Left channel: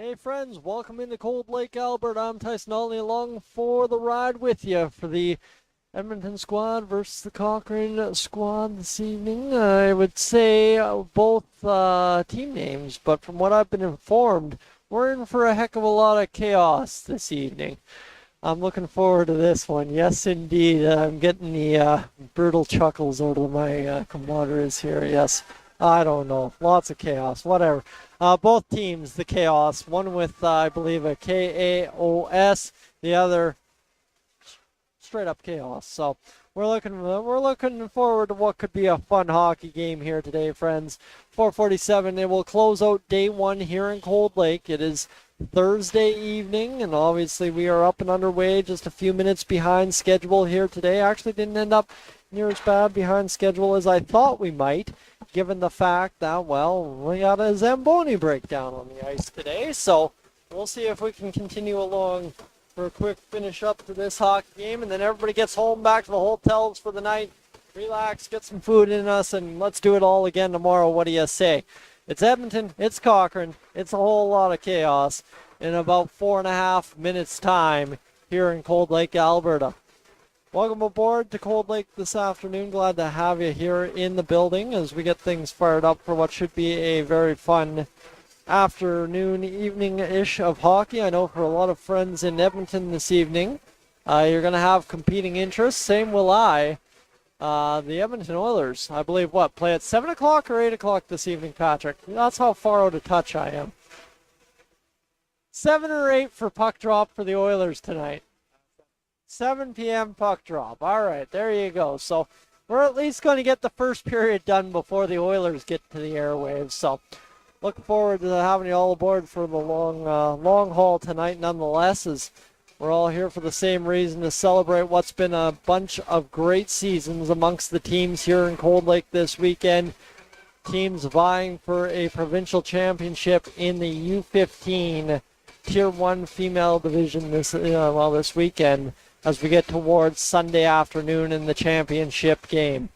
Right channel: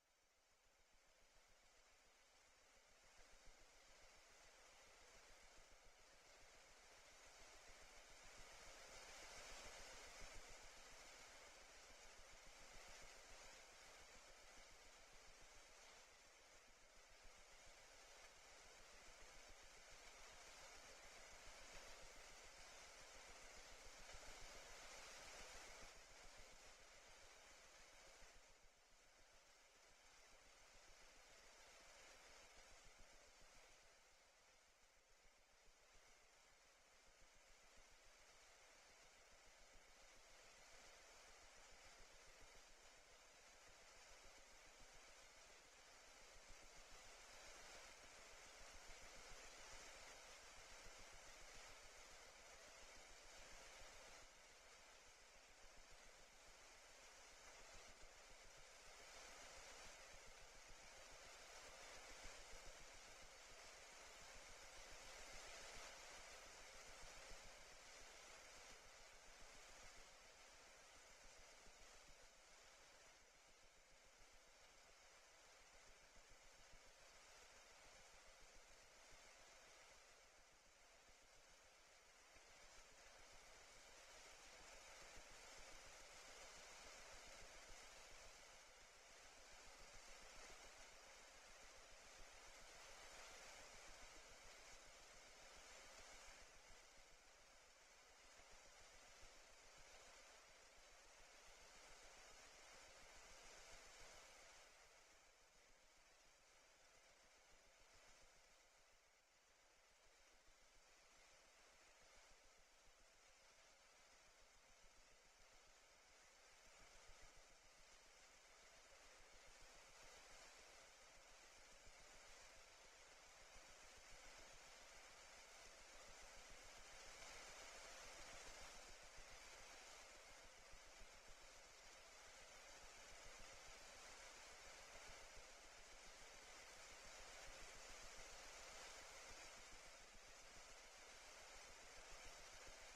Hey friends, welcome into Cold Lake, Alberta. I'm Tyson Olney along for the ride with you for the Edmonton squad versus the Cochrane squad this evening. I would say both team names, but from what I've been informed, we're in for a heck of a lot of chaos this evening. I'm looking forward to this one. Yes, indeed. I'm getting the brutal chuckles out of my camaraderies here. Yes, I don't know. Lots of chaos. Whatever. Both teams, the chaos. One with, I believe, a KAOS. The other, straight up chaos. So we're looking forward to what could be a fun hockey game here today, friends. 4:47. It will close out day one here in Cold Lake. It is Thursday evening, and obviously we are up and underway, just a few minutes behind schedule here today. Actually didn't end up near as bad behind schedule as I thought we might, given the fact that, well, we got a Zamboni breakdown on the ice today. So we'll see if we can continue along for a quick finish up to this hockey game, and then everybody gets home back to the hotels for the night, relax, get some food in us, and let's do it all again tomorrow. What do you say? It's Edmonton, it's Cochrane, it's a whole lot of chaos in about 4.5 minutes time here in Cold Lake, Alberta. Welcome aboard to Cold Lake this afternoon. Glad to have you here in the building as we get things fired up for what should be a very fun afternoon, evening-ish of hockey. I know for a lot of friends in Edmonton this evening, you're going to have competing interests. Same will I. The Edmonton Oilers, I believe, play at 7 o'clock or 8 o'clock this evening, Patrick? That's how far out of touch I am. 7 or 8 for puck drop for the Oilers tonight. 7 p.m. puck drop. All right, there you go. So we're at least going to get the first period done before the Oilers get to the airwaves. So look forward to having you all aboard for the long haul tonight nonetheless, as we're all here for the same reason, to celebrate what's been a bunch of great seasons amongst the teams here in Cold Lake this weekend. Teams vying for a provincial championship in the U15 Tier 1 female division this weekend as we get towards Sunday afternoon in the championship game.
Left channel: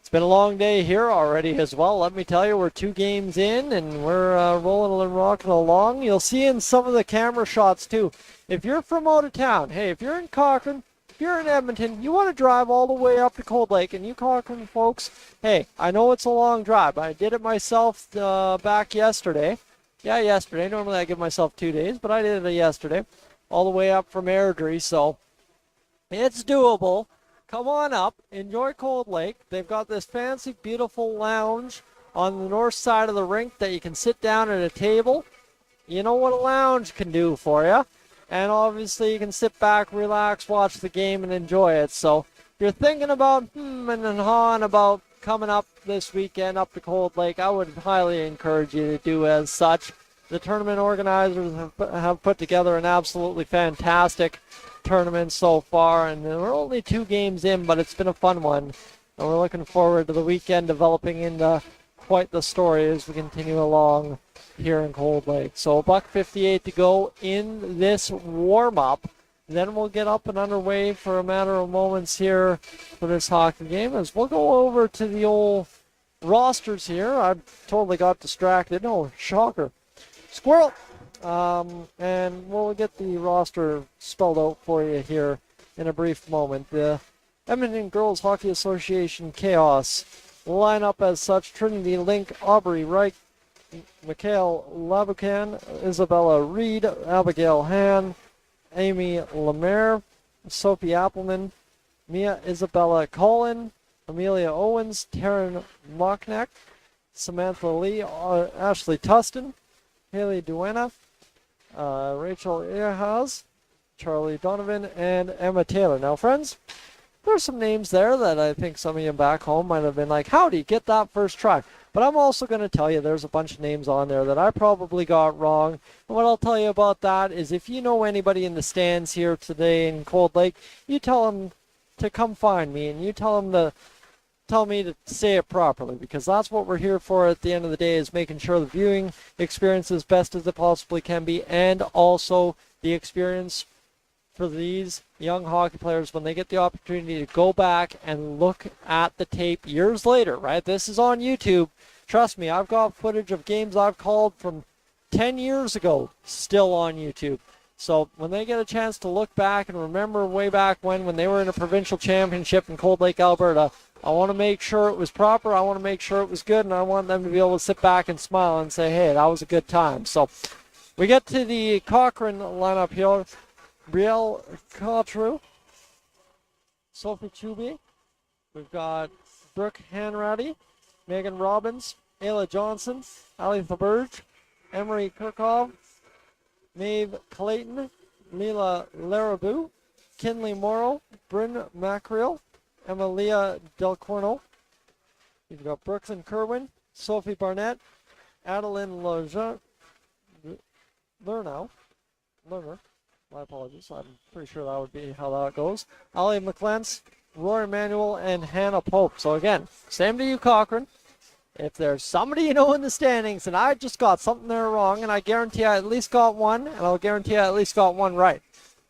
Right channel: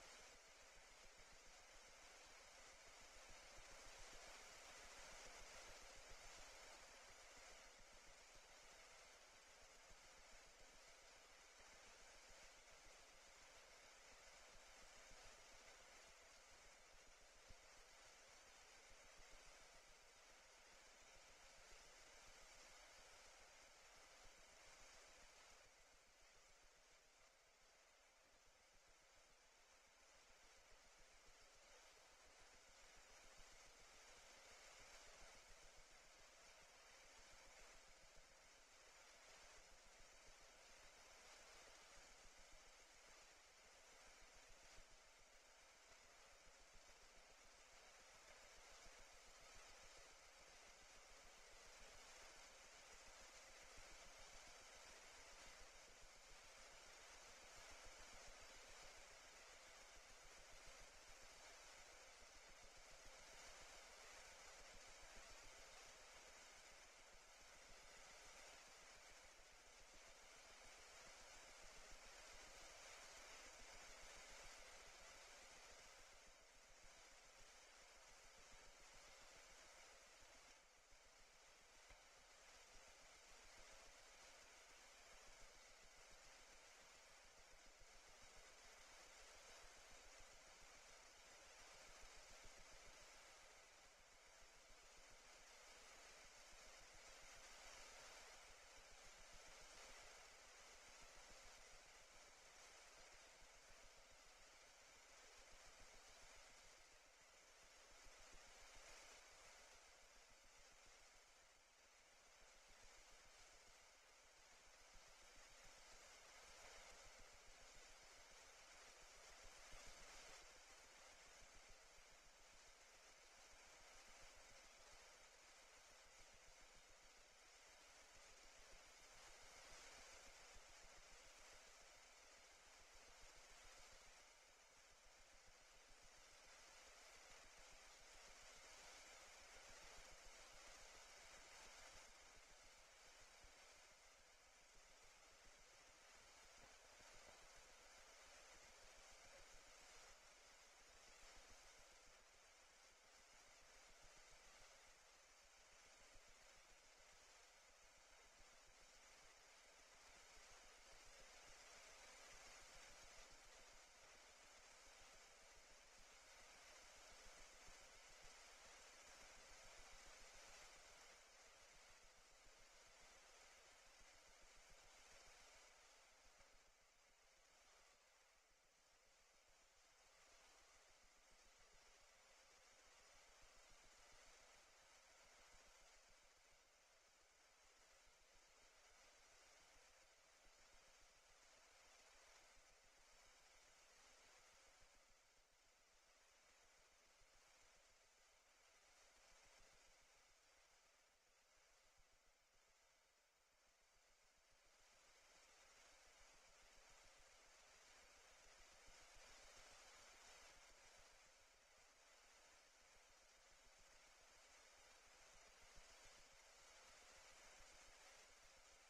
It's been a long day here already as well. Let me tell you, we're 2 games in and we're rolling and rocking along. You'll see in some of the camera shots too. If you're from out of town, hey, if you're in Cochrane, if you're in Edmonton, you want to drive all the way up to Cold Lake, and you Cochrane folks, hey, I know it's a long drive. I did it myself back yesterday. Yeah, yesterday. Normally I give myself 2 days, but I did it yesterday, all the way up from Airdrie, so it's doable. Come on up, enjoy Cold Lake. They've got this fancy, beautiful lounge on the north side of the rink that you can sit down at a table. You know what a lounge can do for you. And obviously you can sit back, relax, watch the game, and enjoy it. So if you're thinking about and hawing about coming up this weekend up to Cold Lake, I would highly encourage you to do as such. The tournament organizers have put together an absolutely fantastic tournament so far, and we're only 2 games in, but it's been a fun one. And we're looking forward to the weekend developing into quite the story as we continue along here in Cold Lake. So $1:58 to go in this warm-up. Then we'll get up and underway for a matter of moments here for this hockey game, as we'll go over to the old rosters here. I totally got distracted. Oh, shocker. Squirrel! And we'll get the roster spelled out for you here in a brief moment. The Edmonton Girls Hockey Association Chaos will line up as such: Trinity Link, Aubrey Reich, Mikhail Labucan, Isabella Reed, Abigail Han, Amy Lemaire, Sophie Appleman, Mia Isabella Collin, Amelia Owens, Taryn Mockneck, Samantha Lee, Ashley Tustin, Haley Duena, Rachel Earhaz, Charlie Donovan, and Emma Taylor. Now, friends, there's some names there that I think some of you back home might have been like, how'd get that first try? But I'm also going to tell you there's a bunch of names on there that I probably got wrong. And what I'll tell you about that is, if you know anybody in the stands here today in Cold Lake, you tell them to come find me, and you tell me to say it properly, because that's what we're here for at the end of the day, is making sure the viewing experience is best as it possibly can be, and also the experience for these young hockey players when they get the opportunity to go back and look at the tape years later, right? This is on YouTube. Trust me, I've got footage of games I've called from 10 years ago, still on YouTube. So when they get a chance to look back and remember way back when they were in a provincial championship in Cold Lake, Alberta, I want to make sure it was proper, I want to make sure it was good, and I want them to be able to sit back and smile and say, hey, that was a good time. So we get to the Cochrane lineup here. Brielle Cotreau, Sophie Chubey. We've got Brooke Hanratty, Megan Robbins, Ayla Johnson, Ali Thaberge, Emery Kirkov, Maeve Clayton, Mila Larabou, Kinley Morrow, Bryn Mackrell, Emilia Del Corno. You've got Brooklyn Kerwin, Sophie Barnett, Adeline Lerner. My apologies. I'm pretty sure that would be how that goes. Ali McLentz, Rory Manuel, and Hannah Pope. So again, same to you, Cochrane. If there's somebody you know in the standings and I just got something there wrong, and I guarantee I at least got one, and I'll guarantee I at least got one right.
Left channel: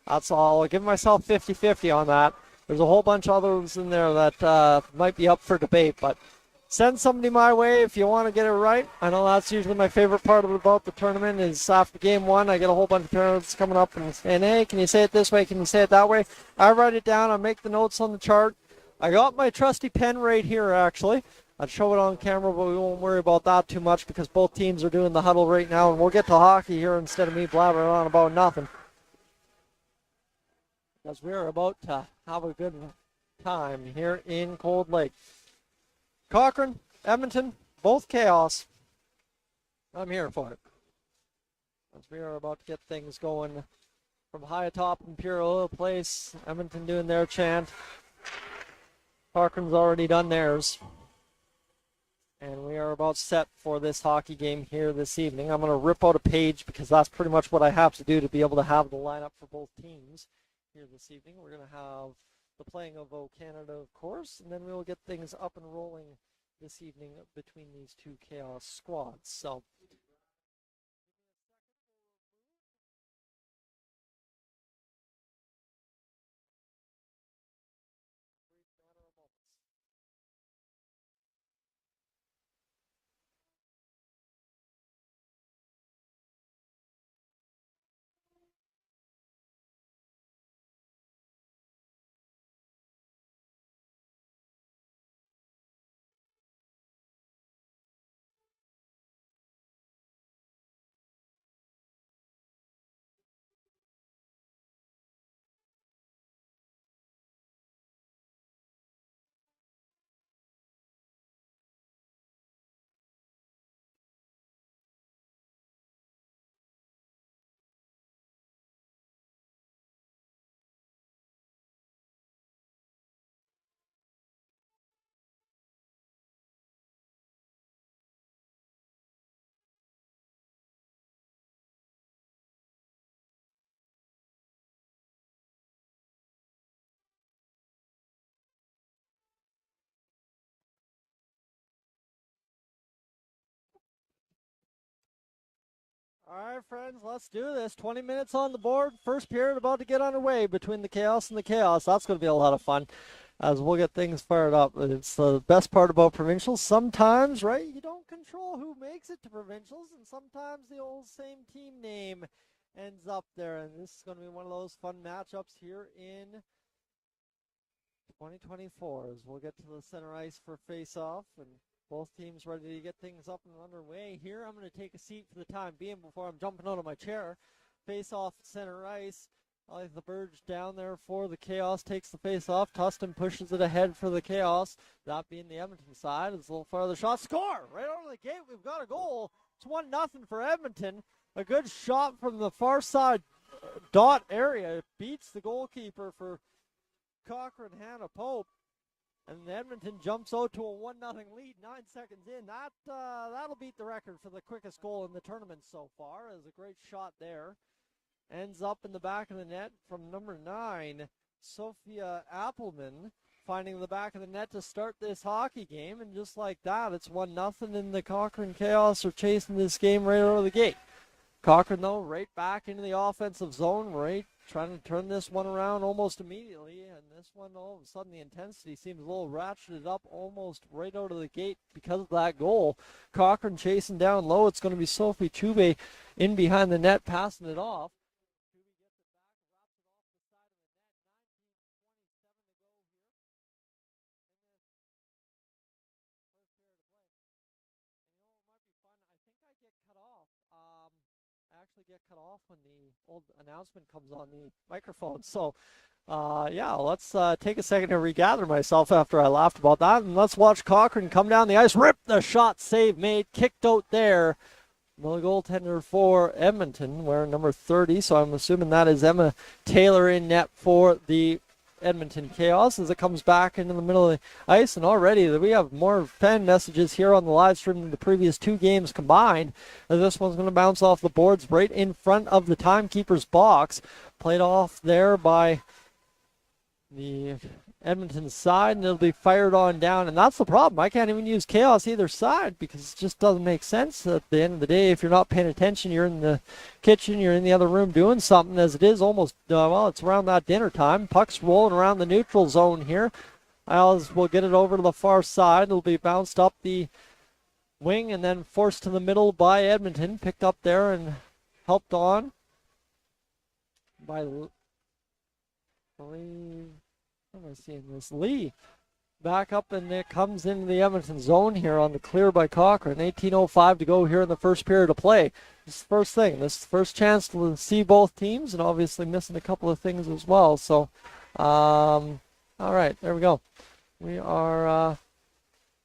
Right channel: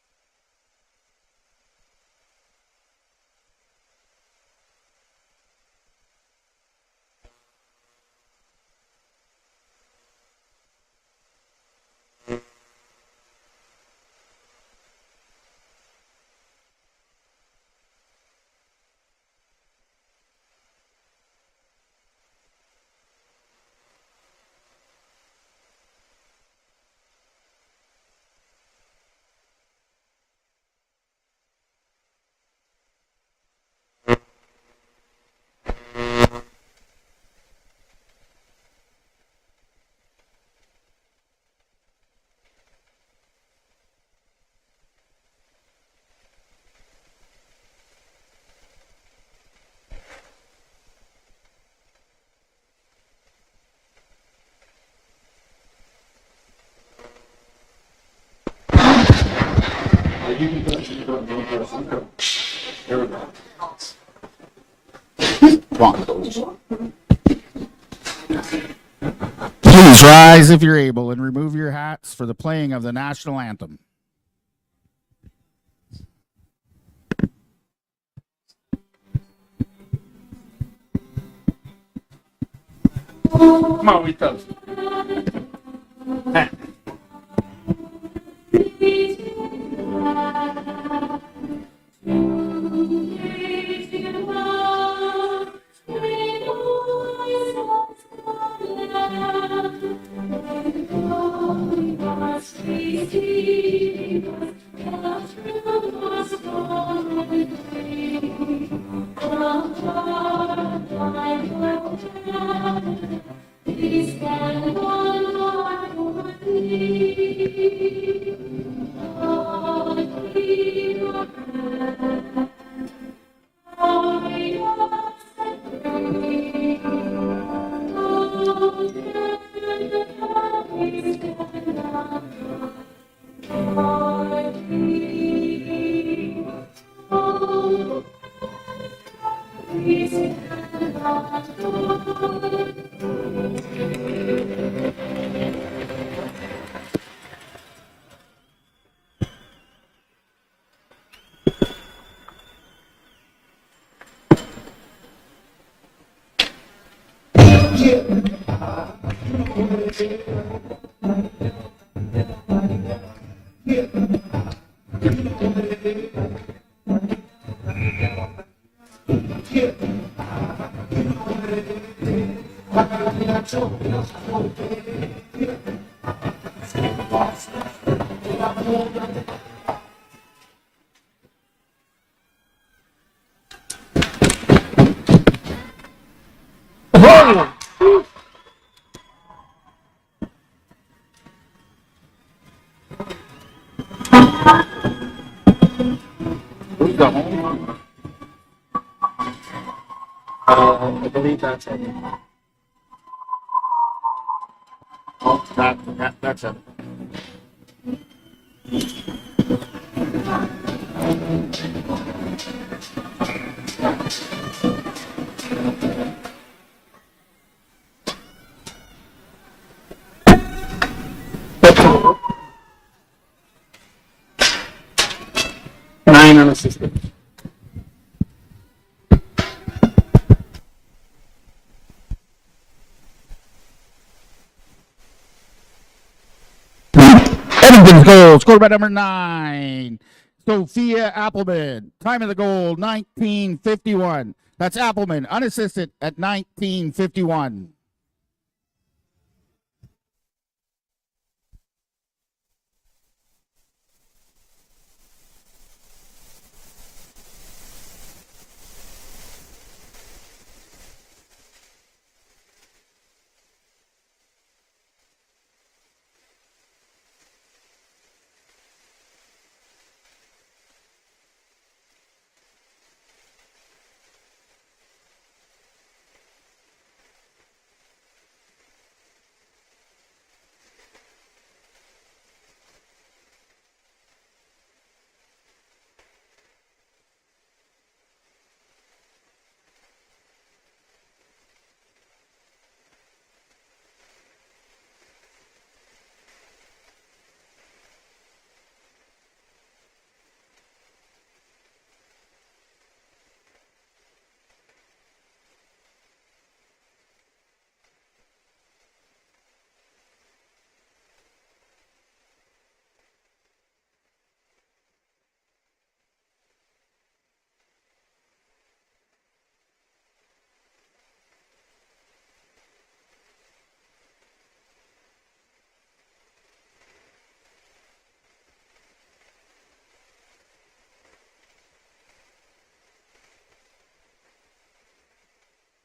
That's all. I'll give myself 50-50 on that. There's a whole bunch of others in there that might be up for debate, but send somebody my way if you want to get it right. I know that's usually my favorite part about the tournament is after game one, I get a whole bunch of parents coming up and saying, hey, can you say it this way? Can you say it that way? I write it down. I make the notes on the chart. I got my trusty pen right here, actually. I'd show it on camera, but we won't worry about that too much because both teams are doing the huddle right now, and we'll get to hockey here instead of me blabbering on about nothing. Because we're about to have a good time here in Cold Lake. Cochrane, Edmonton, both chaos. I'm here for it. As we are about to get things going from high atop Imperial Place. Edmonton doing their chant. Cochrane's already done theirs. And we are about set for this hockey game here this evening. I'm going to rip out a page because that's pretty much what I have to do to be able to have it. Here we go. And then we'll get things Please rise if you're able and remove your hats for the playing of the national anthem. Come on, we toast. On the board, first period about to get underway between the chaos and the chaos. That's going to be a lot of fun as we'll get things fired up. It's the best part about provincials. Sometimes down there for the chaos, takes the face off. Tustin pushes it ahead for the chaos. Side, it's a little farther down. We've got a goal. It's 1-0 for Edmonton. A good shot from the far side. Don Who's the home? Edmonton jumps out. I believe that's it. That'll beat the record for the quickest goal in the tournament. That's it. Ends up in the back of the net. Just like that, it's 1-0, and the Cochrane Chaos are chasing this game right out of the gate. Cochrane right back into the offensive zone, right? Trying to turn this one around almost. 9 unassisted. This one, all of a sudden, the intensity seems a little ratcheted up almost right out of the gate because of that goal. Cochrane chasing down low. It's going to be Sophie Chubey in behind the net. Edmonton's goal, scored by number 9, Sophia Appleman. Time of the goal, 19:51. That's Appleman, unassisted at 19:51. Actually get cut off when the old announcement comes on the microphone. So, yeah, let's take a second to regather myself after I laughed about that. And let's watch Cochrane come down the ice, rip the shot, save made, kicked out there. The goaltender for Edmonton, wearing number 30, so I'm assuming that is Emma Taylor in net for the Edmonton Chaos as it comes back into the middle of the ice. And already we have more fan messages here on the live stream than the previous 2 games combined. This one's going to bounce off the boards right in front of the timekeeper's box. Played off there by the Edmonton side, and it'll be fired on down. And that's the problem. I can't even use Chaos either side because it just doesn't make sense. At the end of the day, if you're not paying attention, you're in the kitchen, you're in the other room doing something, as it is almost, well, it's around that dinner time. Puck's rolling around the neutral zone here. Isles will get it over to the far side. It'll be bounced up the wing and then forced to the middle by Edmonton. Picked up there and helped on by what am I seeing this? Lee back up, and it comes into the Edmonton zone here on the clear by Cochrane. 18:05 to go here in the first period of play. This is the first thing. This is the first chance to see both teams, and obviously missing a couple of things as well. So, all right, there we go. We are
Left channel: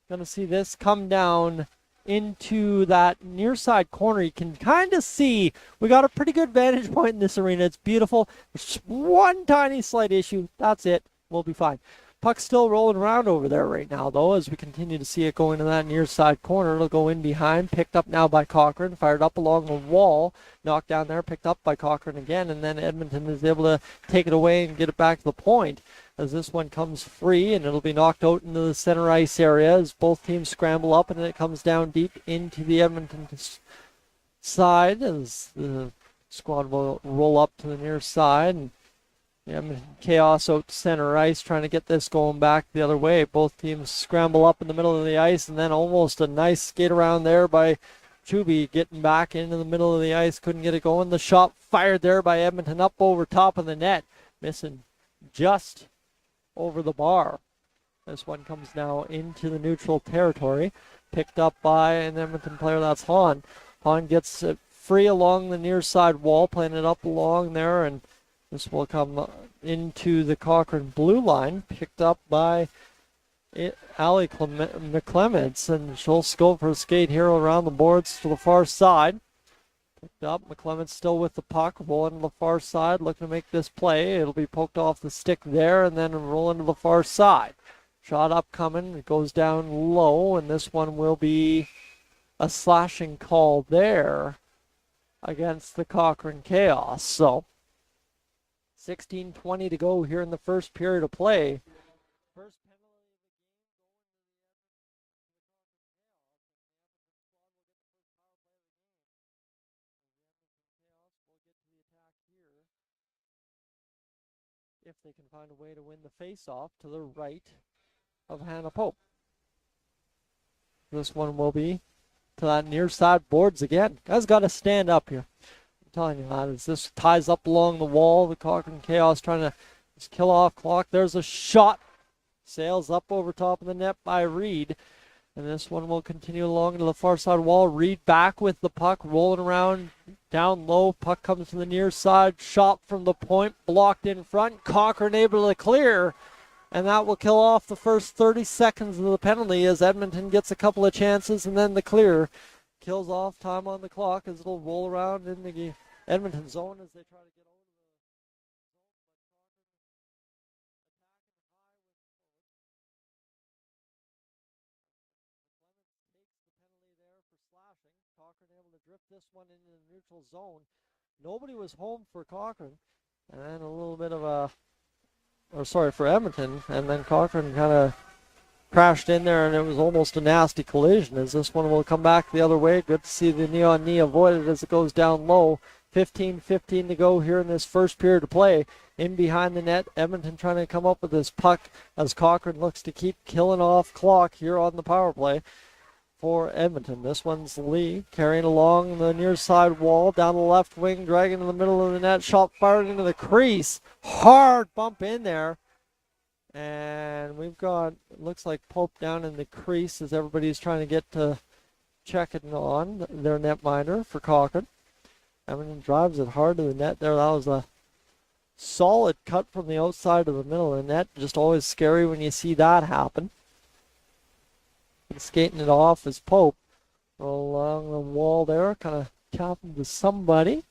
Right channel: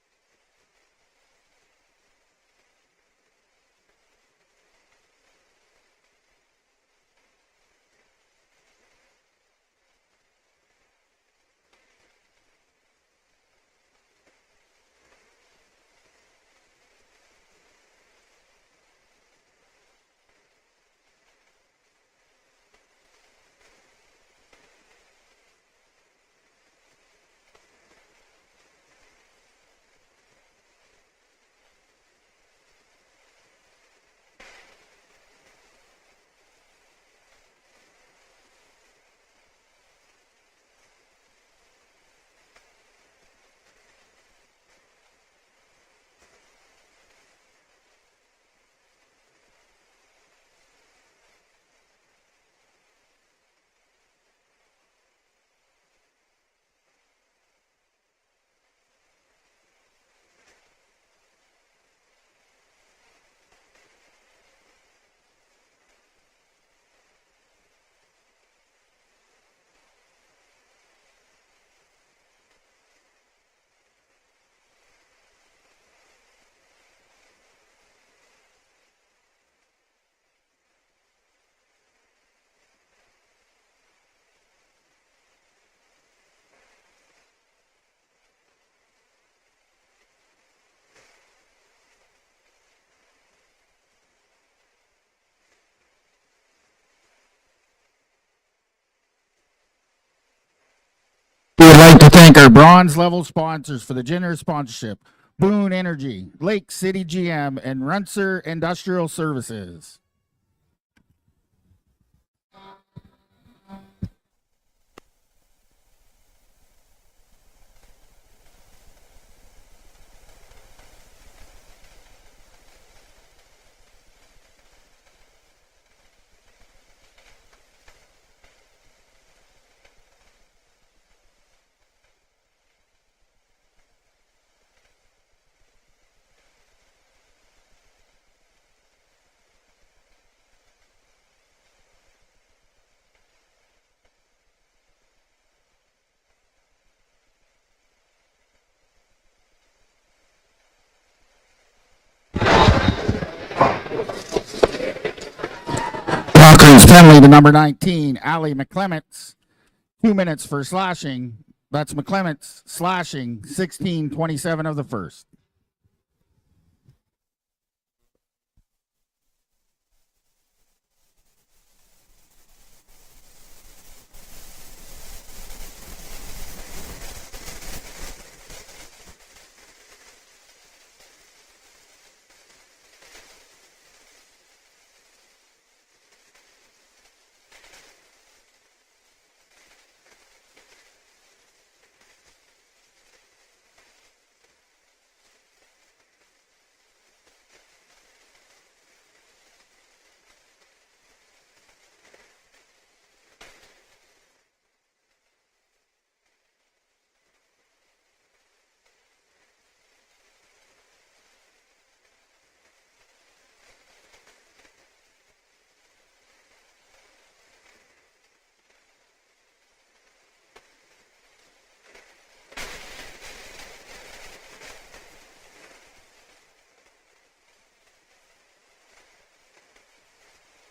going to see this come down into that near side corner. You can kind of see we got a pretty good vantage point in this arena. It's beautiful. There's just one tiny slight issue. That's it. We'll be fine. Puck's still rolling around over there right now, though, as we continue to see it going to that near side corner. It'll go in behind, picked up now by Cochrane, fired up along the wall, knocked down there, picked up by Cochrane again, and then Edmonton is able to take it away and get it back to the point as this one comes free, and it'll be knocked out into the center ice area as both teams scramble up, and it comes down deep into the Edmonton side as the squad will roll up to the near side. And Chaos out to center ice, trying to get this going back the other way. Both teams scramble up in the middle of the ice, and then almost a nice skate around there by Chuby, getting back into the middle of the ice. Couldn't get it going. The shot fired there by Edmonton up over top of the net, missing just over the bar. This one comes now into the neutral territory, picked up by an Edmonton player. That's Hahn. Hahn gets it free along the near side wall, playing it up along there, and this will come into the Cochrane blue line, picked up by Allie McClements, and she'll go for a skate here around the boards to the far side. Picked up, McClements still with the puck, rolling to the far side, looking to make this play. It'll be poked off the stick there, and then rolling to the far side. Shot up coming, it goes down low, and this one will be a slashing call there against the Cochrane Chaos. So 16:20 to go here in the first period of play. We would like to thank our bronze level sponsors for the generous sponsorship: Boone Energy, Lake City GM, and Runser Industrial Services. If they can find a way to win the face-off to the right of Hannah Pope. This one will be to that near side boards again. Guys got to stand up here. Telling you that as this ties up along the wall. The Cochrane Chaos trying to just kill off clock. There's a shot. Sails up over top of the net by Reed. And this one will continue along to the far side wall. Reed back with the puck, rolling around down low. Puck comes to the near side. Shot from the point, blocked in front. Cochrane able to clear. And that will kill off the first 30 seconds of the penalty as Edmonton gets a couple of chances and then the clear. Cochrane's penalty to number 19, Allie McClements. 2 minutes for slashing. That's McClements slashing, 16:27 of the first. Nobody was home for Cochrane. And a little bit of a, for Edmonton. And then Cochrane kind of crashed in there, and it was almost a nasty collision as this one will come back the other way. Good to see the knee-on-knee avoided as it goes down low. 15:15 to go here in this first period of play. In behind the net, Edmonton trying to come up with this puck as Cochrane looks to keep killing off clock here on the power play. for Edmonton. This one's Lee carrying along the near side wall, down the left wing, dragging in the middle of the net, shot fired into the crease. Hard bump in there. And we've got, it looks like Pope down in the crease as everybody's trying to get to check it on their netminder for Cochrane. Edmonton drives it hard to the net there. That was a solid cut from the outside of the middle of the net. Just always scary when you see that happen. And skating it off is Pope along the wall there, kind of tapping to somebody.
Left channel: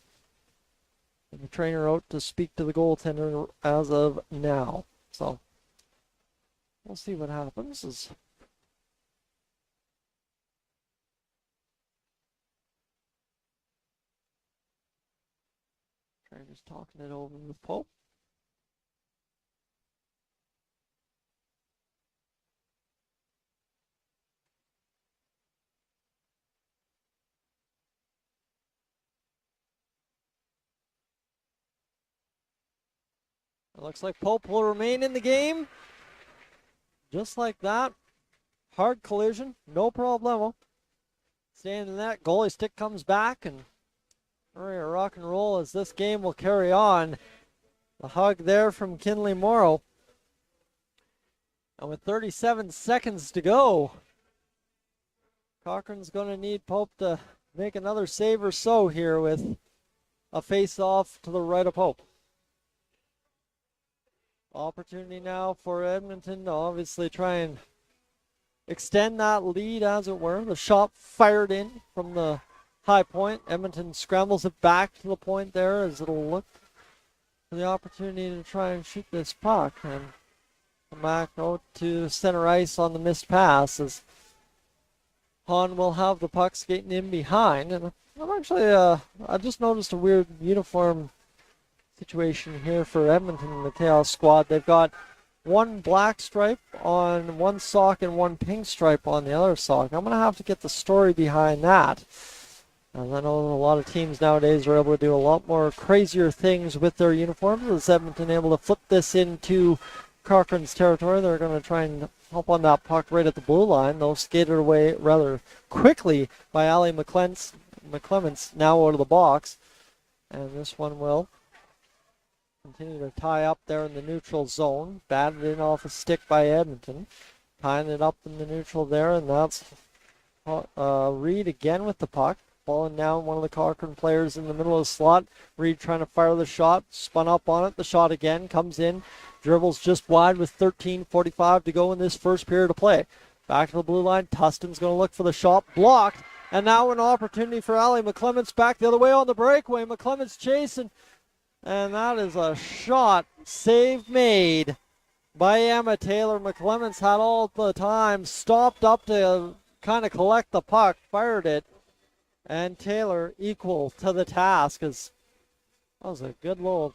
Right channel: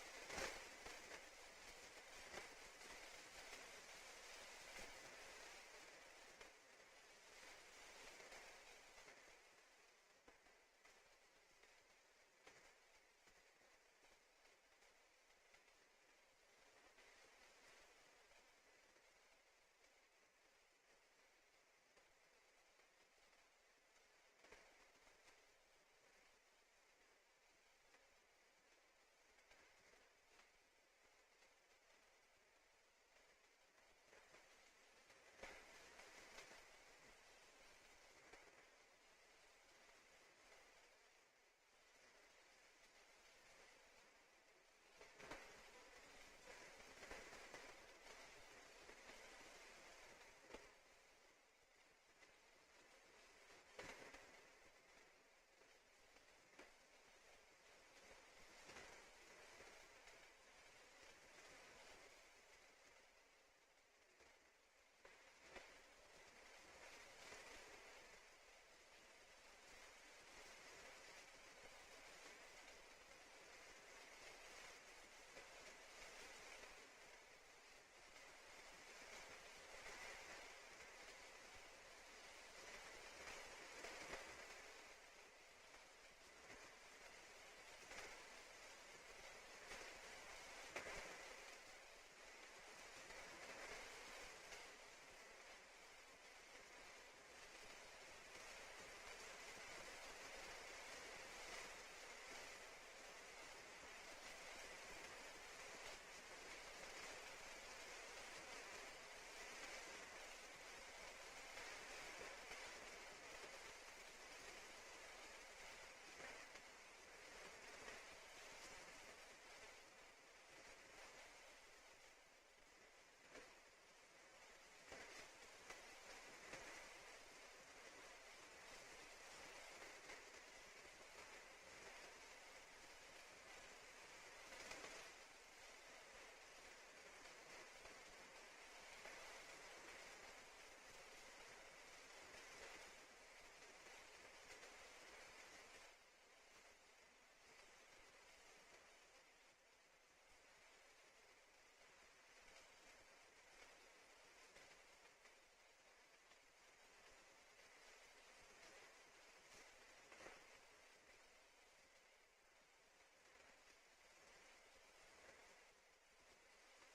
And the trainer out to speak to the goaltender as of now. So we'll see what happens. Trainer's talking it over with Pope. It looks like Pope will remain in the game. Just like that. Hard collision, no problemo. Staying in that, goalie stick comes back, and we're gonna rock and roll as this game will carry on. The hug there from Kinley Morrow. And with 37 seconds to go, Cochrane's gonna need Pope to make another save or so here with a face-off to the right of Pope. Opportunity now for Edmonton to obviously try and extend that lead, as it were. The shot fired in from the high point. Edmonton scrambles it back to the point there as it'll look for the opportunity to try and shoot this puck and come back out to center ice on the missed pass as Hahn will have the puck skating in behind. And I'm actually, I just noticed a weird uniform situation here for Edmonton in the Chaos squad. They've got one black stripe on one sock and one pink stripe on the other sock. I'm going to have to get the story behind that. And I know a lot of teams nowadays are able to do a lot more crazier things with their uniforms. Is Edmonton able to flip this into Cochrane's territory? They're going to try and hop on that puck right at the blue line. They'll skate it away rather quickly by Ali McClements now out of the box. And this one will continue to tie up there in the neutral zone. Batted in off a stick by Edmonton. Tying it up in the neutral there, and that's Reed again with the puck. Falling down one of the Cochrane players in the middle of the slot. Reed trying to fire the shot. Spun up on it. The shot again comes in. Dribbles just wide with 13:45 to go in this first period of play. Back to the blue line. Tustin's going to look for the shot. Blocked. And now an opportunity for Ali McClements back the other way on the breakaway. McClements chasing. And that is a shot. Save made by Emma Taylor. McClements had all the time. Stopped up to kind of collect the puck. Fired it. And Taylor equal to the task. As that was a good little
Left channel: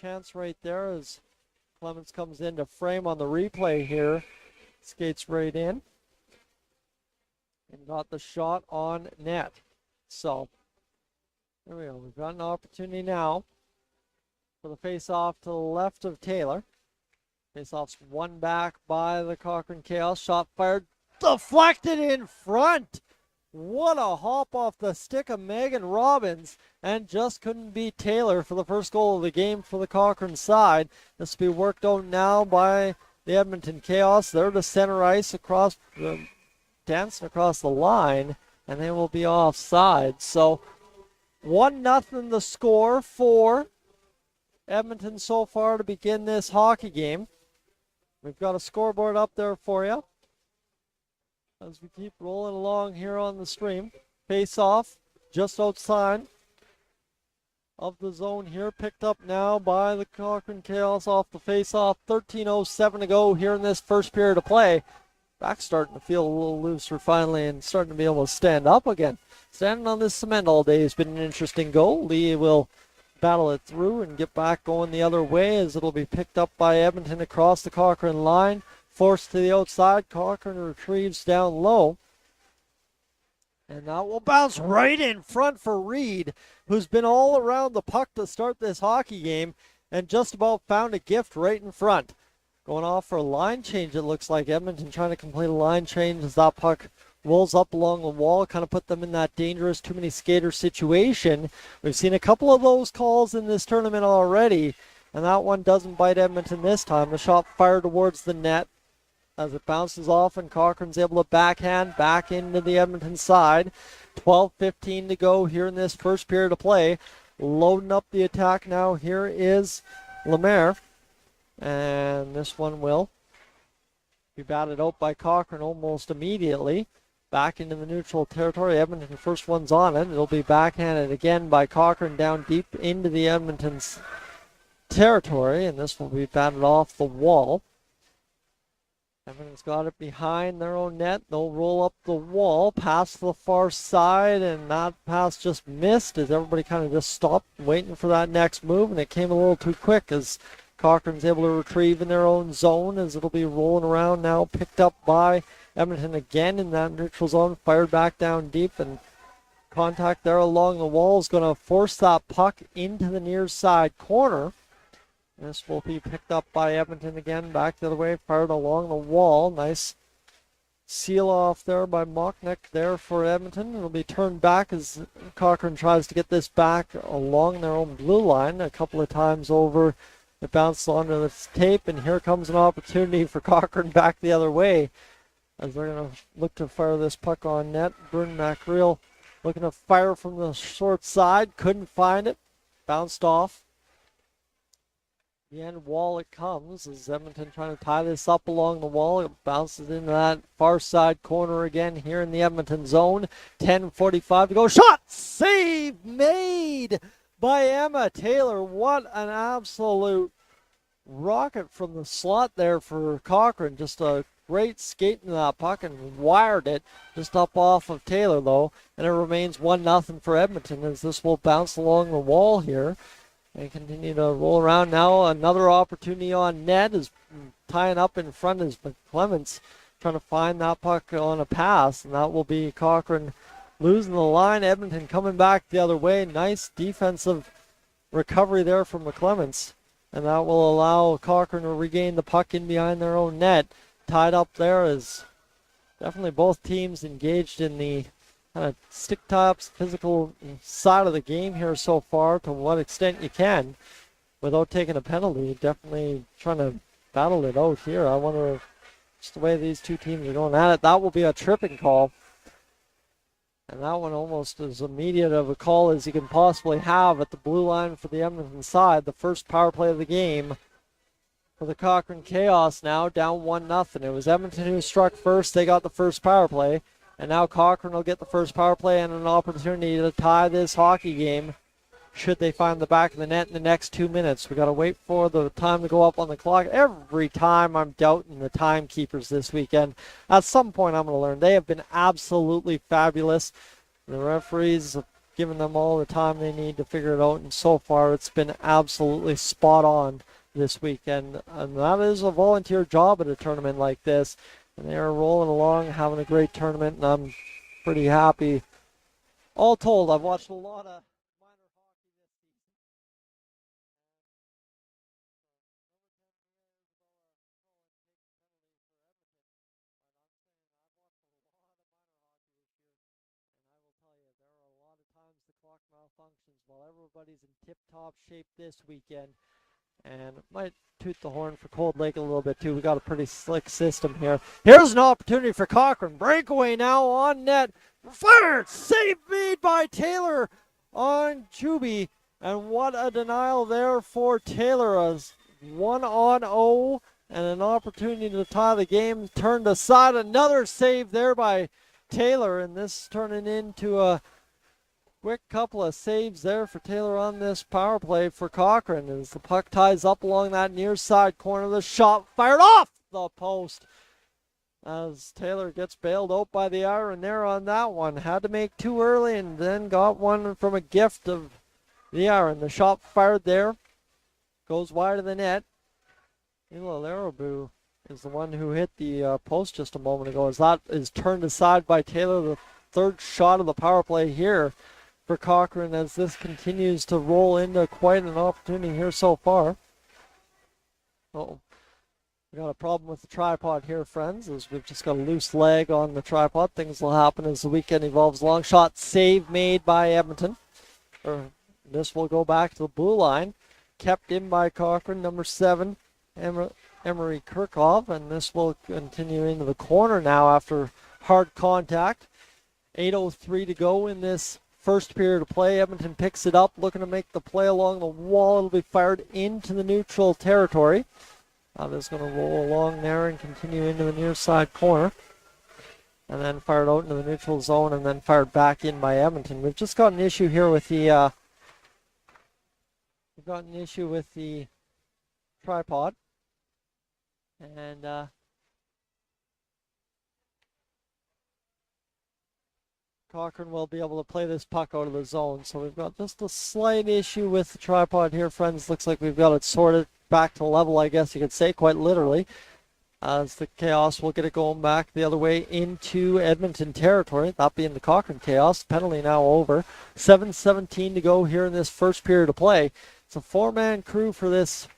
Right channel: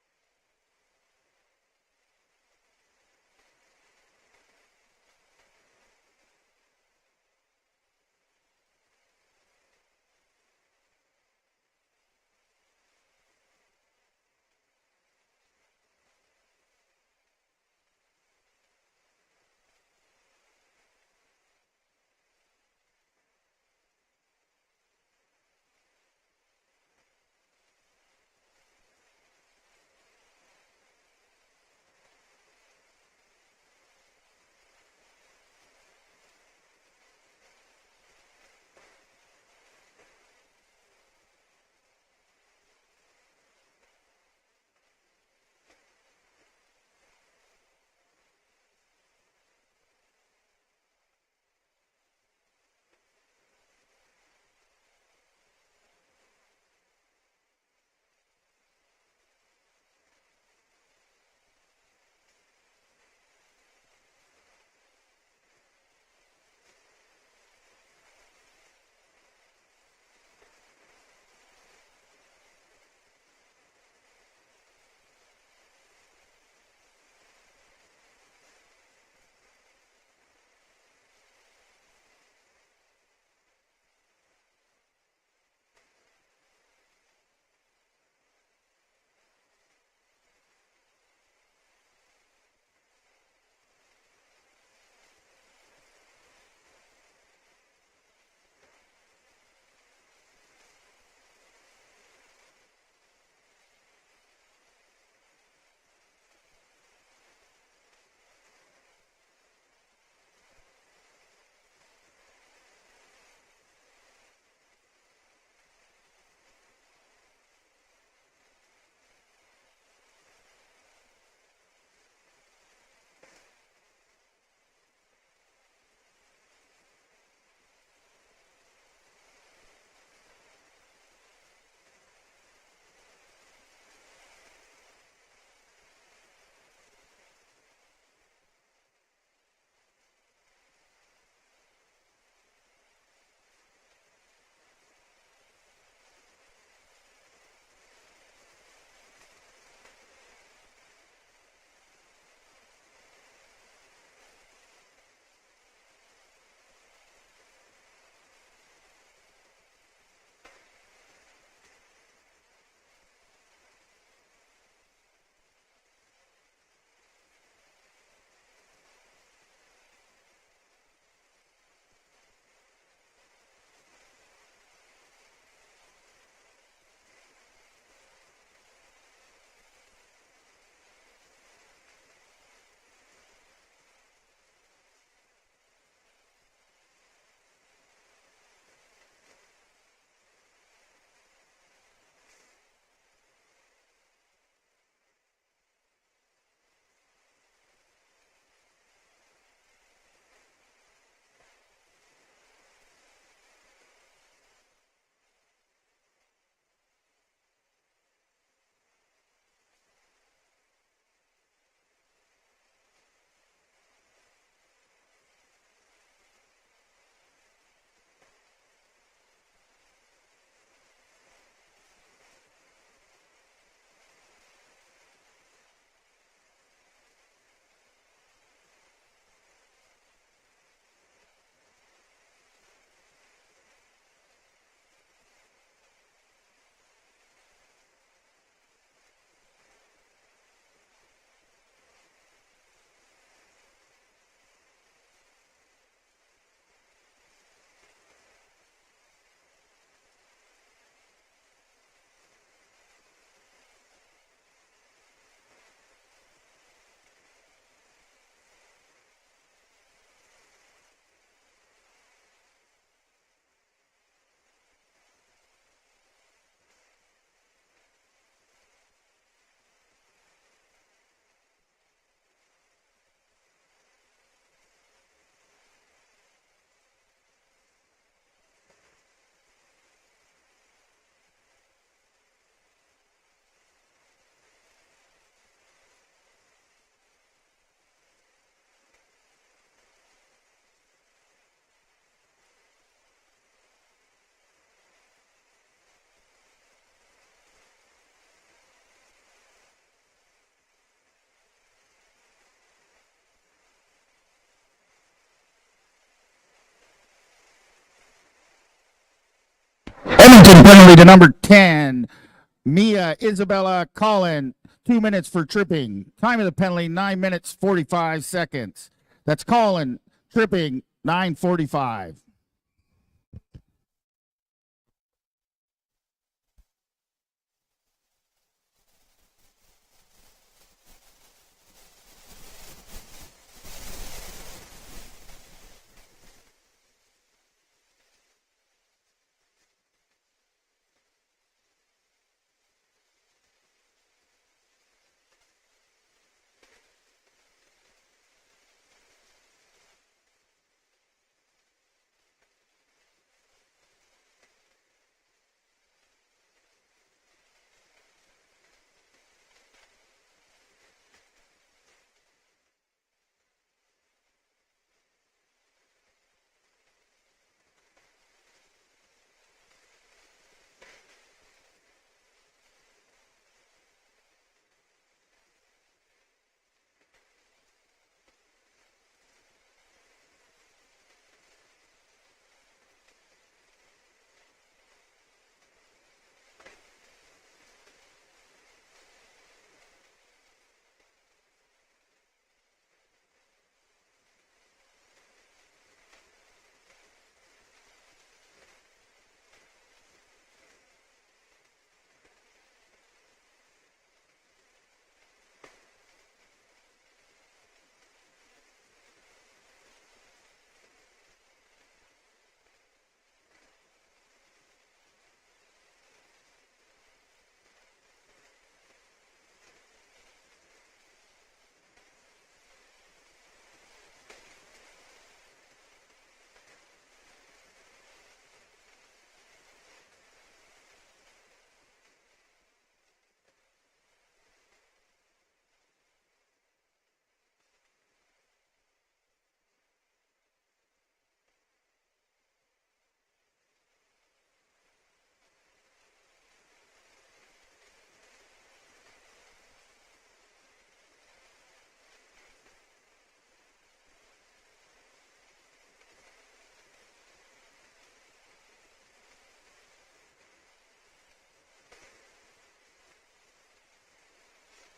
chance right there as Clements comes in to frame on the replay here. Skates right in. And got the shot on net. So there we go. We've got an opportunity now for the face-off to the left of Taylor. Face-off's won back by the Cochrane Chaos. Shot fired. Deflected in front. What a hop off the stick of Megan Robbins. And just couldn't beat Taylor for the first goal of the game for the Cochrane side. This will be worked out now by the Edmonton Chaos. They're to center ice across, dancing across the line. And they will be offside. So 1-0 the score for Edmonton so far to begin this hockey game. We've got a scoreboard up there for you as we keep rolling along here on the stream. Face off just outside of the zone here. Picked up now by the Cochrane Chaos off the face off. 13:07 to go here in this first period of play. Back starting to feel a little looser finally and starting to be able to stand up again. Standing on this cement all day has been an interesting goal. Lee will battle it through and get back going the other way as it'll be picked up by Edmonton across the Cochrane line. Forced to the outside. Cochrane retrieves down low. And that will bounce right in front for Reed, who's been all around the puck to start this hockey game and just about found a gift right in front. going off for a line change. It looks like Edmonton trying to complete a line change as that puck rolls up along the wall, kind of put them in that dangerous too many skater situation. We've seen a couple of those calls in this tournament already, and that one doesn't bite Edmonton this time. The shot fired towards the net as it bounces off, and Cochrane's able to backhand back into the Edmonton side. 12:15 to go here in this first period of play. Loading up the attack now. Here is Lemaire. And this one will be batted out by Cochrane almost immediately. Back into the neutral territory. Edmonton, first one's on it. It'll be backhanded again by Cochrane down deep into the Edmonton's territory. And this will be batted off the wall. Edmonton's got it behind their own net. They'll roll up the wall, pass the far side, and that pass just missed as everybody kind of just stopped waiting for that next move, and it came a little too quick as Cochrane's able to retrieve in their own zone as it'll be rolling around now, picked up by Edmonton again in that neutral zone, fired back down deep, and contact there along the wall is going to force that puck into the near side corner. This will be picked up by Edmonton again, back the other way, fired along the wall. Nice seal off there by Mocknick there for Edmonton. It'll be turned back as Cochrane tries to get this back along their own blue line a couple of times over. It bounced onto the tape, and here comes an opportunity for Cochrane back the other way as they're going to look to fire this puck on net. Burn McReal looking to fire from the short side, couldn't find it, bounced off. The end wall it comes as Edmonton trying to tie this up along the wall. It bounces into that far side corner again here in the Edmonton zone. 10:45 to go. Shot! Save made by Emma Taylor. What an absolute rocket from the slot there for Cochrane. Just a great skate into that puck and wired it just up off of Taylor though. And it remains 1-0 for Edmonton as this will bounce along the wall here. They continue to roll around now. Another opportunity on net is tying up in front is McClements trying to find that puck on a pass, and that will be Cochrane losing the line. Edmonton coming back the other way. Nice defensive recovery there from McClements, and that will allow Cochrane to regain the puck in behind their own net. Tied up there is definitely both teams engaged in the kind of stick tops, physical side of the game here so far, to what extent you can without taking a penalty. Definitely trying to battle it out here. I wonder if just the way these two teams are going at it, that will be a tripping call. And that one almost as immediate of a call as you can possibly have at the blue line for the Edmonton side. The first power play of the game for the Cochrane Chaos now, down 1-0. It was Edmonton who struck first. They got the first power play. And now Cochrane will get the first power play and an opportunity to tie this hockey game should they find the back of the net in the next 2 minutes. We got to wait for the time to go up on the clock. Every time I'm doubting the timekeepers this weekend. At some point I'm going to learn. They have been absolutely fabulous. The referees have given them all the time they need to figure it out, and so far it's been absolutely spot on this weekend. And that is a volunteer job at a tournament like this. And they are rolling along, having a great tournament, and I'm pretty happy. All told. Edmonton penalty to number 10, Mia Isabella Collin. 2 minutes for tripping. Time of the penalty, 9 minutes, 45 seconds. That's Collin, tripping, 9:45. Everybody's in tip-top shape this weekend. And might toot the horn for Cold Lake a little bit too. We got a pretty slick system here. Here's an opportunity for Cochrane. Breakaway now on net. Fired! Save made by Taylor on Chuby. And what a denial there for Taylor. As 1-0 and an opportunity to tie the game turned aside. Another save there by Taylor. And this turning into a quick couple of saves there for Taylor on this power play for Cochrane as the puck ties up along that near side corner. The shot fired off the post as Taylor gets bailed out by the iron there on that one. Had to make two early and then got one from a gift of the iron. The shot fired there. Goes wide of the net. Ila Larabu is the one who hit the post just a moment ago as that is turned aside by Taylor. The third shot of the power play here for Cochrane as this continues to roll into quite an opportunity here so far. Uh-oh. We got a problem with the tripod here, friends, as we've just got a loose leg on the tripod. Things will happen as the weekend evolves. Long shot save made by Edmonton. This will go back to the blue line. Kept in by Cochrane, number 7, Emery Kirchhoff, and this will continue into the corner now after hard contact. 8:03 to go in this first period of play. Edmonton picks it up, looking to make the play along the wall. It'll be fired into the neutral territory. This is going to roll along there and continue into the near side corner. And then fired out into the neutral zone and then fired back in by Edmonton. We've just got an issue here with the tripod. And Cochrane will be able to play this puck out of the zone. So we've got just a slight issue with the tripod here, friends. Looks like we've got it sorted back to level, I guess you could say, quite literally. As the Chaos will get it going back the other way into Edmonton territory. That being the Cochrane Chaos. Penalty now over. 7:17 to go here in this first period of play. It's a 4-man crew for this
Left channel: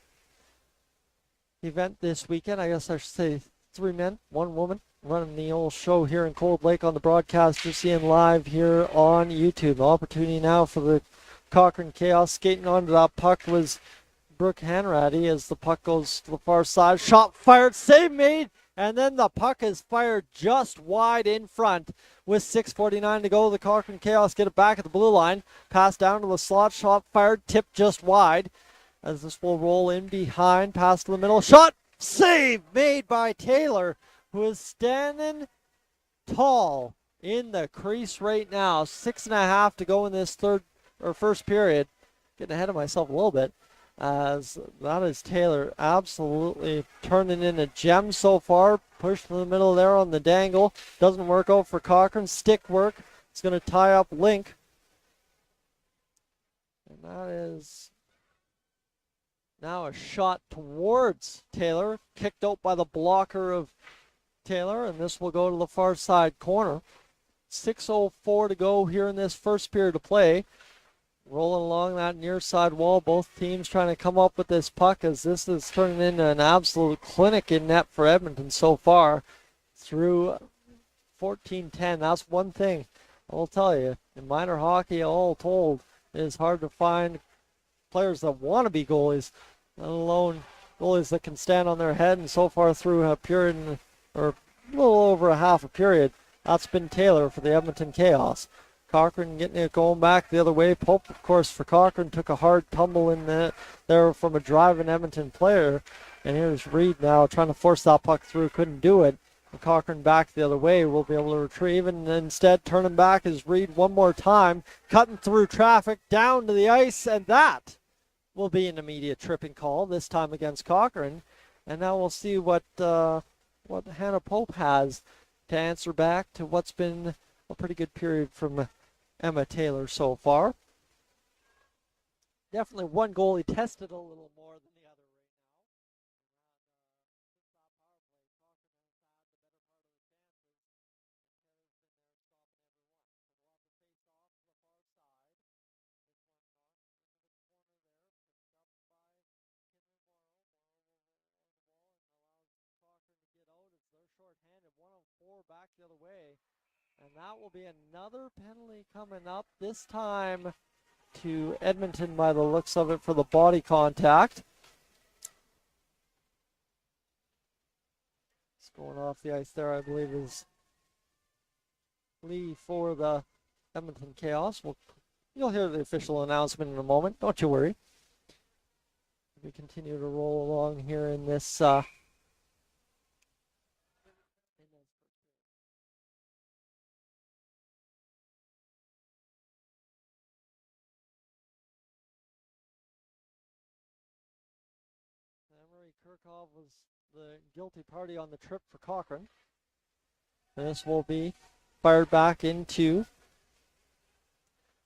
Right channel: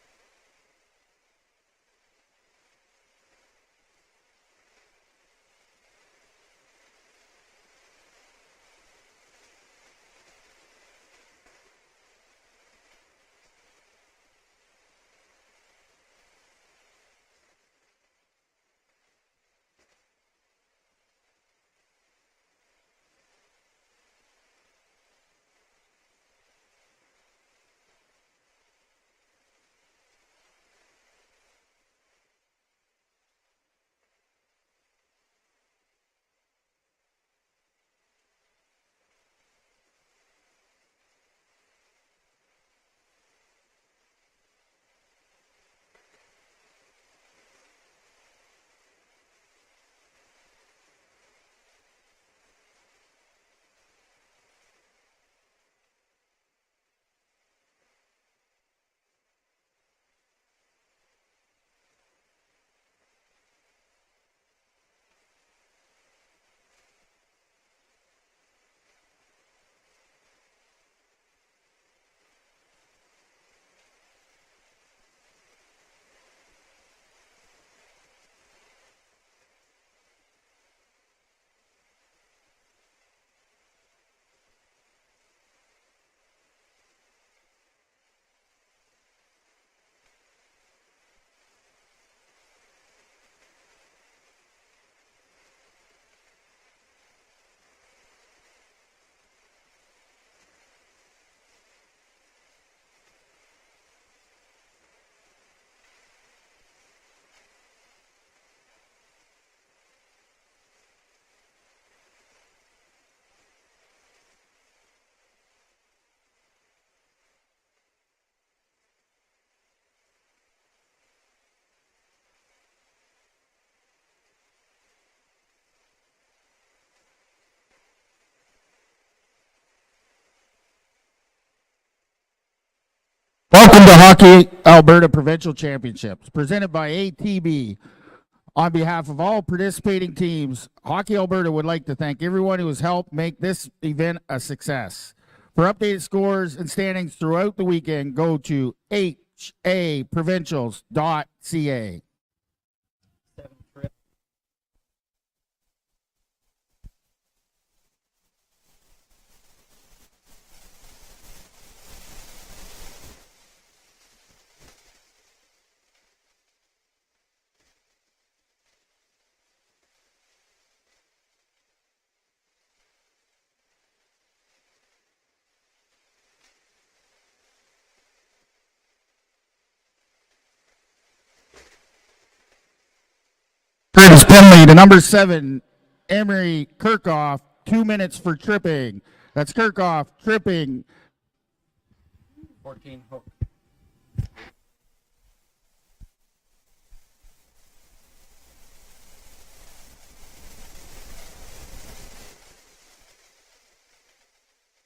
event this weekend. I guess I should say 3 men, 1 woman, running the old show here in Cold Lake on the broadcast you're seeing live here on YouTube. The opportunity now for the Cochrane Chaos. Skating onto that puck was Brooke Hanratty as the puck goes to the far side. Shot fired, save made, and then the puck is fired just wide in front. With 6:49 to go, the Cochrane Chaos get it back at the blue line. Pass down to the slot, shot fired, tipped just wide. As this will roll in behind, pass to the middle. Shot, save made by Taylor, who is standing tall in the crease right now. 6.5 to go in this first period. Getting ahead of myself a little bit. As that is Taylor absolutely turning in a gem so far. Push to the middle there on the dangle. Doesn't work out for Cochrane. Stick work. It's going to tie up Link. And that is now a shot towards Taylor. Kicked out by the blocker of Taylor. And this will go to the far side corner. 6:04 to go here in this first period of play. Rolling along that near side wall, both teams trying to come up with this puck as this is turning into an absolute clinic in net for Edmonton so far through 14-10. That's one thing I'll tell you. In minor hockey, all told, it is hard to find players that want to be goalies, let alone goalies that can stand on their head. And so far through a period, or a little over a half a period, that's been Taylor for the Edmonton Chaos. Cochrane getting it going back the other way. Pope, of course, for Cochrane, took a hard tumble in there from a driving Edmonton player. And here's Reed now trying to force that puck through. Couldn't do it. And Cochrane back the other way will be able to retrieve. And instead, turning back is Reed one more time. Cutting through traffic down to the ice. And that will be an immediate tripping call, this time against Cochrane. And now we'll see what Hannah Pope has to answer back to what's been a pretty good period from Emma Taylor so far. Definitely one goalie. Welcome to Hockey Alberta Provincial Championships, presented by ATB. On behalf of all participating teams, Hockey Alberta would like to thank everyone who has helped make this event a success. For updated scores and standings throughout the weekend, go to haprovincials.ca. Another penalty coming up, this time to Edmonton by the looks of it for the body contact. It's going off the ice there, I believe, is Lee for the Edmonton Chaos. You'll hear the official announcement in a moment, don't you worry. We continue to roll along here in this. Greatest penalty to number 7, Emery Kirchhoff. 2 minutes for tripping. That's Kirchhoff tripping. 14 hook. Emery Kirchhoff was the guilty party on the trip for Cochrane. This will be fired back into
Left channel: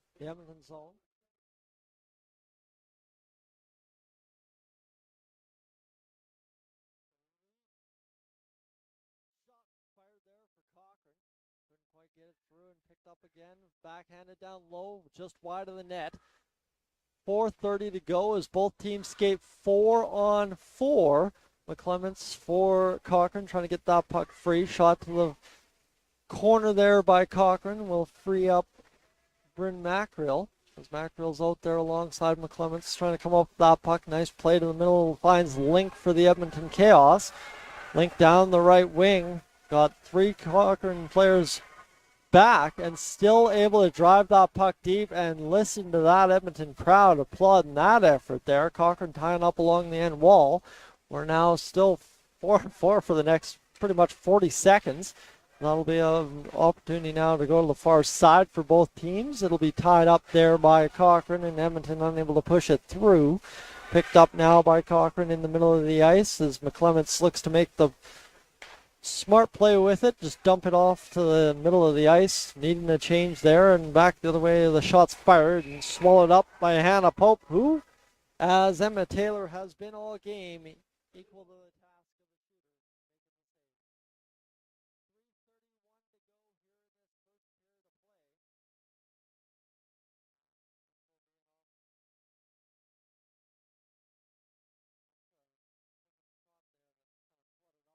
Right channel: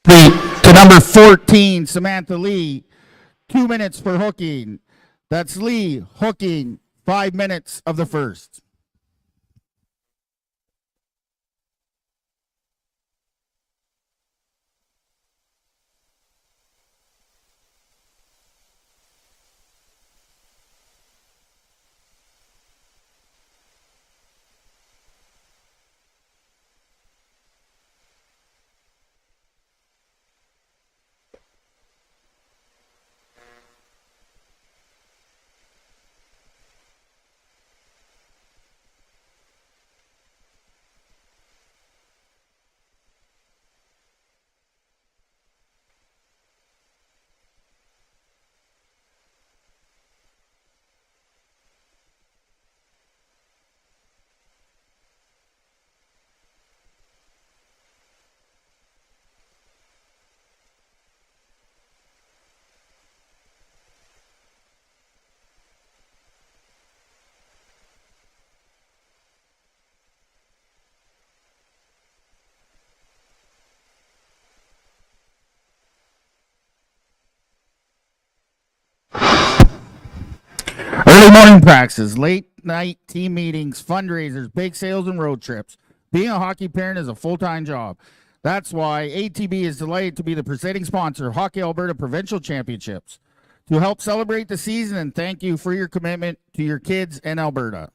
to number 14, Samantha Lee. 2 minutes for hooking. That's Lee hooking 5 minutes of the first. Backhanded down low, just wide of the net. 4:30 to go as both teams skate 4-on-4. McClements for Cochrane, trying to get that puck free. Shot to the corner there by Cochrane will free up Bryn Mackrell. As Mackrell's out there alongside McClements, trying to come up with that puck. Nice play to the middle, finds Link for the Edmonton Chaos. Link down the right wing, got 3 Cochrane players back and still able to drive that puck deep, and listen to that Edmonton crowd applauding that effort there. Cochrane tying up along the end wall. We're now still 4-4 for the next pretty much 40 seconds. That'll be an opportunity now to go to the far side for both teams. It'll be tied up there by Cochrane, and Edmonton unable to push it through. Picked up now by Cochrane in the middle of the ice as McClements looks to make the smart play with it. Just dump it off to the middle of the ice. Needing a change there, and back the other way. The shot's fired and swallowed up by Hannah Pope, who, as Edmonton has been all game. Early morning practices, late night team meetings, fundraisers, bake sales, and road trips. Being a hockey parent is a full-time job. That's why ATB is delighted to be the presenting sponsor of Hockey Alberta Provincial Championships. To help celebrate the season and thank you for your commitment to your kids and Alberta.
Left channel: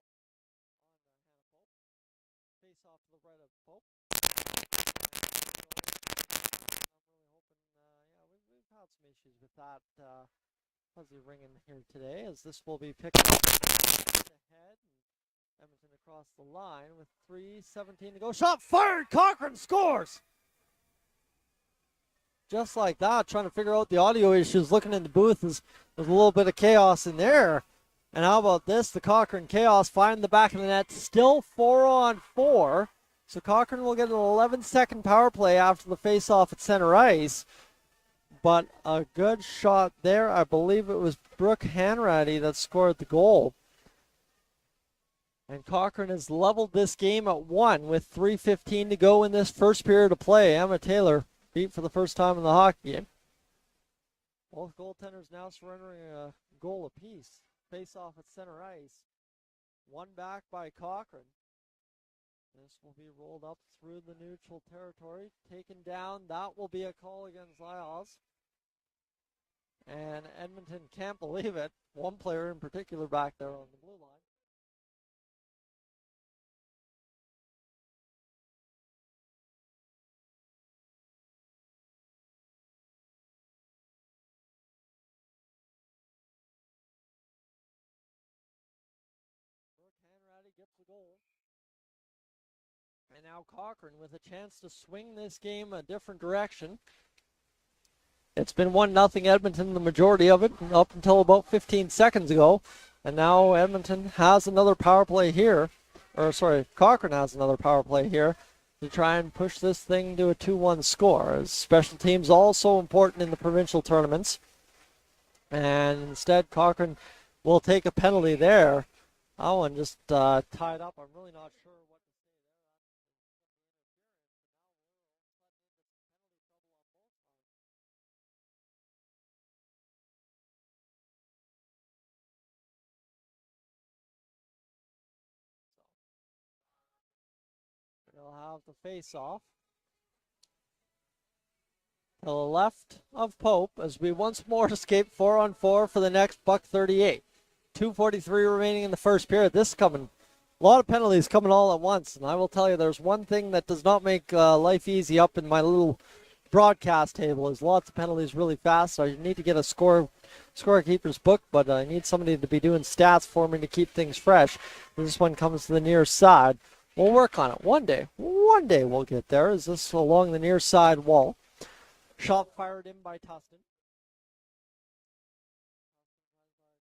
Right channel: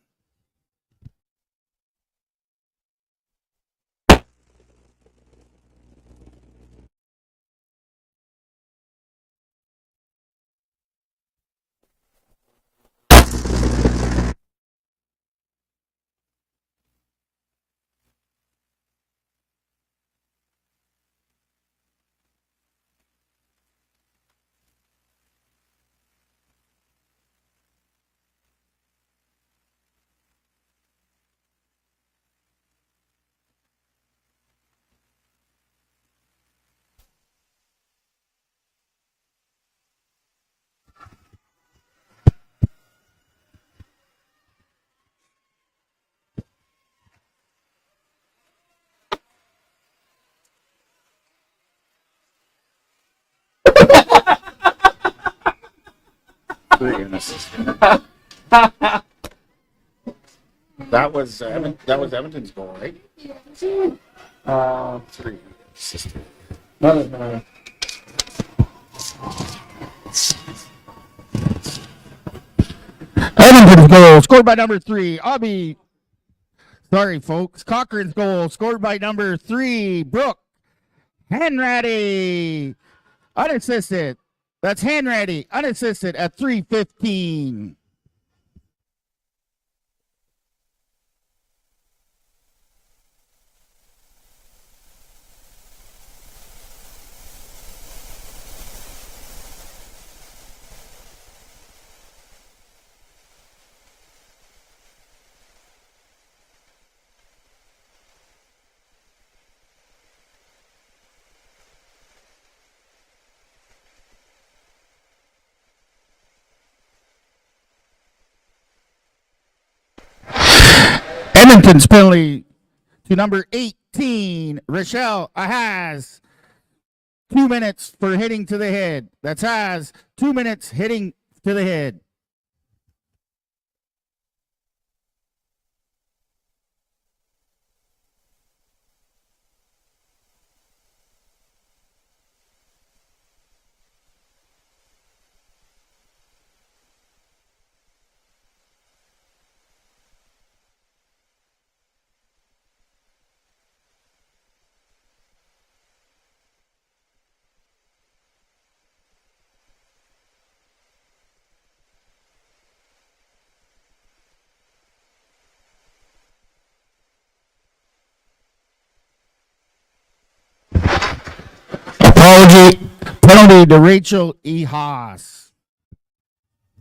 Fuzzy ringing here today, as this will be picked up ahead. Edmonton across the line with 3:17 to go. Shot fired! Cochrane scores! Just like that, trying to figure out the audio issues, looking in the booth, there's a little bit of chaos in there. And how about this? The Cochrane Chaos find the back of the net, still 4-on-4. So Cochrane will get an 11-second power play after the face-off at center ice. But a good shot there. I believe it was Brooke Hanratty that scored the goal. And Cochrane has leveled this game at 1 with 3:15 to go in this first period of play. Emma Taylor beat for the first time in the hockey game. That was Edmonton's goal, right? 3. No. Edmonton's goal scored by number 3. Sorry, folks. Cochrane's goal scored by number 3. Brooke Hanratty. Unassisted. That's Hanratty. Unassisted at 3:15. And now Cochrane with a chance to swing this game a different direction. It's been 1-0 Edmonton the majority of it up until about 15 seconds ago. And now Edmonton has another power play here. Cochrane has another power play here to try and push this thing to a 2-1 score. As special teams also important in the provincial tournaments. And instead Cochrane will take a penalty there. That one just... Edmonton's penalty to number 18, Rochelle Ahaz. 2 minutes for hitting to the head. That's Ahaz. 2 minutes hitting to the head. They'll have the face-off to the left of Pope as we once more escape 4-on-4 for the next $1:38. 2:43 remaining in the first period. This is coming. A lot of penalties coming all at once. And I will tell you, there's one thing that does not make life easy up in my little broadcast table is lots of penalties really fast. So I need to get a scorekeeper's book, but I need somebody to be doing stats for me to keep things fresh. This one comes to the near side. We'll work on it one day. One day we'll get there. Is this along the near side wall? Penalty to Rachel E. Haas. The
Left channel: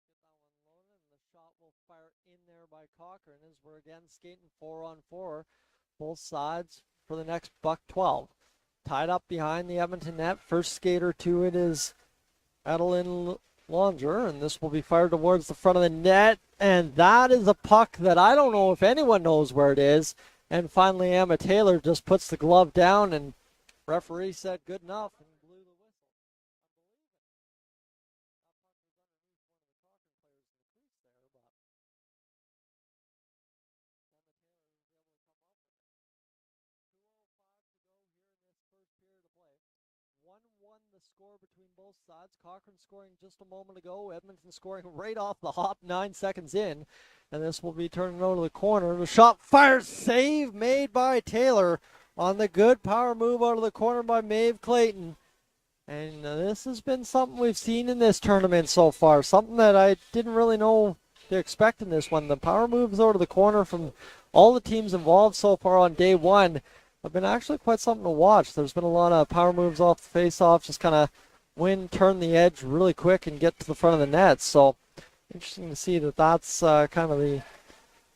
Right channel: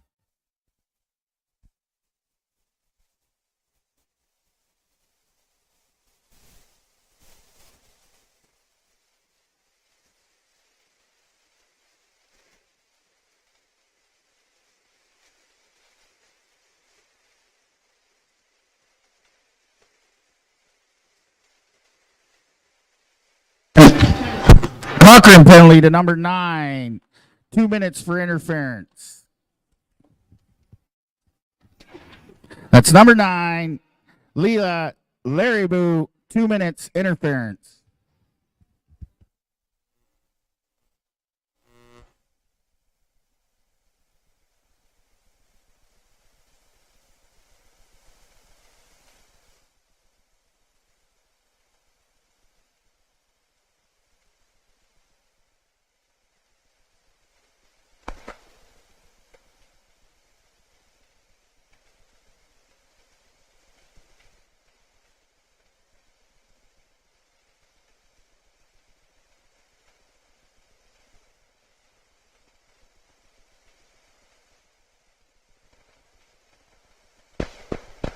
shot will fire in there by Cochrane as we're again skating 4-on-4, both sides for the next $1:12. Tied up behind the Edmonton net. First skater to it is Adeline Longer, and this will be fired towards the front of the net. And that is a puck that I don't know if anyone knows where it is. And finally, Emma Taylor just puts the glove down and... Cochrane penalty to number 9. 2 minutes for interference. That's number 9. Leela Larraboo, 2 minutes interference. 1-1 the score between both sides. Cochrane scoring just a moment ago. Edmonton scoring right off the hop 9 seconds in. And this will be turned over to the corner. The shot fires, save made by Taylor on the good power move out of the corner by Maeve Clayton. And this has been something we've seen in this tournament so far. Something that I didn't really know to expect in this one. The power moves out of the corner from all the teams involved so far on day one have been actually quite something to watch. There's been a lot of power moves off the face-off, just kind of turn the edge really quick and get to the front of the net. So interesting to see that that's kind of the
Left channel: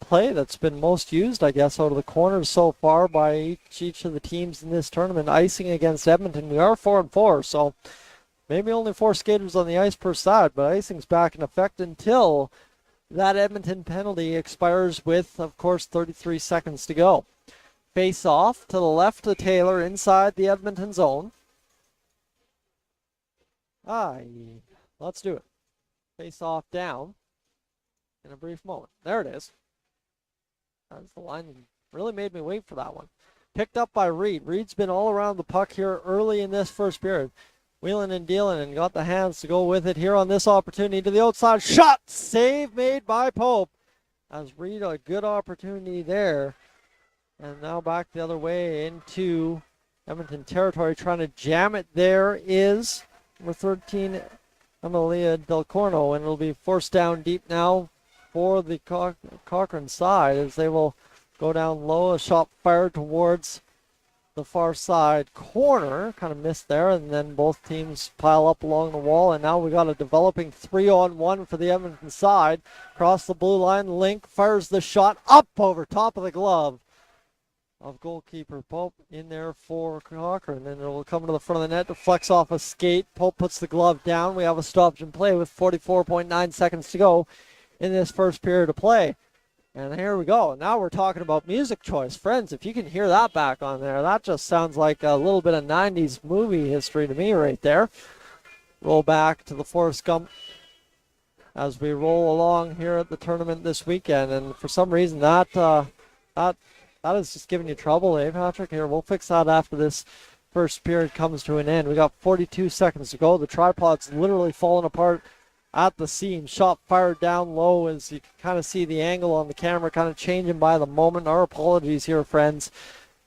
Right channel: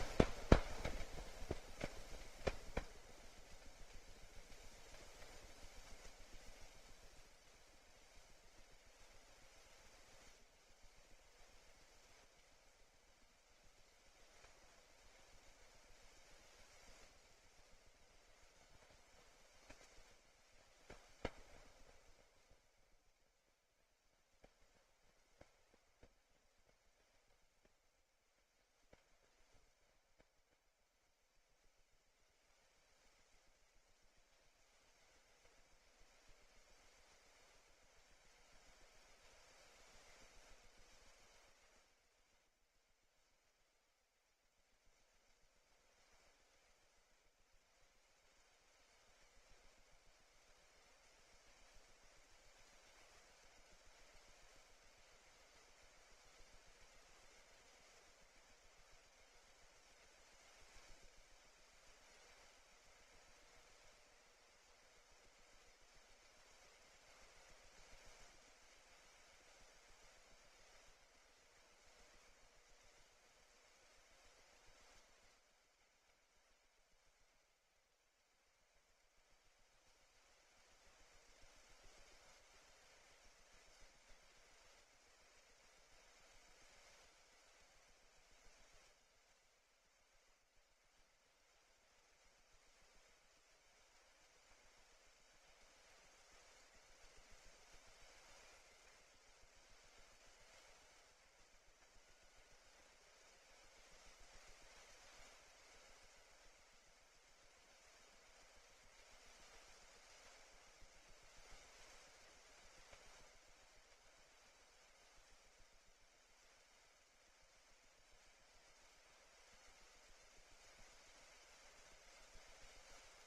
play that's been most used, I guess, out of the corners so far by each of the teams in this tournament. Icing against Edmonton, we are 4-4, so maybe only 4 skaters on the ice per side, but icing's back in effect until that Edmonton penalty expires with, of course, 33 seconds to go. Face off to the left of Taylor inside the Edmonton zone. Let's do it. Face off down in a brief moment. There it is. That's the line that really made me wait for that one. Picked up by Reed. Reed's been all around the puck here early in this first period. Wheeling and dealing and got the hands to go with it here on this opportunity to the outside. Shot! Save made by Pope. As Reed, a good opportunity there. And now back the other way into Edmonton territory. Trying to jam it there is number 13, Emilia Del Corno, and it'll be forced down deep now for the Cochrane side as they will go down low. A shot fired towards the far side corner, kind of missed there, and then both teams pile up along the wall, and now we got a developing 3-on-1 for the Edmonton side. Across the blue line, Link fires the shot up over top of the glove of goalkeeper Pope in there for Cochrane, and it will come to the front of the net to flex off a skate. Pope puts the glove down. We have a stoppage in play with 44.9 seconds to go in this first period of play. And here we go. Now we're talking about music choice. Friends, if you can hear that back on there, that just sounds like a little bit of 90s movie history to me right there. Roll back to the Forrest Gump as we roll along here at the tournament this weekend. And for some reason, that is just giving you trouble, eh, Patrick? Here, we'll fix that after this first period comes to an end. We got 42 seconds to go. The tripod's literally falling apart at the seam. Shot fired down low as you can kind of see the angle on the camera kind of changing by the moment. Our apologies here, friends,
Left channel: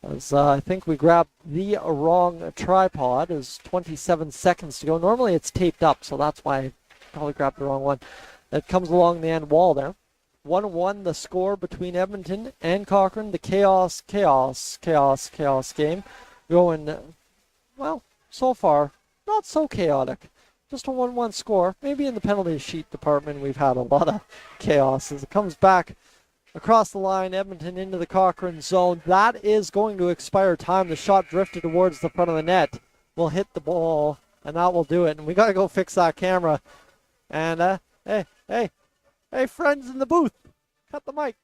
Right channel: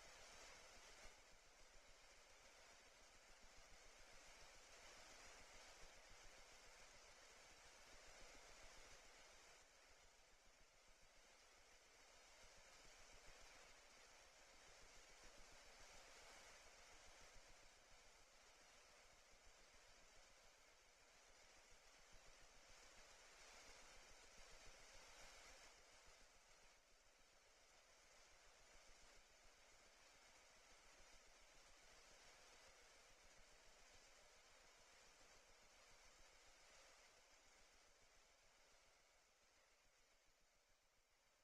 as I think we grabbed the wrong tripod. There's 27 seconds to go. Normally it's taped up, so that's why I probably grabbed the wrong one. That comes along the end wall there. 1-1 the score between Edmonton and Cochrane. The chaos game going, well, so far, not so chaotic. Just a 1-1 score. Maybe in the penalty sheet department we've had a lot of chaos as it comes back across the line. Edmonton into the Cochrane zone. That is going to expire time. The shot drifted towards the front of the net. Will hit the ball, and that will do it. And we got to go fix that camera. And, hey, friends in the booth, cut the mic.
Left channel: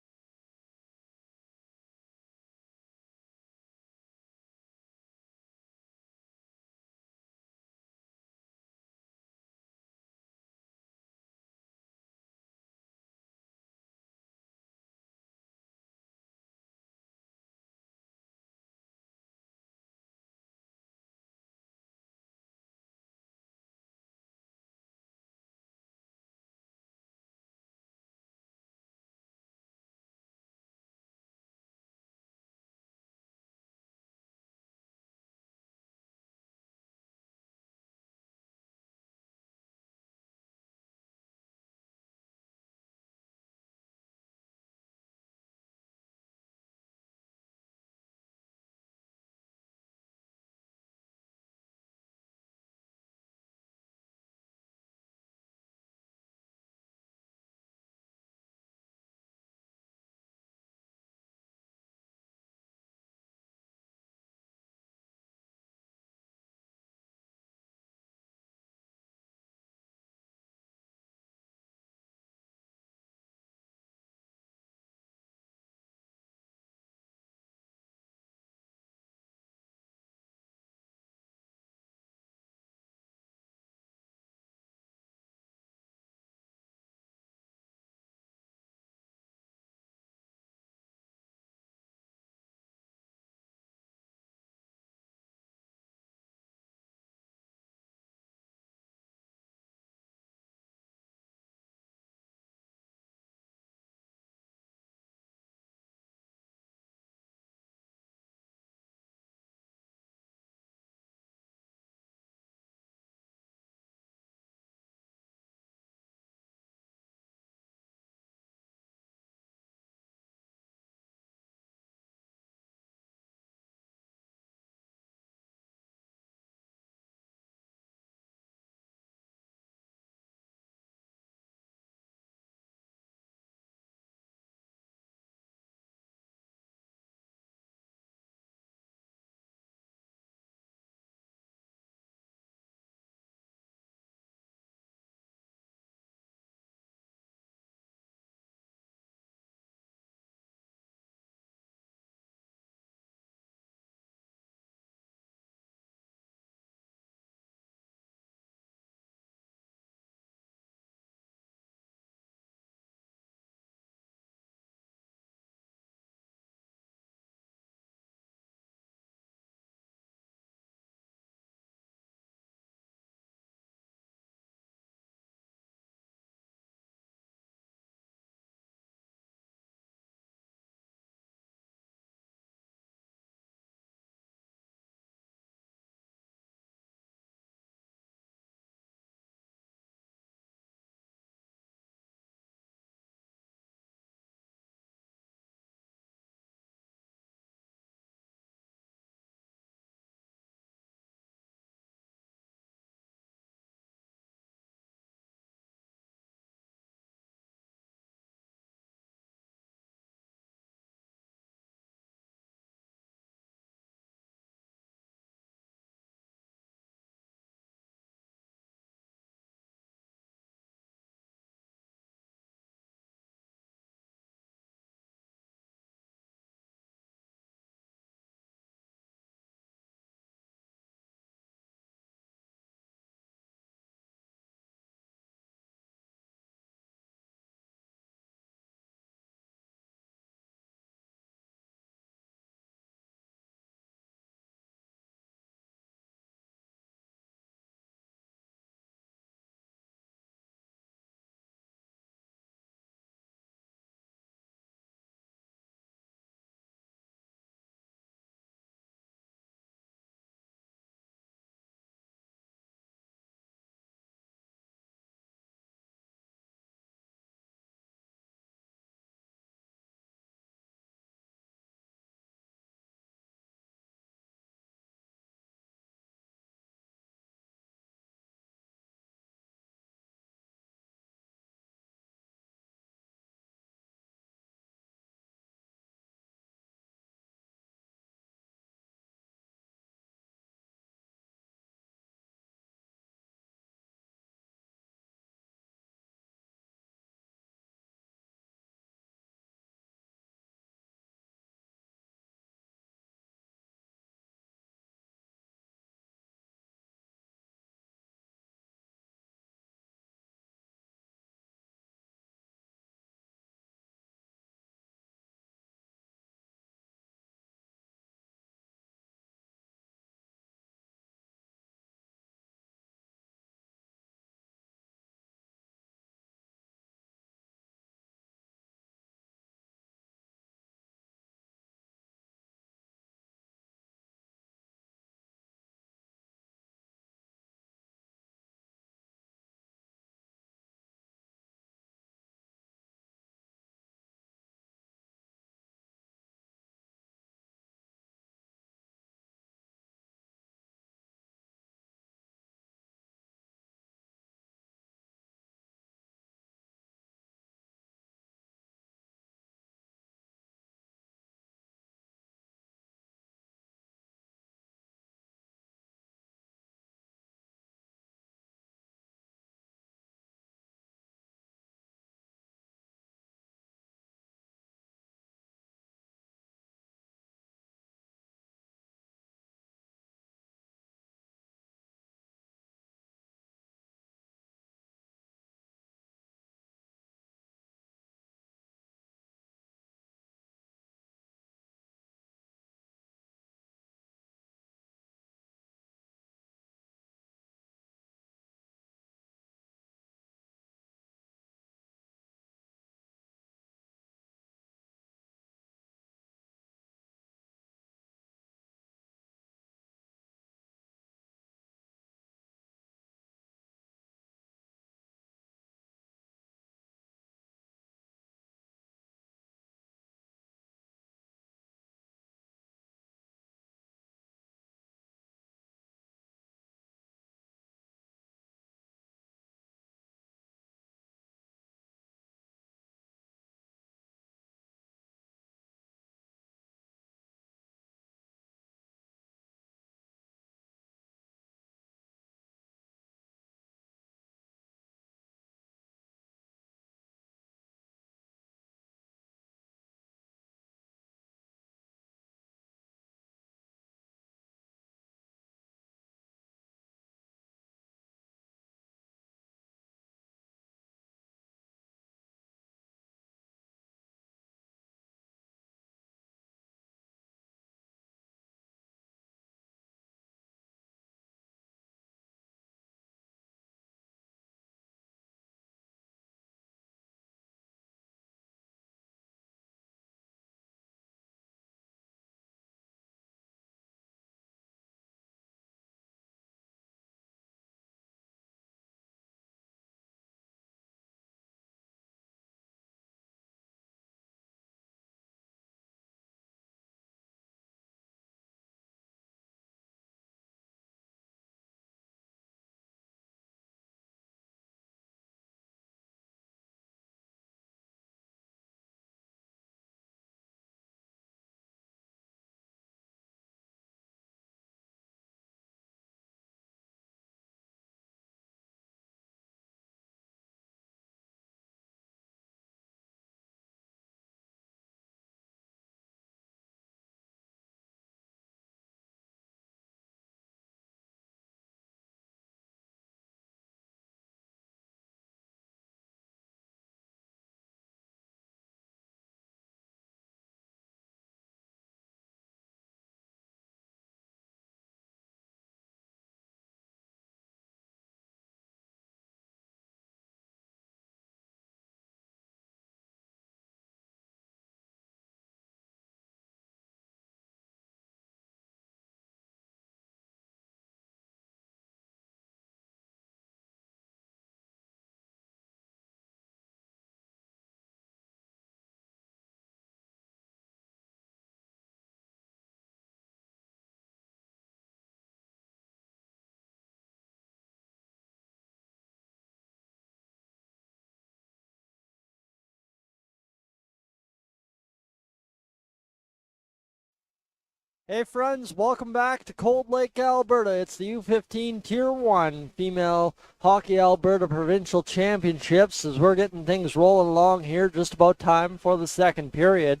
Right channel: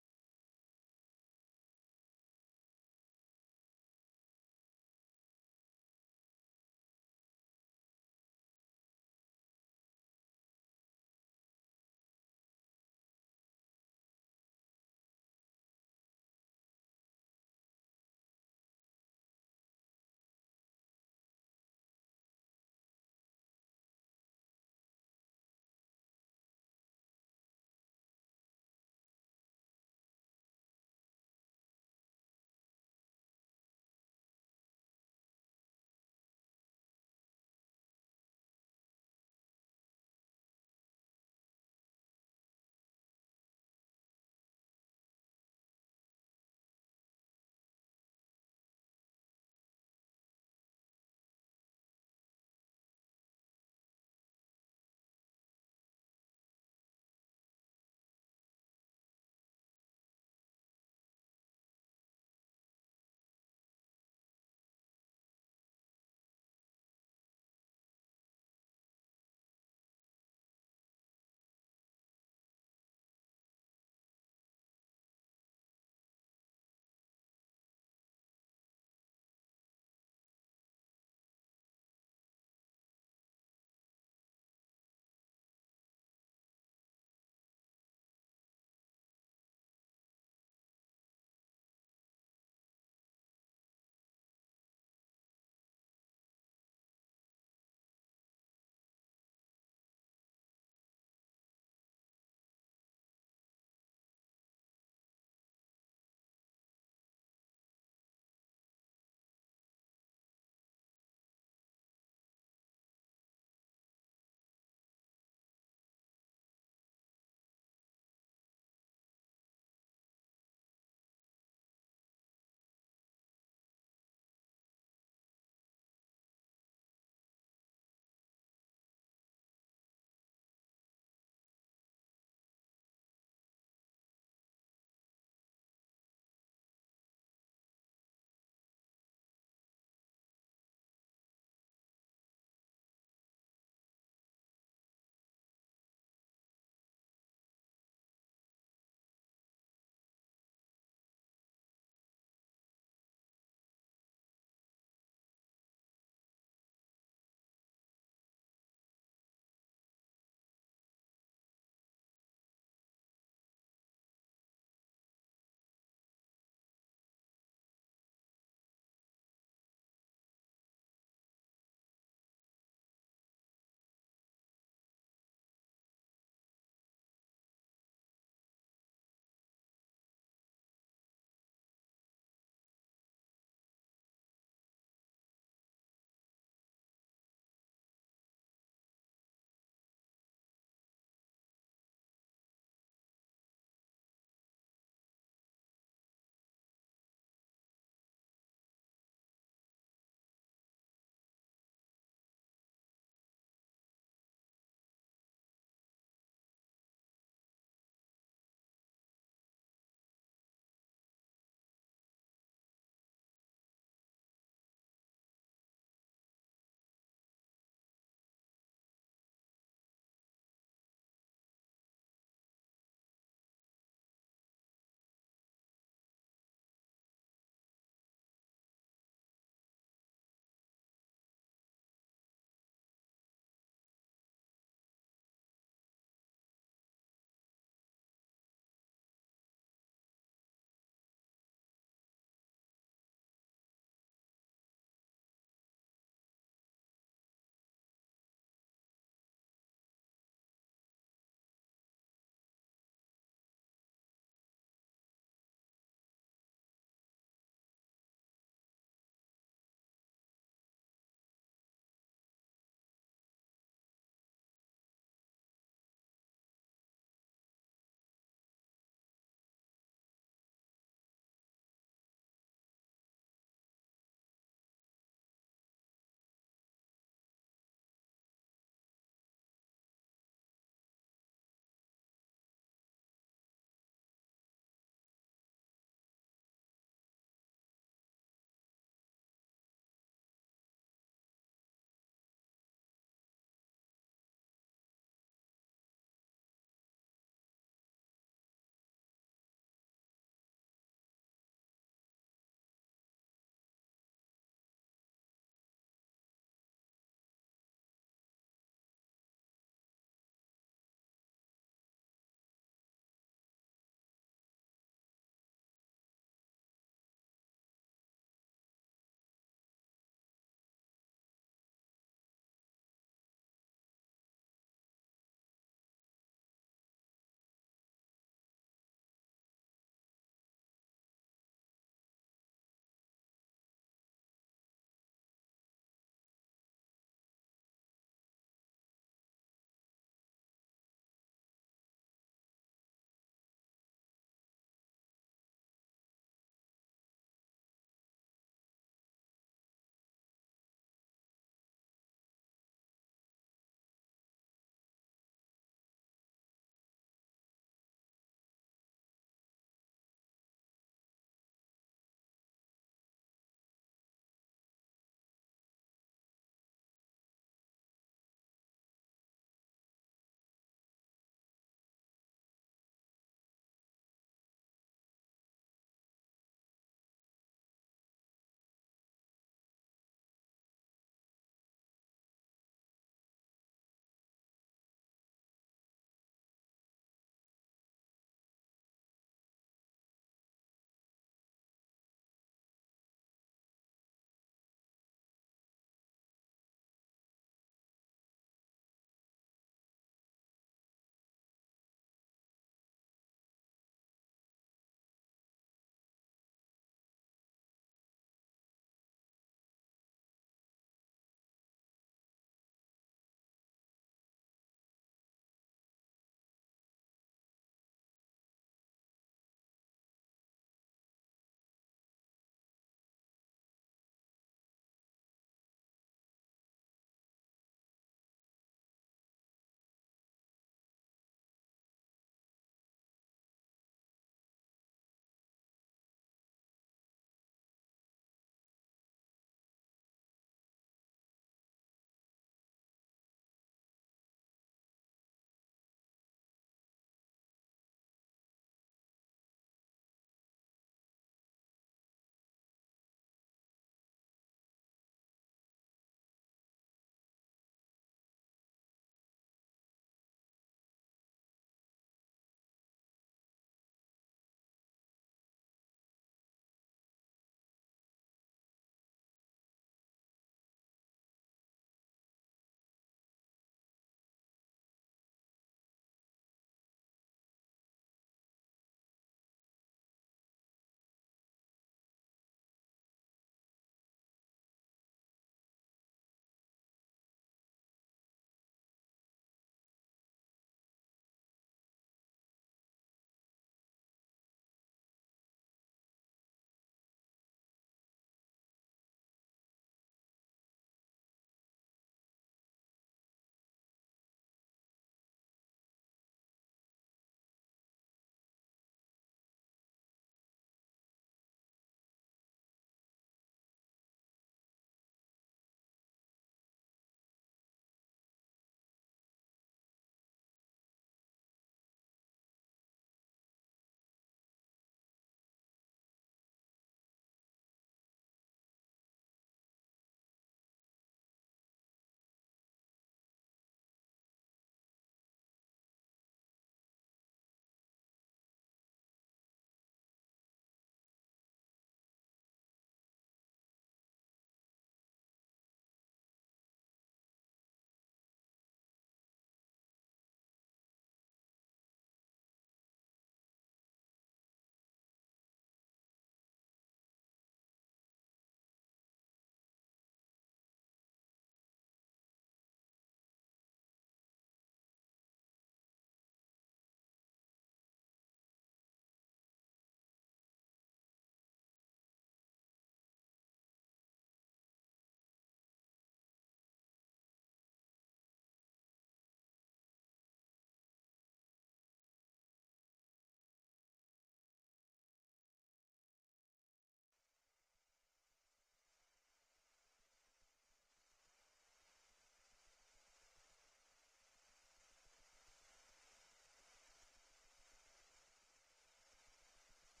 Hey friends, welcome back to Cold Lake, Alberta. It's the U15 Tier 1 Female Hockey Alberta Provincial Championships as we're getting things rolling along here just about time for the second period.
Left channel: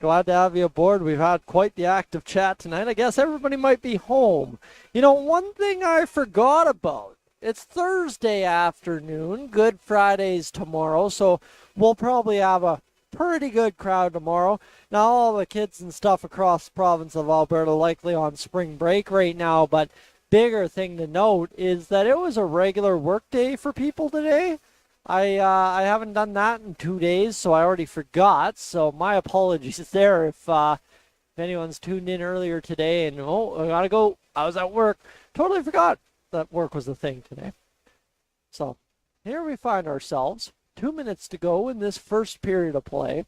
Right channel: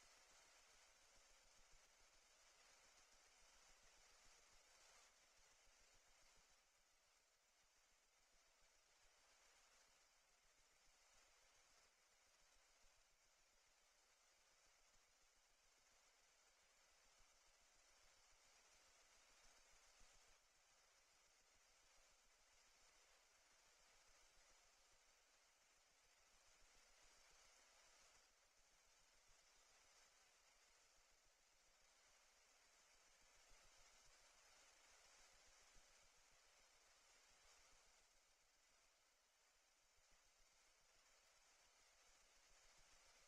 Glad to have you aboard. We've had quite the active chat tonight. I guess everybody might be home. You know, one thing I forgot about, it's Thursday afternoon, Good Friday's tomorrow, so we'll probably have a pretty good crowd tomorrow. Now, all the kids and stuff across the province of Alberta likely on spring break right now, but bigger thing to note is that it was a regular work day for people today. I haven't done that in 2 days, so I already forgot. So my apologies there if anyone's tuned in earlier today and, oh, I gotta go. I was at work. Totally forgot that work was a thing today. So here we find ourselves. 2 minutes to go in this first period of play,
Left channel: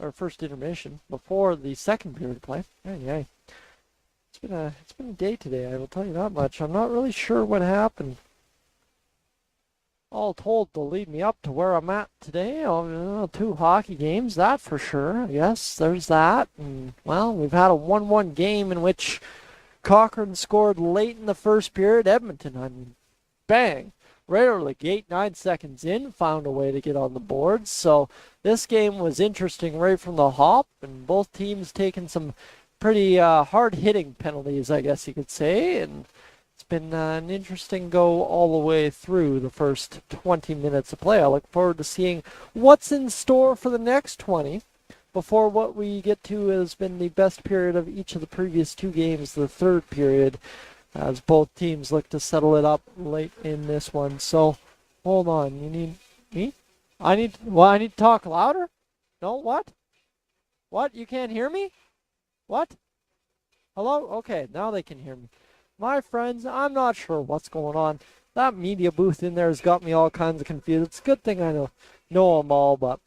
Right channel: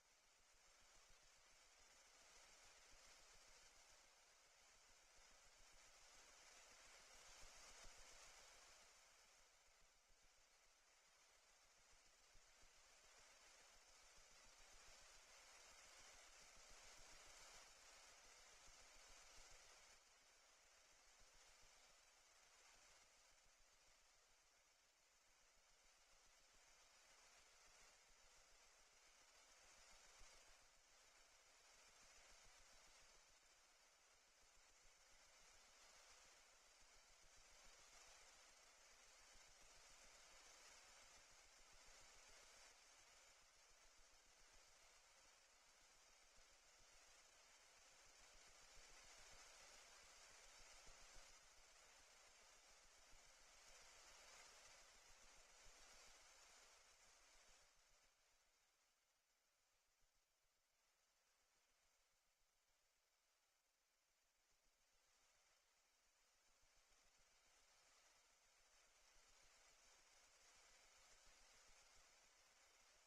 or first intermission, before the second period of play. Hey. It's been a day today, I will tell you that much. I'm not really sure what happened. All told to lead me up to where I'm at today. 2 hockey games, that for sure. Yes, there's that. And, well, we've had a 1-1 game in which Cochrane scored late in the first period. Edmonton, bang. Right out of the gate, 9 seconds in, found a way to get on the board. So this game was interesting right from the hop, and both teams taking some pretty hard-hitting penalties, I guess you could say. And it's been an interesting go all the way through the first 20 minutes of play. I look forward to seeing what's in store for the next 20 before what we get to has been the best period of each of the previous 2 games, the third period, as both teams look to settle it up late in this one. So, hold on. You need me? I need to talk louder? No, what? What? You can't hear me? What? Hello? Okay, now they can hear me. My friends, I'm not sure what's going on. That media booth in there has got me all kinds of confused. It's a good thing I know them all, but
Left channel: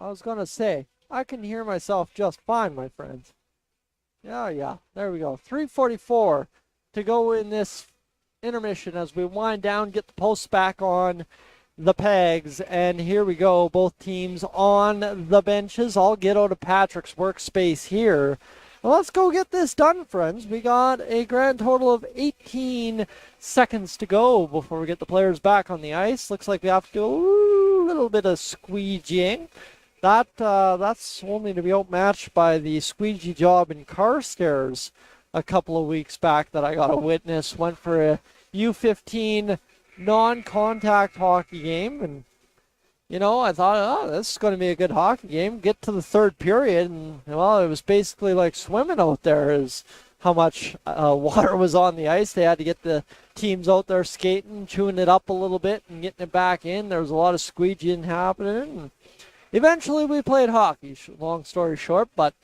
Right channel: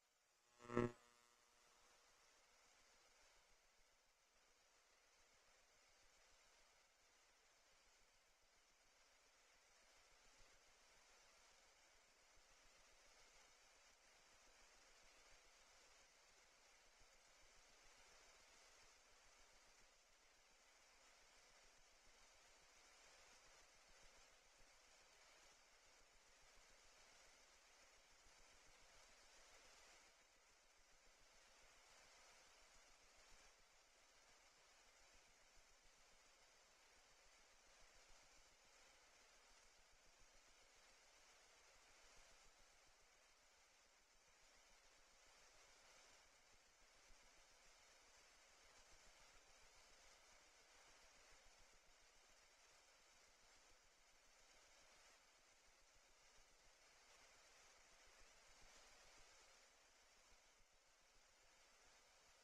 I was going to say, I can hear myself just fine, my friends. Yeah, there we go. 3:44 to go in this intermission as we wind down, get the posts back on the pegs, and here we go. Both teams on the benches. I'll get out of Patrick's workspace here. Well, let's go get this done, friends. We got a grand total of 18 seconds to go before we get the players back on the ice. Looks like we have to do a little bit of squeegeeing. That's only to be outmatched by the squeegee job in Carstairs a couple of weeks back that I got to witness. Went for a U15 non-contact hockey game, and I thought, oh, this is going to be a good hockey game. Get to the third period, and well, it was basically like swimming out there, is how much water was on the ice. They had to get the teams out there skating, chewing it up a little bit, and getting it back in. There was a lot of squeegeeing happening, and eventually we played hockey, long story short, but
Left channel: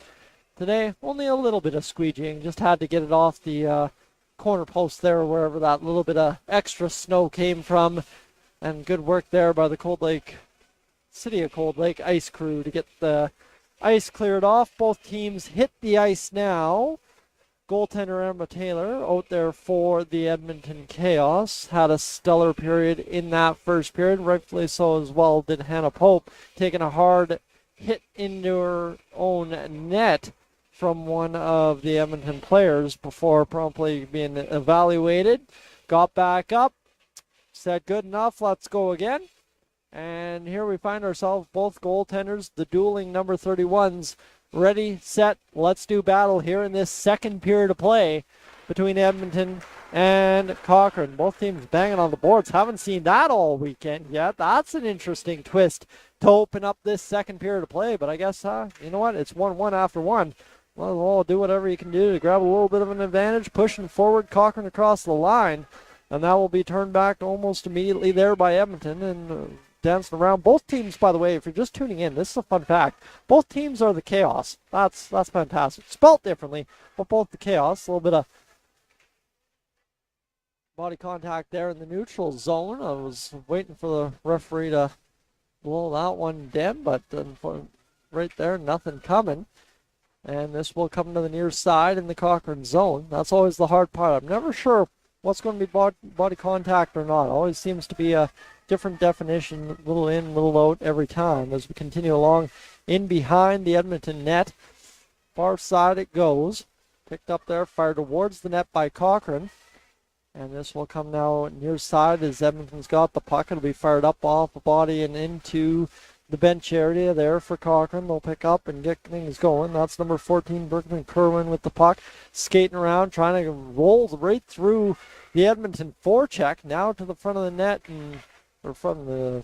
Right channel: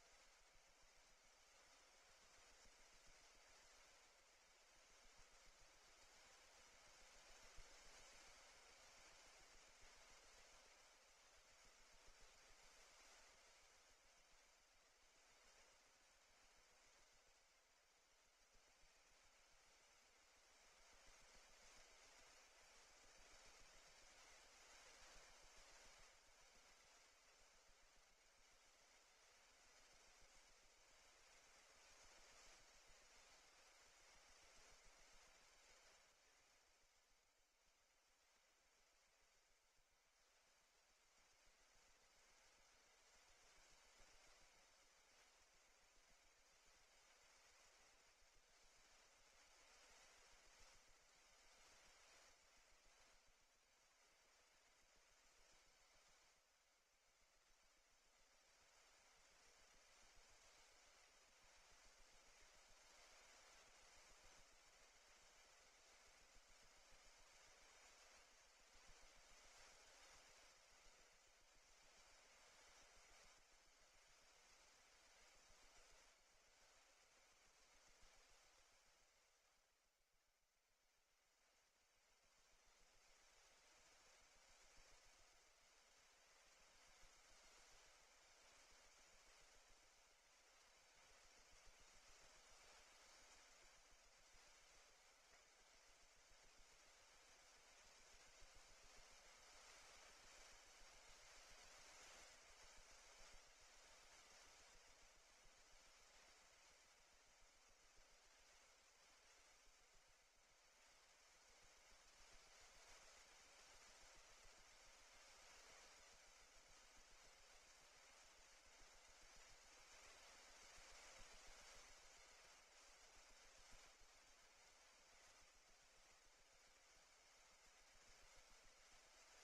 today only a little bit of squeegeeing. Just had to get it off the corner post there, wherever that little bit of extra snow came from. And good work there by the City of Cold Lake ice crew to get the ice cleared off. Both teams hit the ice now. Goaltender Emma Taylor out there for the Edmonton Chaos. Had a stellar period in that first period. Rightfully so as well did Hannah Pope, taking a hard hit into her own net from one of the Edmonton players before promptly being evaluated. Got back up, said good enough, let's go again. And here we find ourselves, both goaltenders, the dueling number 31s, ready, set, let's do battle here in this second period of play between Edmonton and Cochrane. Both teams banging on the boards. Haven't seen that all weekend yet. That's an interesting twist to open up this second period of play. But I guess, you know what? It's 1-1 after one. Well, do whatever you can do to grab a little bit of an advantage. Pushing forward, Cochrane across the line. And that will be turned back almost immediately there by Edmonton. And dancing around. Both teams, by the way, if you're just tuning in, this is a fun fact. Both teams are the Chaos. That's fantastic. Spelt differently, but both the Chaos. A little bit of body contact there in the neutral zone. I was waiting for the referee to blow that one dead, but right there, nothing coming. And this will come to the near side in the Cochrane zone. That's always the hard part. I'm never sure what's going to be body contact or not. It always seems to be a different definition, little in, little out every time as we continue along in behind the Edmonton net. Far side it goes. Picked up there, fired towards the net by Cochrane. And this will come now near side as Edmonton's got the puck. It'll be fired up off the body and into the bench area there for Cochrane. They'll pick up and get things going. That's number 14, Berkman Kerwin with the puck. Skating around, trying to roll right through the Edmonton forecheck. Now to the front of the net, or from the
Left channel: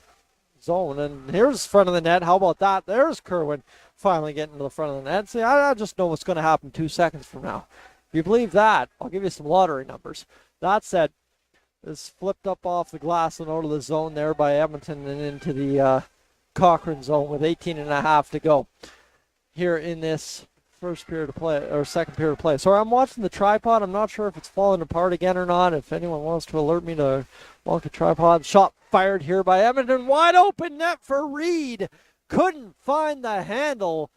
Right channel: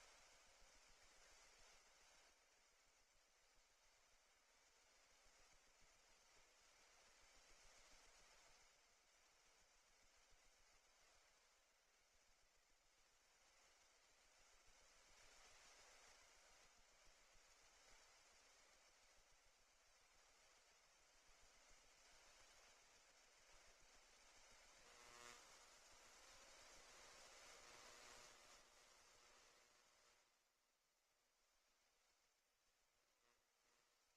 zone. And here's front of the net. How about that? There's Kerwin finally getting to the front of the net. See, I just know what's going to happen 2 seconds from now. If you believe that, I'll give you some lottery numbers. That said, this flipped up off the glass and out of the zone there by Edmonton and into the Cochrane zone with 18.5 to go here in this first period of play, or second period of play. So I'm watching the tripod. I'm not sure if it's falling apart again or not. If anyone wants to alert me to walk the tripod. Shot fired here by Edmonton. Wide open net for Reed. Couldn't find the handle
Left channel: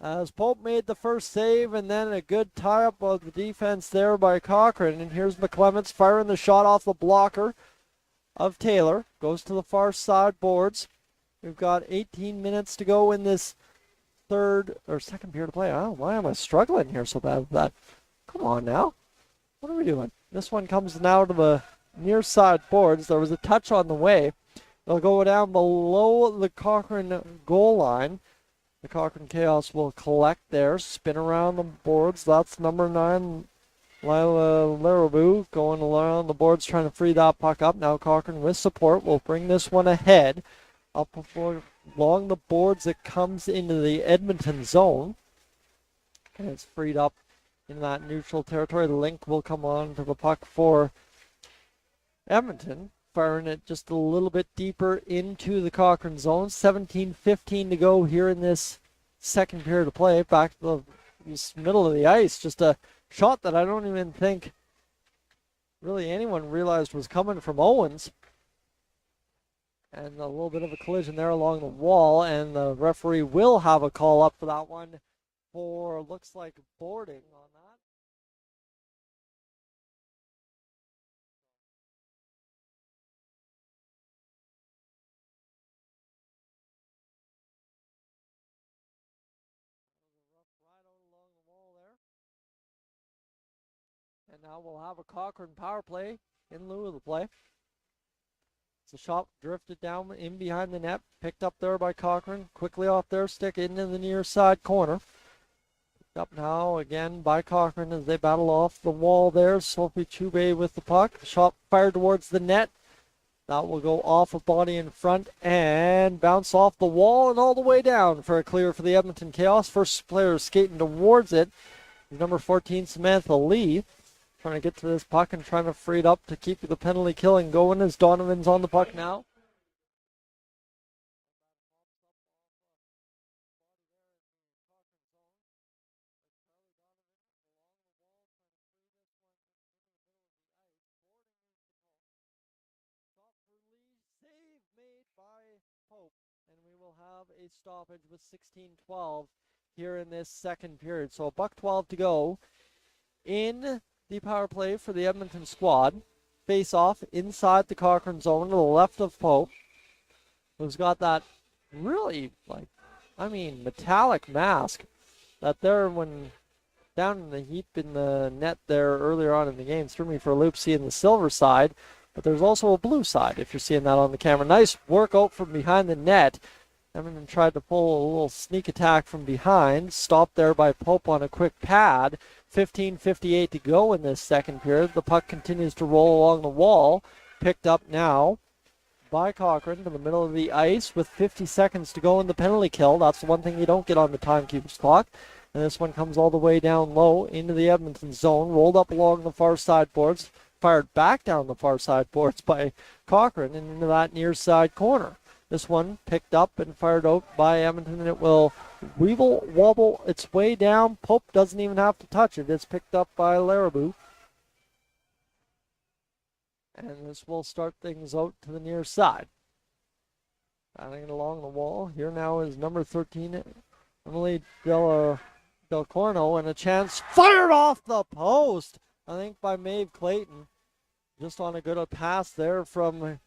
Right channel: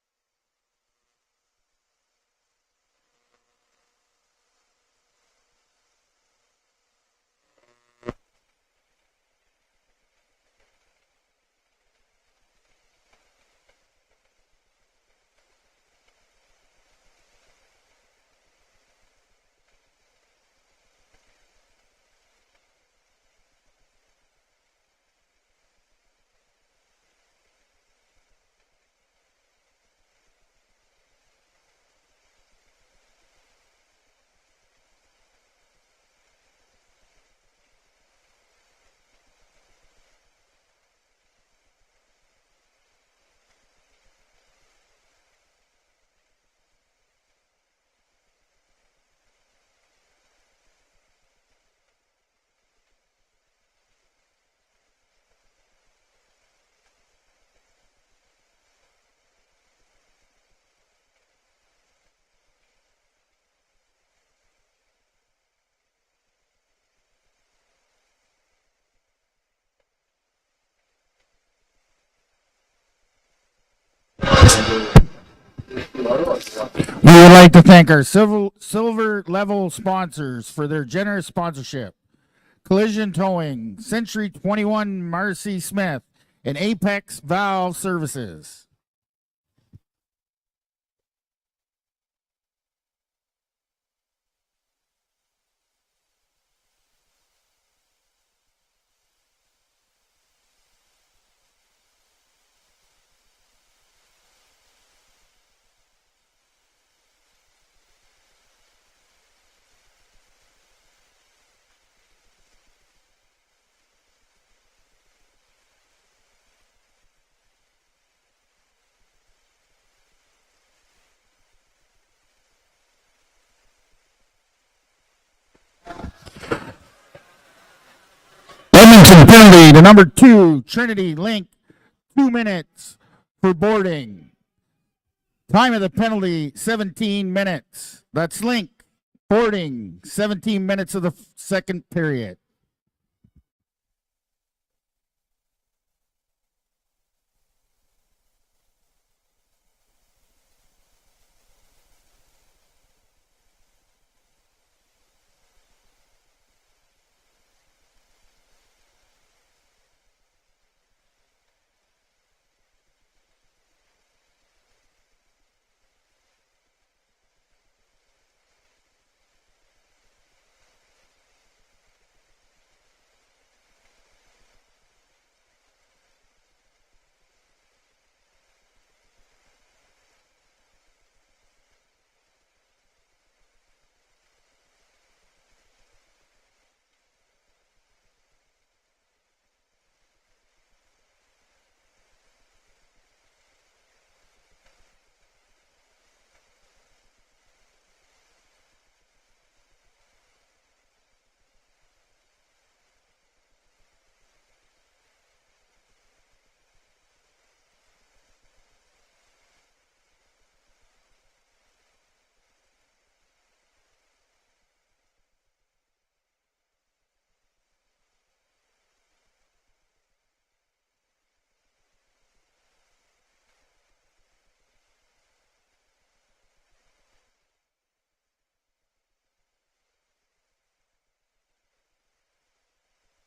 as Pope made the first save, and then a good tie-up of the defense there by Cochrane. And here's McClements firing the shot off the blocker of Taylor. Goes to the far side boards. We've got 18 minutes to go in this second period of play. Oh, why am I struggling here so bad with that? Come on now. What are we doing? This one comes now to the near side boards. There was a touch on the way. They'll go down below the Cochrane goal line. The Cochrane Chaos will collect there, spin around the boards. That's number 9, Lila Larabou, going around the boards trying to free that puck up. Now Cochrane with support will bring this one ahead. Up along the boards, it comes into the Edmonton zone. And it's freed up in that neutral territory. The link will come on to the puck for Edmonton. Firing it just a little bit deeper into the Cochrane zone. 17:15 to go here in this second period of play. Back to the middle of the ice. Just a shot that I don't even think really anyone realized was coming from Owens. And a little bit of a collision there along the wall. And the referee will have a call up. We would like to thank our silver level sponsors for their generous sponsorship. Collision Towing, Century 21 Marcy Smith, and Apex Valve Services. And now we'll have a Cochrane power play in lieu of the play. It's a shot drifted down in behind the net, picked up there by Cochrane, quickly off their stick into the near side corner. Picked up now again by Cochrane as they battle off the wall there. Sophie Chube with the puck. Shot fired towards the net. That will go off a body in front and bounce off the wall and all the way down for a clear for the Edmonton Chaos. First player skating towards it is number 14, Samantha Lee. Trying to get to this puck and trying to free it up to keep the penalty killing going as Donovan's on the Edmonton penalty to number 2, Trinity Link, 2 minutes for boarding. Time of the penalty, 17 minutes. That's Link. Boarding, 17 minutes of the second period. Save made by Pope, and we will have a stoppage with 16:12 here in this second period. So $1:12 to go in the power play for the Edmonton squad. Face off inside the Cochrane zone to the left of Pope, who's got that really, metallic mask that there when down in the heap in the net there earlier on in the game threw me for a loop seeing the silver side, but there's also a blue side if you're seeing that on the camera. Nice work out from behind the net. Edmonton tried to pull a little sneak attack from behind, stopped there by Pope on a quick pad. 15:58 to go in this second period. The puck continues to roll along the wall. Picked up now by Cochrane to the middle of the ice with 50 seconds to go in the penalty kill. That's the one thing you don't get on the timekeeper's clock. And this one comes all the way down low into the Edmonton zone, rolled up along the far side boards, fired back down the far side boards by Cochrane and into that near side corner. This one picked up and fired out by Edmonton, and it will wobble its way down. Pope doesn't even have to touch it. It's picked up by Larabou. And this will start things out to the near side. Batting it along the wall. Here now is number 13, Emily Del Corno, and a chance fired off the post, I think by Maeve Clayton. Just on a good pass there from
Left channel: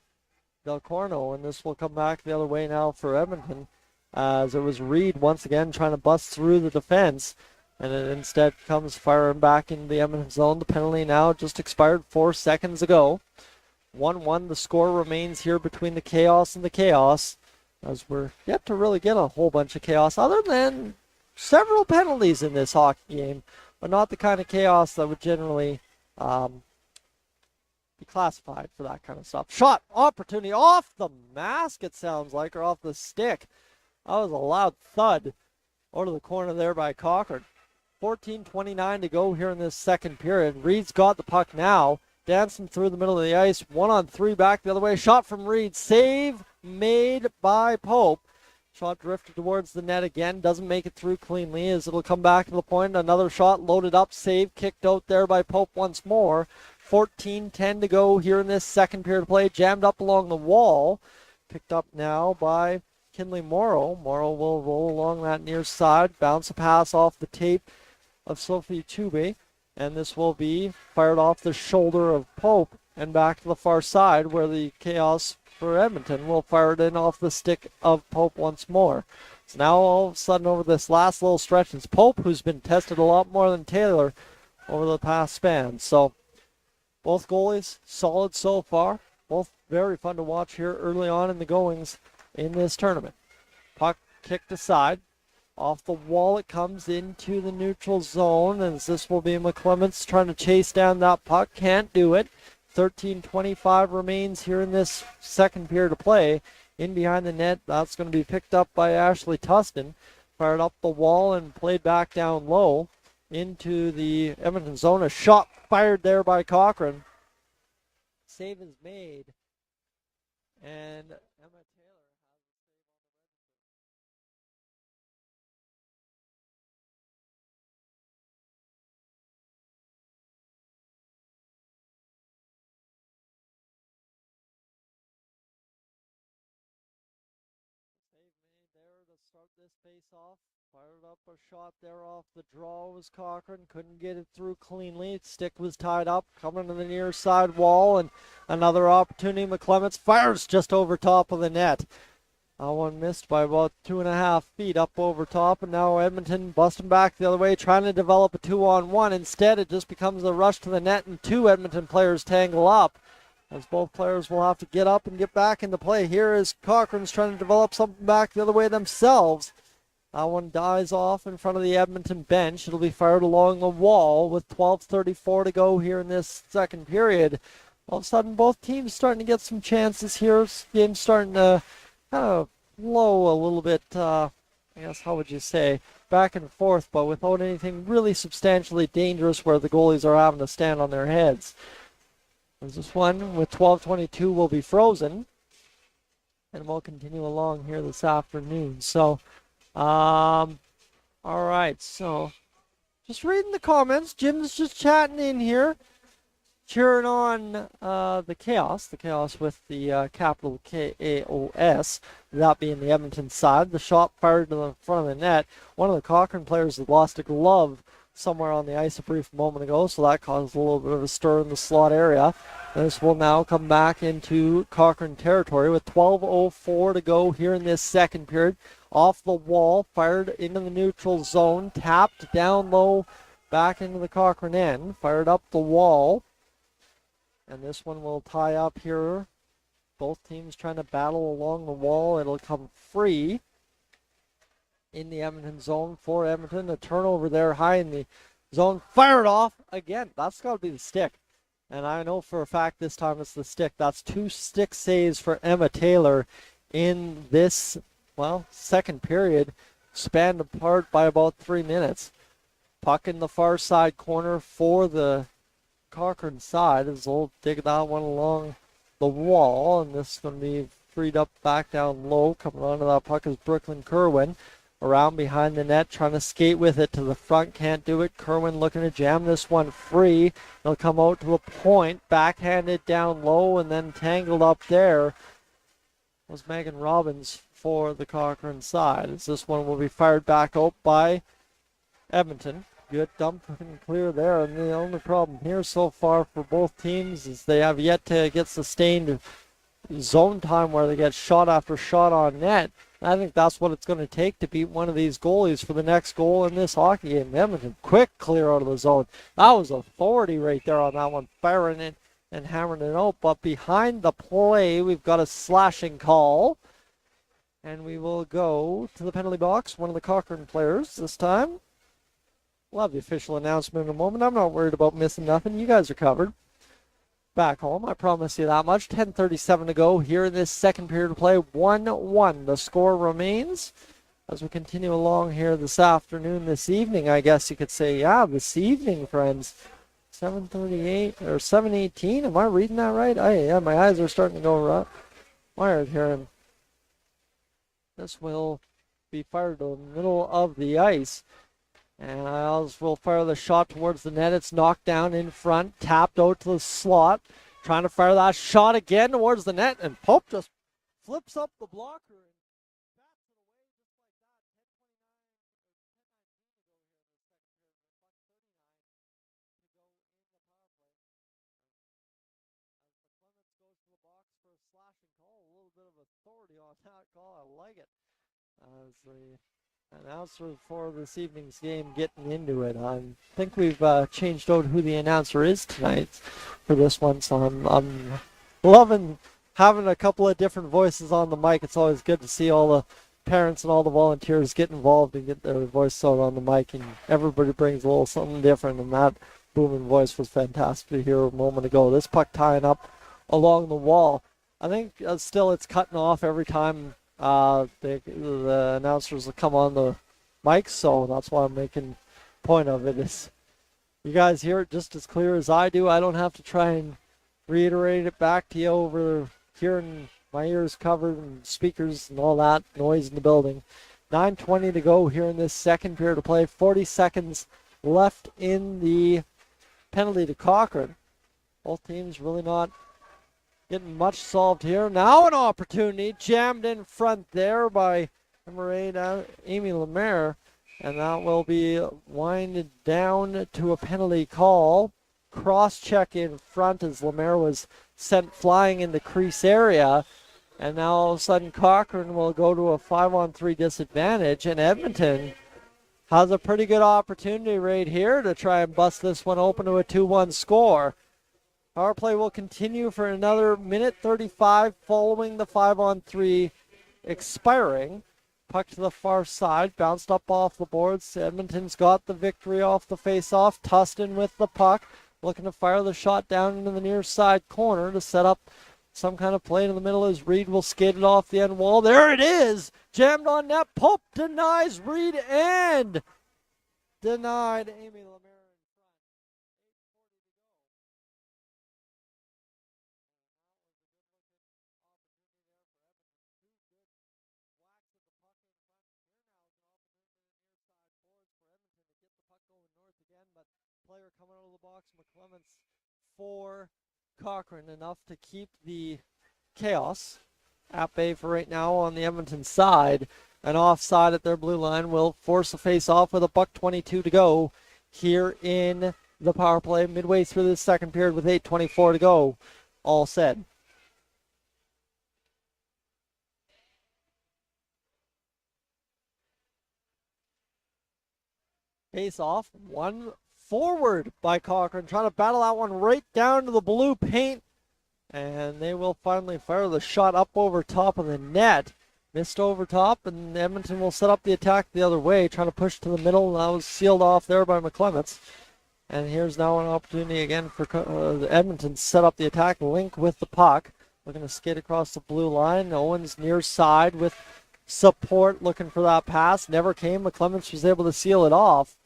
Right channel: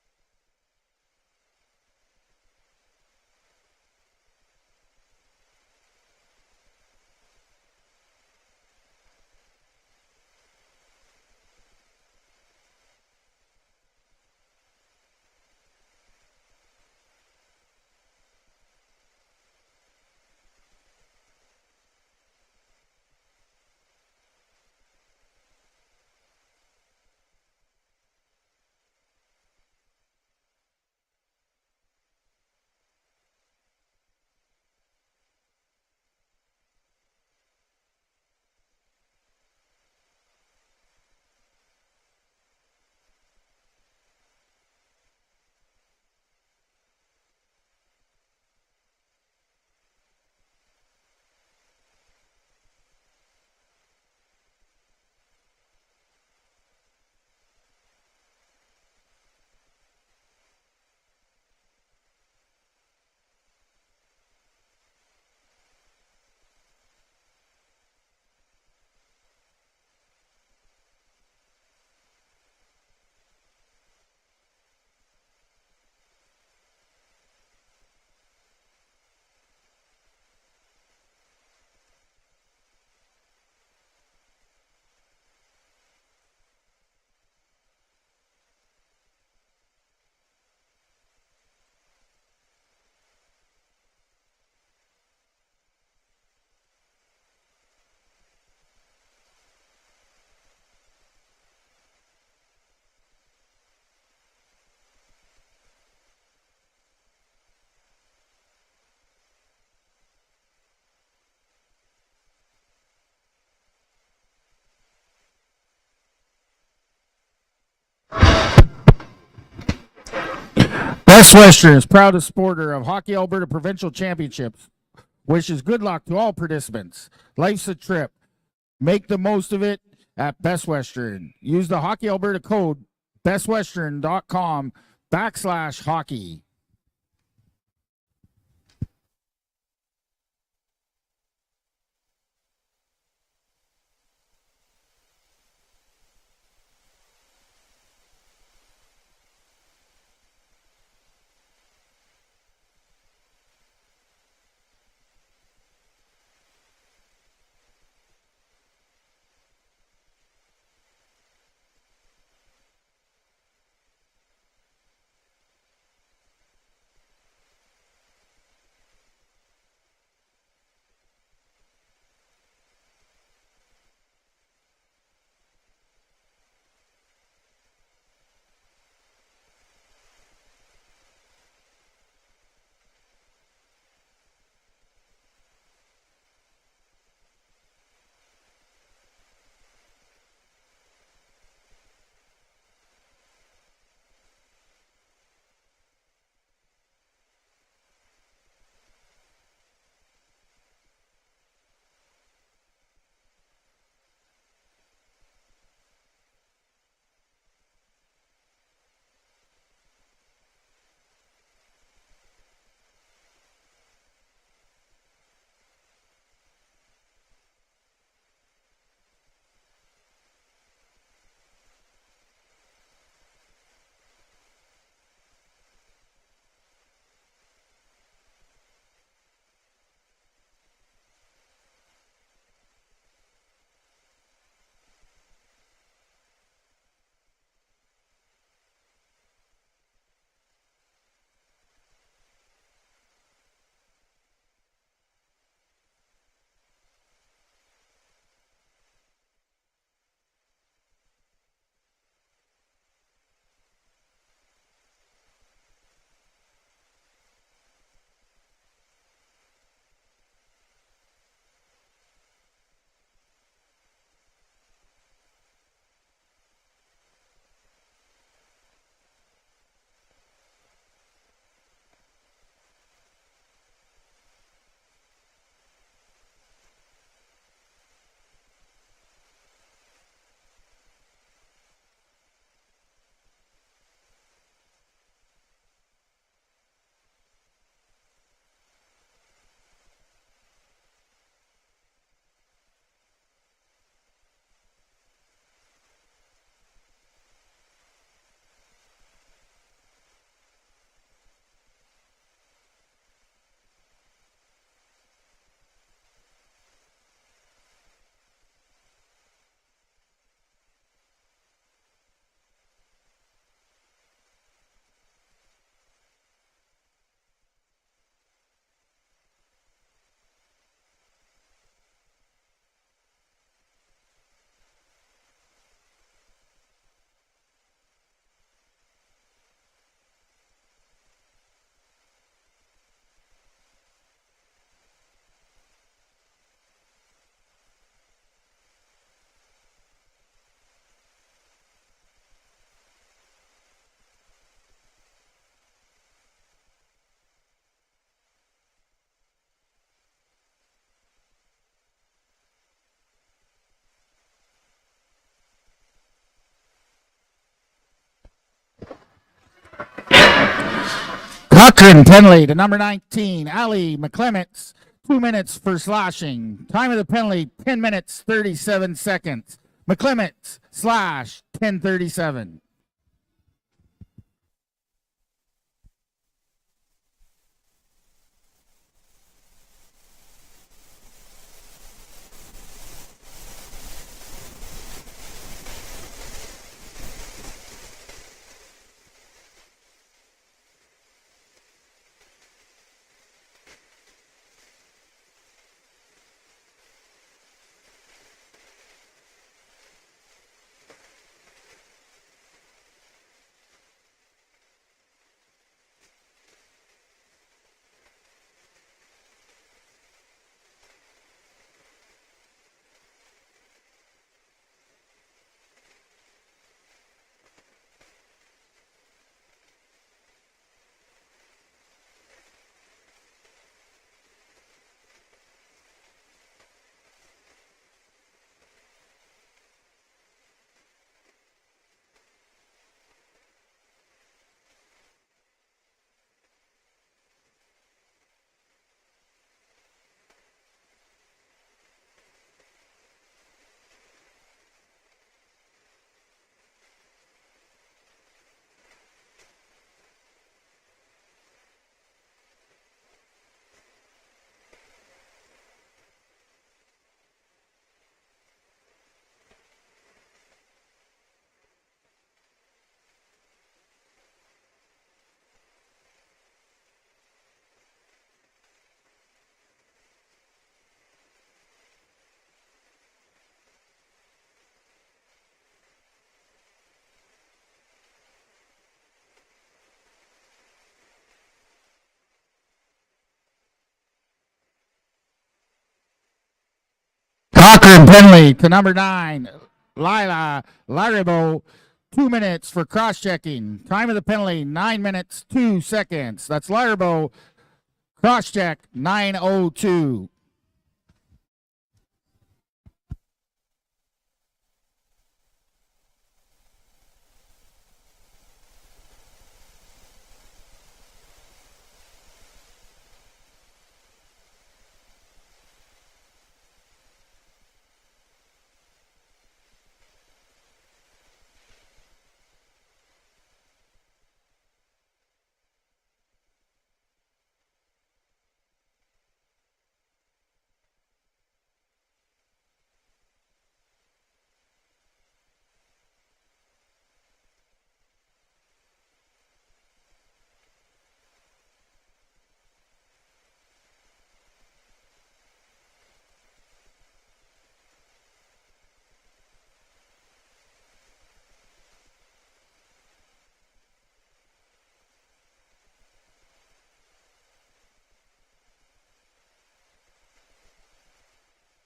Del Corno, and this will come back the other way now for Edmonton, as it was Reed once again trying to bust through the defense, and it instead comes firing back into the Edmonton zone. The penalty now just expired 4 seconds ago. 1-1, the score remains here between the Chaos and the Chaos, as we're yet to really get a whole bunch of chaos, other than several penalties in this hockey game, but not the kind of chaos that would generally be classified for that kind of stuff. Shot opportunity off the mask, it sounds like, or off the stick. That was a loud thud over to the corner there by Cochrane. 14:29 to go here in this second period. Reed's got the puck now, dancing through the middle of the ice. 1-on-3 back the other way. Shot from Reed. Save made by Pope. Shot drifted towards the net again. Doesn't make it through cleanly as it'll come back to the point. Another shot loaded up. Save kicked out there by Pope once more. 14:10 to go here in this second period of play. Jammed up along the wall. Picked up now by Kinley Morrow. Morrow will roll along that near side. Bounce a pass off the tape of Sophie Tube. And this will be fired off the shoulder of Pope and back to the far side where the Chaos for Edmonton will fire it in off the stick of Pope once more. So now all of a sudden over this last little stretch, it's Pope who's been tested a lot more than Taylor over the past span. So both goalies solid so far. Both very fun to watch here early on in the goings in this tournament. Puck kicked aside. Off the wall it comes into the neutral zone, as this will be McClements trying to chase down that puck. Can't do it. 13:25 remains here in this second period of play. In behind the net, that's going to be picked up by Ashley Tustin. Fired up the wall and played back down low into the Edmonton zone. A shot fired there by Cochrane. Best Western is proudest supporter of Hockey Alberta Provincial Championships. Wishes good luck to all participants. Life's a trip. Make the most of it at Best Western. Use the Hockey Alberta code bestwestern.com/hockey. Fired up a shot there off the draw was Cochrane. Couldn't get it through cleanly. Stick was tied up. Coming to the near side wall, and another opportunity. McClements fires just over top of the net. That one missed by about 2.5 feet up over top, and now Edmonton busting back the other way, trying to develop a 2-on-1. Instead, it just becomes a rush to the net, and two Edmonton players tangle up, as both players will have to get up and get back into play. Here is Cochrane's trying to develop something back the other way themselves. That one dies off in front of the Edmonton bench. It'll be fired along the wall with 12:34 to go here in this second period. All of a sudden, both teams starting to get some chances here. This game's starting to kind of flow a little bit, I guess, how would you say, back and forth, but without anything really substantially dangerous where the goalies are having to stand on their heads. As this one with 12:22 will be frozen, and we'll continue along here this afternoon. So, all right, so just reading the comments. Jim's just chatting in here, cheering on the Chaos with the capital K-A-O-S, that being the Edmonton side. The shot fired to the front of the net. One of the Cochrane players had lost a glove somewhere on the ice a brief moment ago, so that caused a little bit of a stir in the slot area. This will now come back into Cochrane territory with 12:04 to go here in this second period. Off the wall, fired into the neutral zone, tapped down low, back into the Cochrane end, fired up the wall. And this one will tie up here. Both teams trying to battle along the wall. It'll come free in the Edmonton zone for Edmonton. A turnover there high in the zone. Fired off again. That's got to be the stick. And I know for a fact this time it's the stick. That's 2 stick saves for Emma Taylor in this, well, second period, spanned apart by about 3 minutes. Puck in the far side corner for the Cochrane side as they'll dig that one along the wall, and this is going to be freed up back down low. Coming onto that puck is Brooklyn Kerwin. Around behind the net, trying to skate with it to the front, can't do it. Kerwin looking to jam this one free. They'll come out to the point, backhanded down low, and then tangled up there was Megan Robbins for the Cochrane side. As this one will be fired back out by Edmonton. Good dump and clear there, and the only problem here so far for both teams is they have yet to get sustained zone time where they get shot after shot on net. I think that's what it's going to take to beat one of these goalies for the next goal in this hockey game. Edmonton, quick clear out of the zone. That was authority right there on that one, firing it and hammering it out. But behind the play, we've got a slashing call. And we will go to the penalty box. One of the Cochrane players this time. We'll have the official announcement in a moment. I'm not worried about missing nothing. You guys are covered. Back home, I promise you that much. 10:37 to go here in this second period of play. 1-1. The score remains as we continue along here this afternoon, this evening, I guess you could say. Yeah, this evening, friends. 7:38 or 7:18. Am I reading that right? Yeah, my eyes are starting to go wired here. And this will be fired to the middle of the ice. And Isles will fire the shot towards the net. It's knocked down in front, tapped out to the slot. Trying to fire that shot again towards the net. And Cochrane penalty to number 19, Ali McClements. 2 minutes for slashing. Time of the penalty, 10 minutes, 37 seconds. McClements slash 10:37. Announcer for this evening's game getting into it. I think we've changed out who the announcer is tonight for this one, so I'm loving having a couple of different voices on the mic. It's always good to see all the parents and all the volunteers get involved and get their voice out on the mic, and everybody brings a little something different, and that booming voice was fantastic to hear a moment ago. This puck tying up along the wall. I think still it's cutting off every time the announcers will come on the mic, so that's why I'm making point of it. Is you guys hear it just as clear as I do. I don't have to try and reiterate it back to you over hearing my ears covered and speakers and all that noise in the building. 9:20 to go here in this second period of play. 40 seconds left in the penalty to Cochrane. Both teams really not getting much solved here. Now an opportunity jammed in front there by number 8, Amy Lemaire. And that will be winded down to a penalty call. Cross-check in front as Lemaire was sent flying in the crease area. And now all of a sudden Cochrane will go to a 5-on-3 disadvantage. And Edmonton has a pretty good opportunity right here to try and bust this one open to a 2-1 score. Power play will continue for another minute 35 following the 5-on-3 expiring. Puck to the far side, bounced up off the boards. Edmonton's got the victory off the face-off. Tustin with the puck, looking to fire the shot down into the near side corner to set up some kind of play in the middle as Reed will skate it off the end wall. There it is! Jammed on net. Pope denies Reed and denies. Cochrane penalty to number 9. Lila Laribo, 2 minutes for cross-checking. Time of the penalty, 9 minutes, 2 seconds. That's Laribo, cross-check, 9:02. Player coming out of the box, McClements for Cochrane, enough to keep the chaos at bay for right now on the Edmonton side. And offside at their blue line will force a face-off with a $1:22 to go here in the power play midway through this second period with 8:24 to go. All said. Face off, one forward by Cochrane, trying to battle that one right down to the blue paint. And they will finally fire the shot up over top of the net. Missed over top, and Edmonton will set up the attack the other way, trying to push to the middle. That was sealed off there by McClements. And here's now an opportunity again for Edmonton to set up the attack. Link with the puck. Looking to skate across the blue line. Owens near side with support, looking for that pass. Never came. McClements was able to seal it off.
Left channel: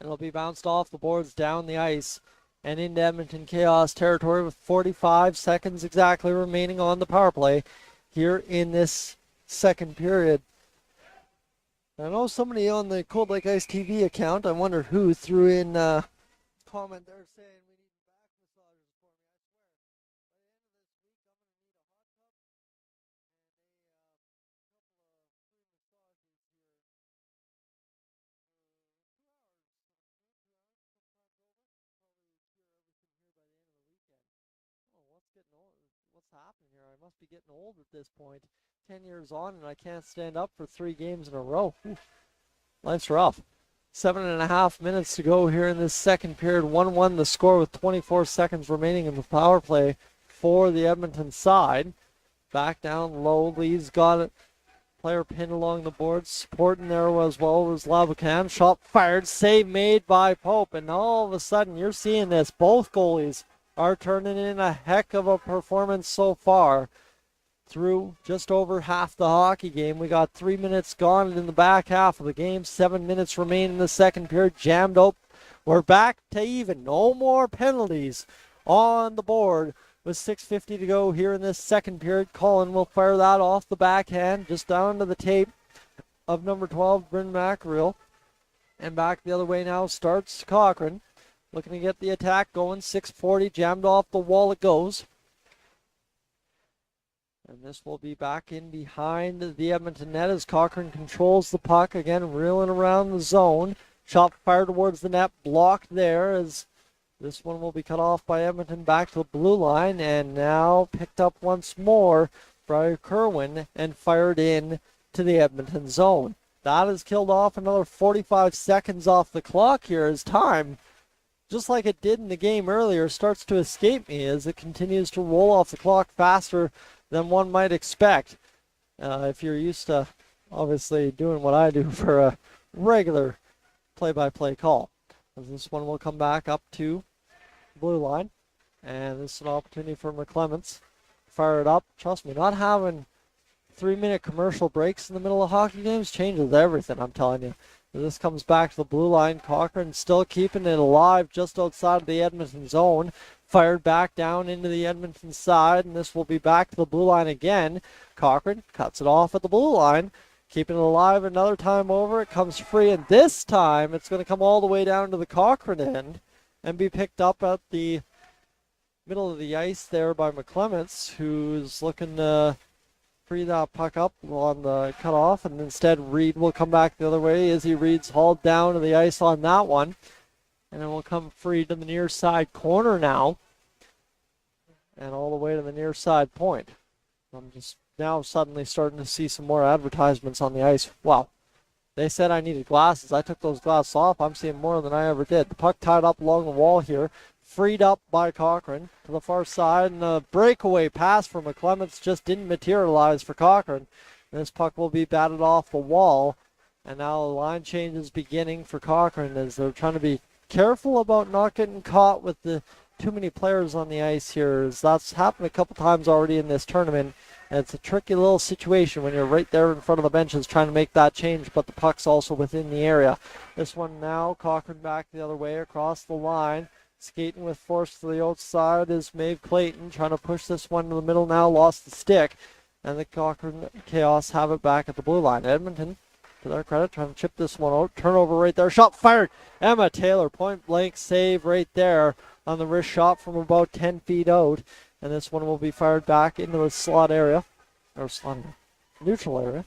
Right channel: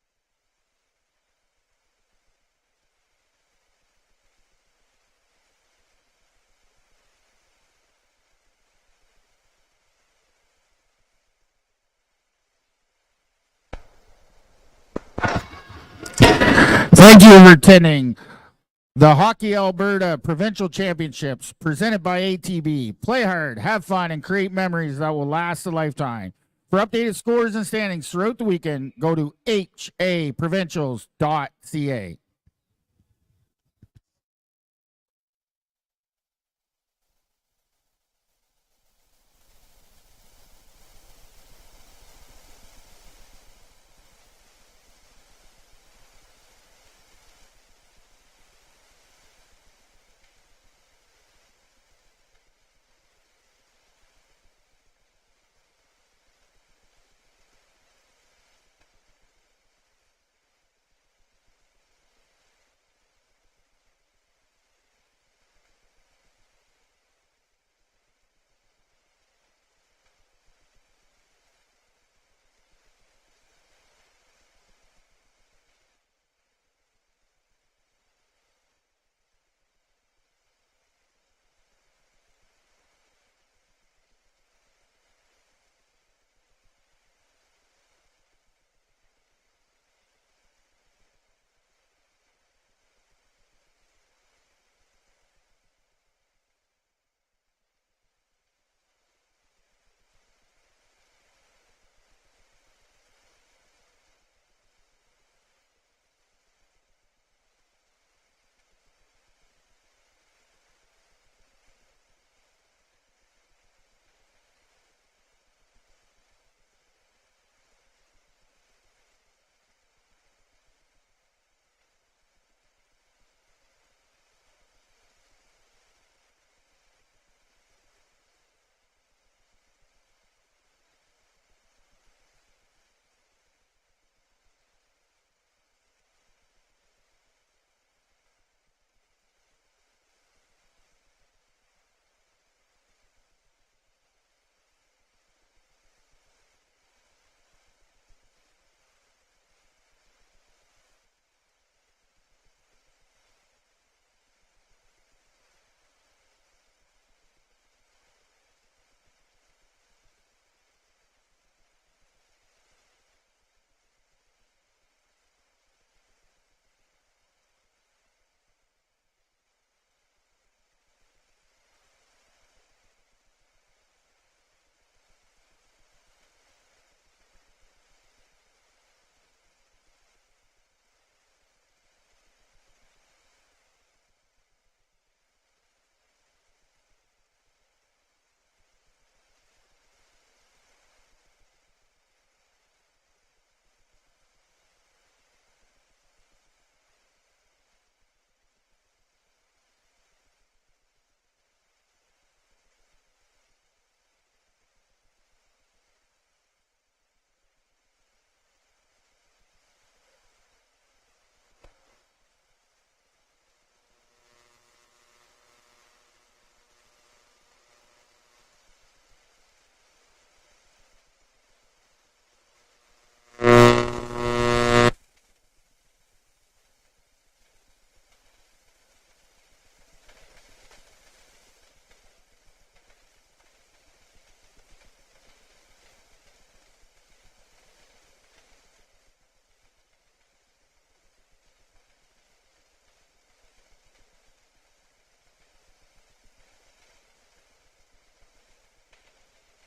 It'll be bounced off the boards down the ice and into Edmonton chaos territory with 45 seconds exactly remaining on the power play here in this second period. I know somebody on the Cold Lake Ice TV account, I wonder who threw in... Thank you for attending the Hockey Alberta Provincial Championships presented by ATB. Play hard, have fun, and create memories that will last a lifetime. For updated scores and standings throughout the weekend, go to haprovincials.ca. blinders on and I can't stand up for 3 games in a row. Ooh, life's rough. 7.5 minutes to go here in this second period. 1-1 the score with 24 seconds remaining in the power play for the Edmonton side. Back down low. Lee's got it. Player pinned along the board. Supporting there as well was Labucan. Shot fired. Save made by Pope. And all of a sudden you're seeing this. Both goalies are turning in a heck of a performance so far. Through just over half the hockey game. We got 3 minutes gone in the back half of the game. 7 minutes remain in the second period. Jammed up. We're back to even. No more penalties on the board with 6:50 to go here in this second period. Colin will fire that off the backhand just down to the tape of number 12, Bryn Mackerel. And back the other way now starts Cochrane. Looking to get the attack going. 6:40 jammed off the wall it goes. And this will be back in behind the Edmonton net as Cochrane controls the puck. Again, reeling around the zone. Shot fired towards the net. Blocked there as this one will be cut off by Edmonton back to the blue line. And now picked up once more by Kerwin and fired in to the Edmonton zone. That has killed off another 45 seconds off the clock here as time, just like it did in the game earlier, starts to escape me as it continues to roll off the clock faster than one might expect if you're used to obviously doing what I do for a regular play-by-play call. As this one will come back up to blue line, and this is an opportunity for McClements. Fire it up. Trust me, not having 3-minute commercial breaks in the middle of hockey games changes everything, I'm telling you. This comes back to the blue line. Cochrane still keeping it alive just outside of the Edmonton zone. Fired back down into the Edmonton side, and this will be back to the blue line again. Cochrane cuts it off at the blue line, keeping it alive another time over. It comes free, and this time it's going to come all the way down to the Cochrane end and be picked up at the middle of the ice there by McClements, who's looking to free that puck up on the cutoff, and instead Reed will come back the other way. Izzy Reed's hauled down to the ice on that one. And it will come free to the near side corner now. And all the way to the near side point. I'm just now suddenly starting to see some more advertisements on the ice. Wow. They said I needed glasses. I took those glasses off. I'm seeing more than I ever did. The puck tied up along the wall here. Freed up by Cochrane to the far side. And a breakaway pass for McClements just didn't materialize for Cochrane. And this puck will be batted off the wall. And now a line change is beginning for Cochrane as they're trying to be careful about not getting caught with the too many players on the ice here, as that's happened a couple times already in this tournament, and it's a tricky little situation when you're right there in front of the benches trying to make that change, but the puck's also within the area. And now crossing back the other way across the line, skating with force to the outside is Maeve Clayton, trying to push this one to the middle now, lost the stick, and the Cochrane Chaos have it back at the blue line. Edmonton, to their credit, trying to chip this one out. Turnover right there. Shot fired. Emma Taylor, point blank save right there on the wrist shot from about 10 feet out. And this one will be fired back into the slot area. Or slot neutral area.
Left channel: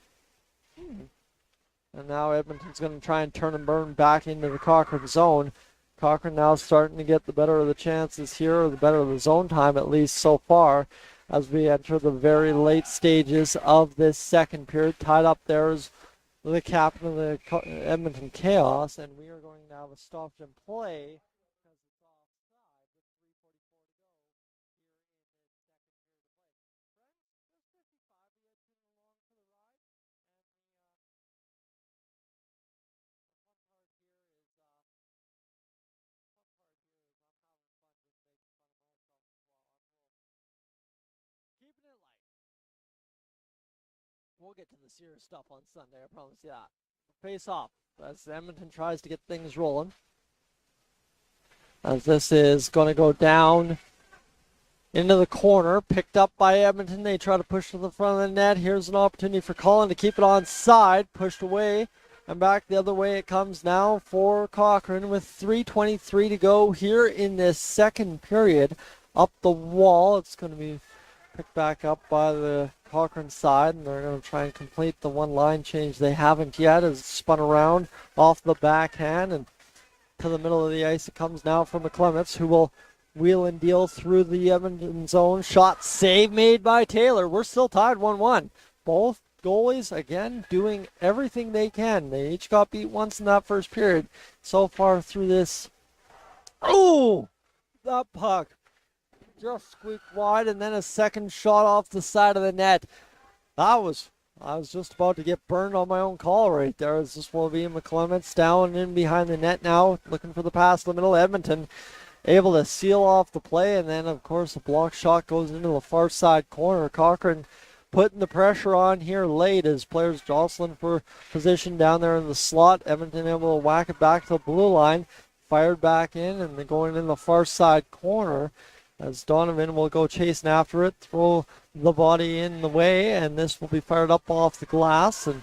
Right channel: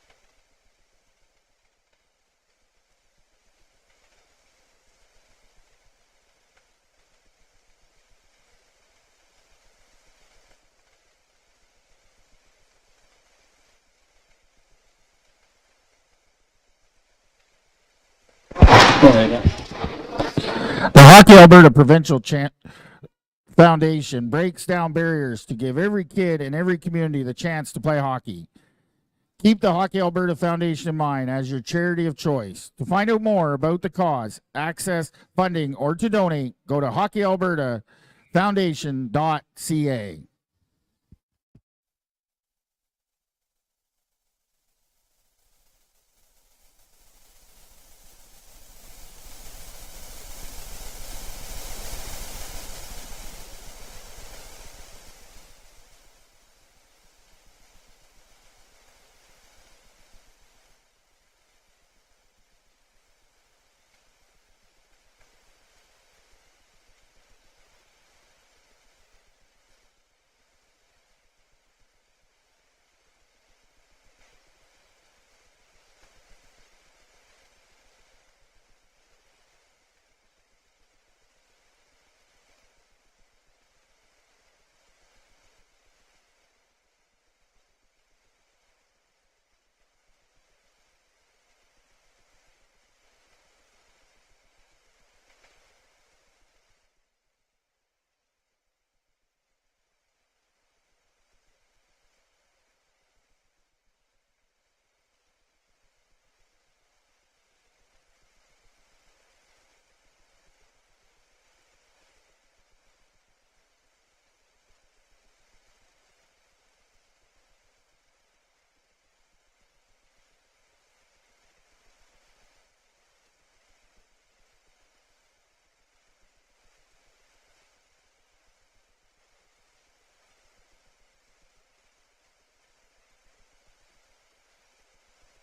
And now Edmonton's going to try and turn and burn back into the Cochrane zone. Cochrane now starting to get the better of the chances here, or the better of the zone time at least so far, as we enter the very late stages of this second period. Tied up there is the captain of the Edmonton Chaos. The Hockey Alberta Provincial Foundation breaks down barriers to give every kid in every community the chance to play hockey. Keep the Hockey Alberta Foundation in mind as your charity of choice. To find out more about the cause, access funding, or to donate, go to hockeyalbertafoundation.ca. Stuff on Sunday, I promise you that. Face off as Edmonton tries to get things rolling. As this is going to go down into the corner, picked up by Edmonton. They try to push to the front of the net. Here's an opportunity for Colin to keep it on side, pushed away, and back the other way it comes now for Cochrane with 3:23 to go here in this second period. Up the wall, it's going to be picked back up by the Cochrane side, and they're going to try and complete the one line change they haven't yet, as it's spun around off the backhand and to the middle of the ice. It comes now from McClements, who will wheel and deal through the Edmonton zone. Shot save made by Taylor. We're still tied 1-1. Both goalies, again, doing everything they can. They each got beat once in that first period. So far through this. Oh! That puck just squeaked wide, and then a second shot off the side of the net. I was just about to get burned on my own call right there. As this will be McClements down in behind the net now, looking for the pass to the middle. Edmonton able to seal off the play, and then of course a block shot goes into the far side corner. Cochrane putting the pressure on here late as players jostling for position down there in the slot. Edmonton able to whack it back to the blue line, fired back in, and they're going in the far side corner as Donovan will go chasing after it, throw the body in the way, and this will be fired up off the glass, and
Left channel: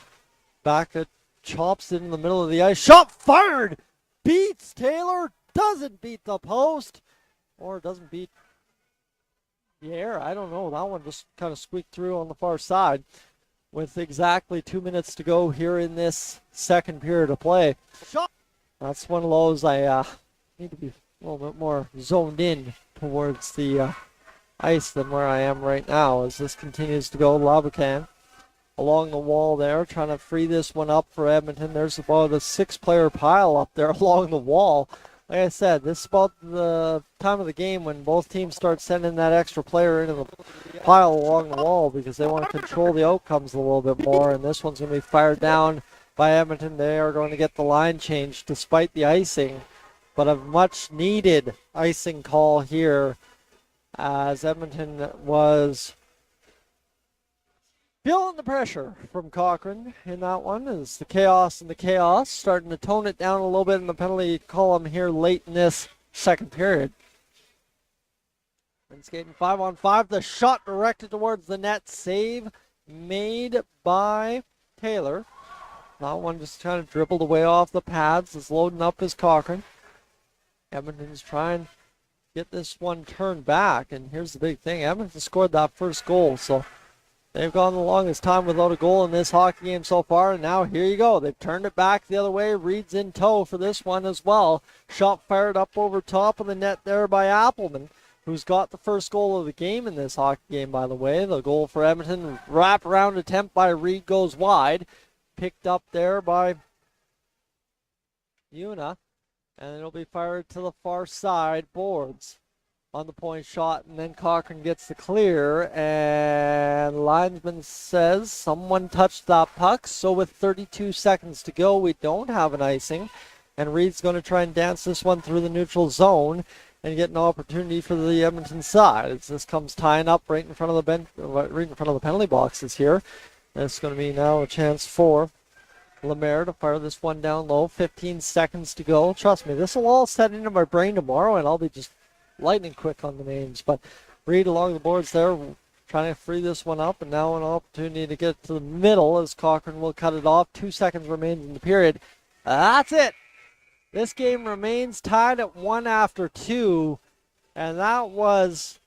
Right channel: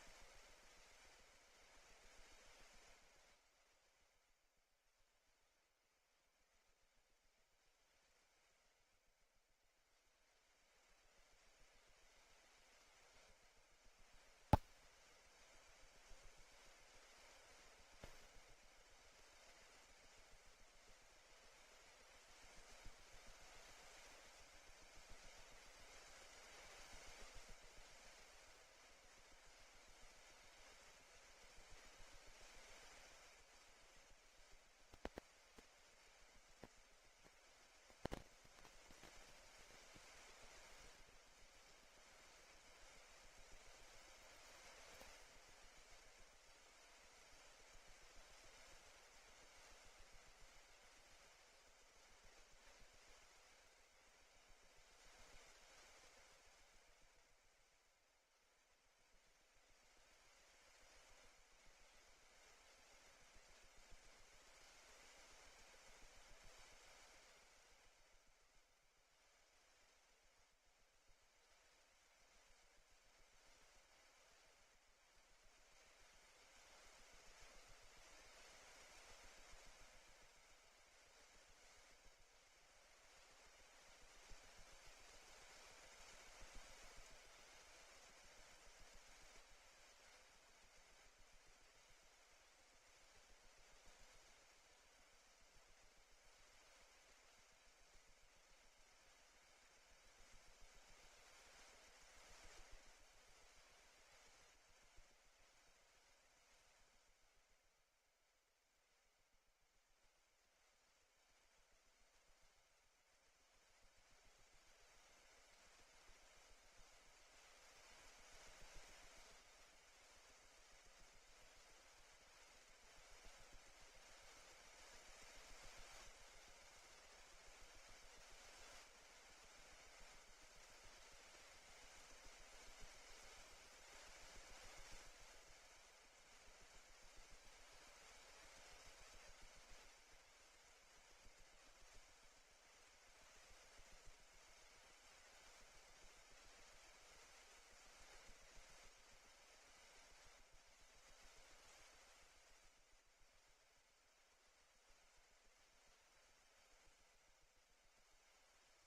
back it chops it in the middle of the ice. Shot fired! Beats Taylor, doesn't beat the post, or doesn't beat the air. I don't know. That one just kind of squeaked through on the far side with exactly 2 minutes to go here in this second period of play. Shot. That's one of those I need to be a little bit more zoned in towards the ice than where I am right now as this continues to go. Labucan along the wall there, trying to free this one up for Edmonton. There's about a 6-player pile up there along the wall. Like I said, this is about the time of the game when both teams start sending that extra player into the pile along the wall because they want to control the outcomes a little bit more, and this one's going to be fired down by Edmonton. They are going to get the line changed despite the icing, but a much needed icing call here as Edmonton was feeling the pressure from Cochrane in that one as the chaos and the chaos starting to tone it down a little bit in the penalty column here late in this second period. And skating 5-on-5, the shot directed towards the net, save made by Taylor. That one just kind of dribbled away off the pads. Is loading up his Cochrane. Edmonton's trying to get this one turned back, and here's the big thing. Edmonton scored that first goal, so they've gone the longest time without a goal in this hockey game so far, and now here you go. They've turned it back the other way. Reed's in tow for this one as well. Shot fired up over top of the net there by Appleman, who's got the first goal of the game in this hockey game, by the way. The goal for Edmonton, wrap-around attempt by Reed goes wide. Picked up there by Una, and it'll be fired to the far side boards on the point shot, and then Cochrane gets the clear, and linesman says someone touched that puck, so with 32 seconds to go, we don't have an icing, and Reed's going to try and dance this one through the neutral zone and get an opportunity for the Edmonton side as this comes tying up right in front of the bench, right in front of the penalty boxes here. And it's going to be now a chance for Lemaire to fire this one down low. 15 seconds to go. Trust me, this will all set into my brain tomorrow, and I'll be just lightning quick on the names. But Reed along the boards there, trying to free this one up, and now an opportunity to get to the middle as Cochrane will cut it off. 2 seconds remains in the period. That's it. This game remains tied at 1 after 2, and that was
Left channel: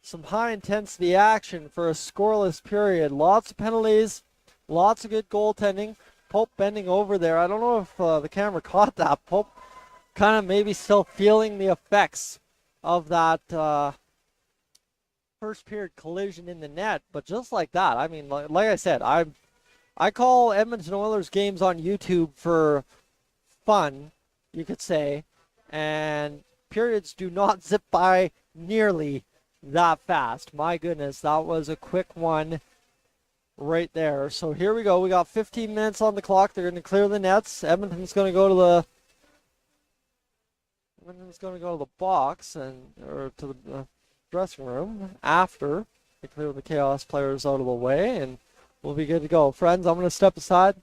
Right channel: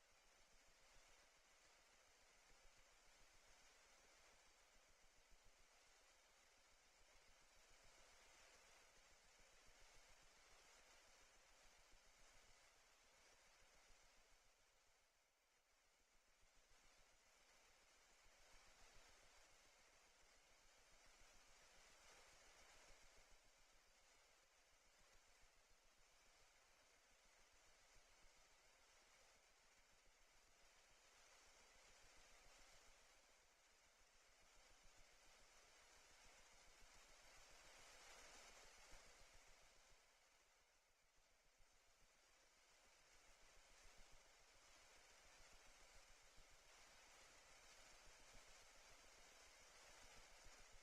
some high-intensity action for a scoreless period. Lots of penalties, lots of good goaltending. Pope bending over there. I don't know if the camera caught that. Pope kind of maybe still feeling the effects of that first period collision in the net. But just like that, I mean, like I said, I call Edmonton Oilers games on YouTube for fun, you could say. And periods do not zip by nearly that fast. My goodness, that was a quick one right there. So here we go. We got 15 minutes on the clock. They're going to clear the nets. Edmonton's going to go to the box or to the dressing room after they clear the chaos players out of the way, and we'll be good to go. Friends, I'm going to step aside.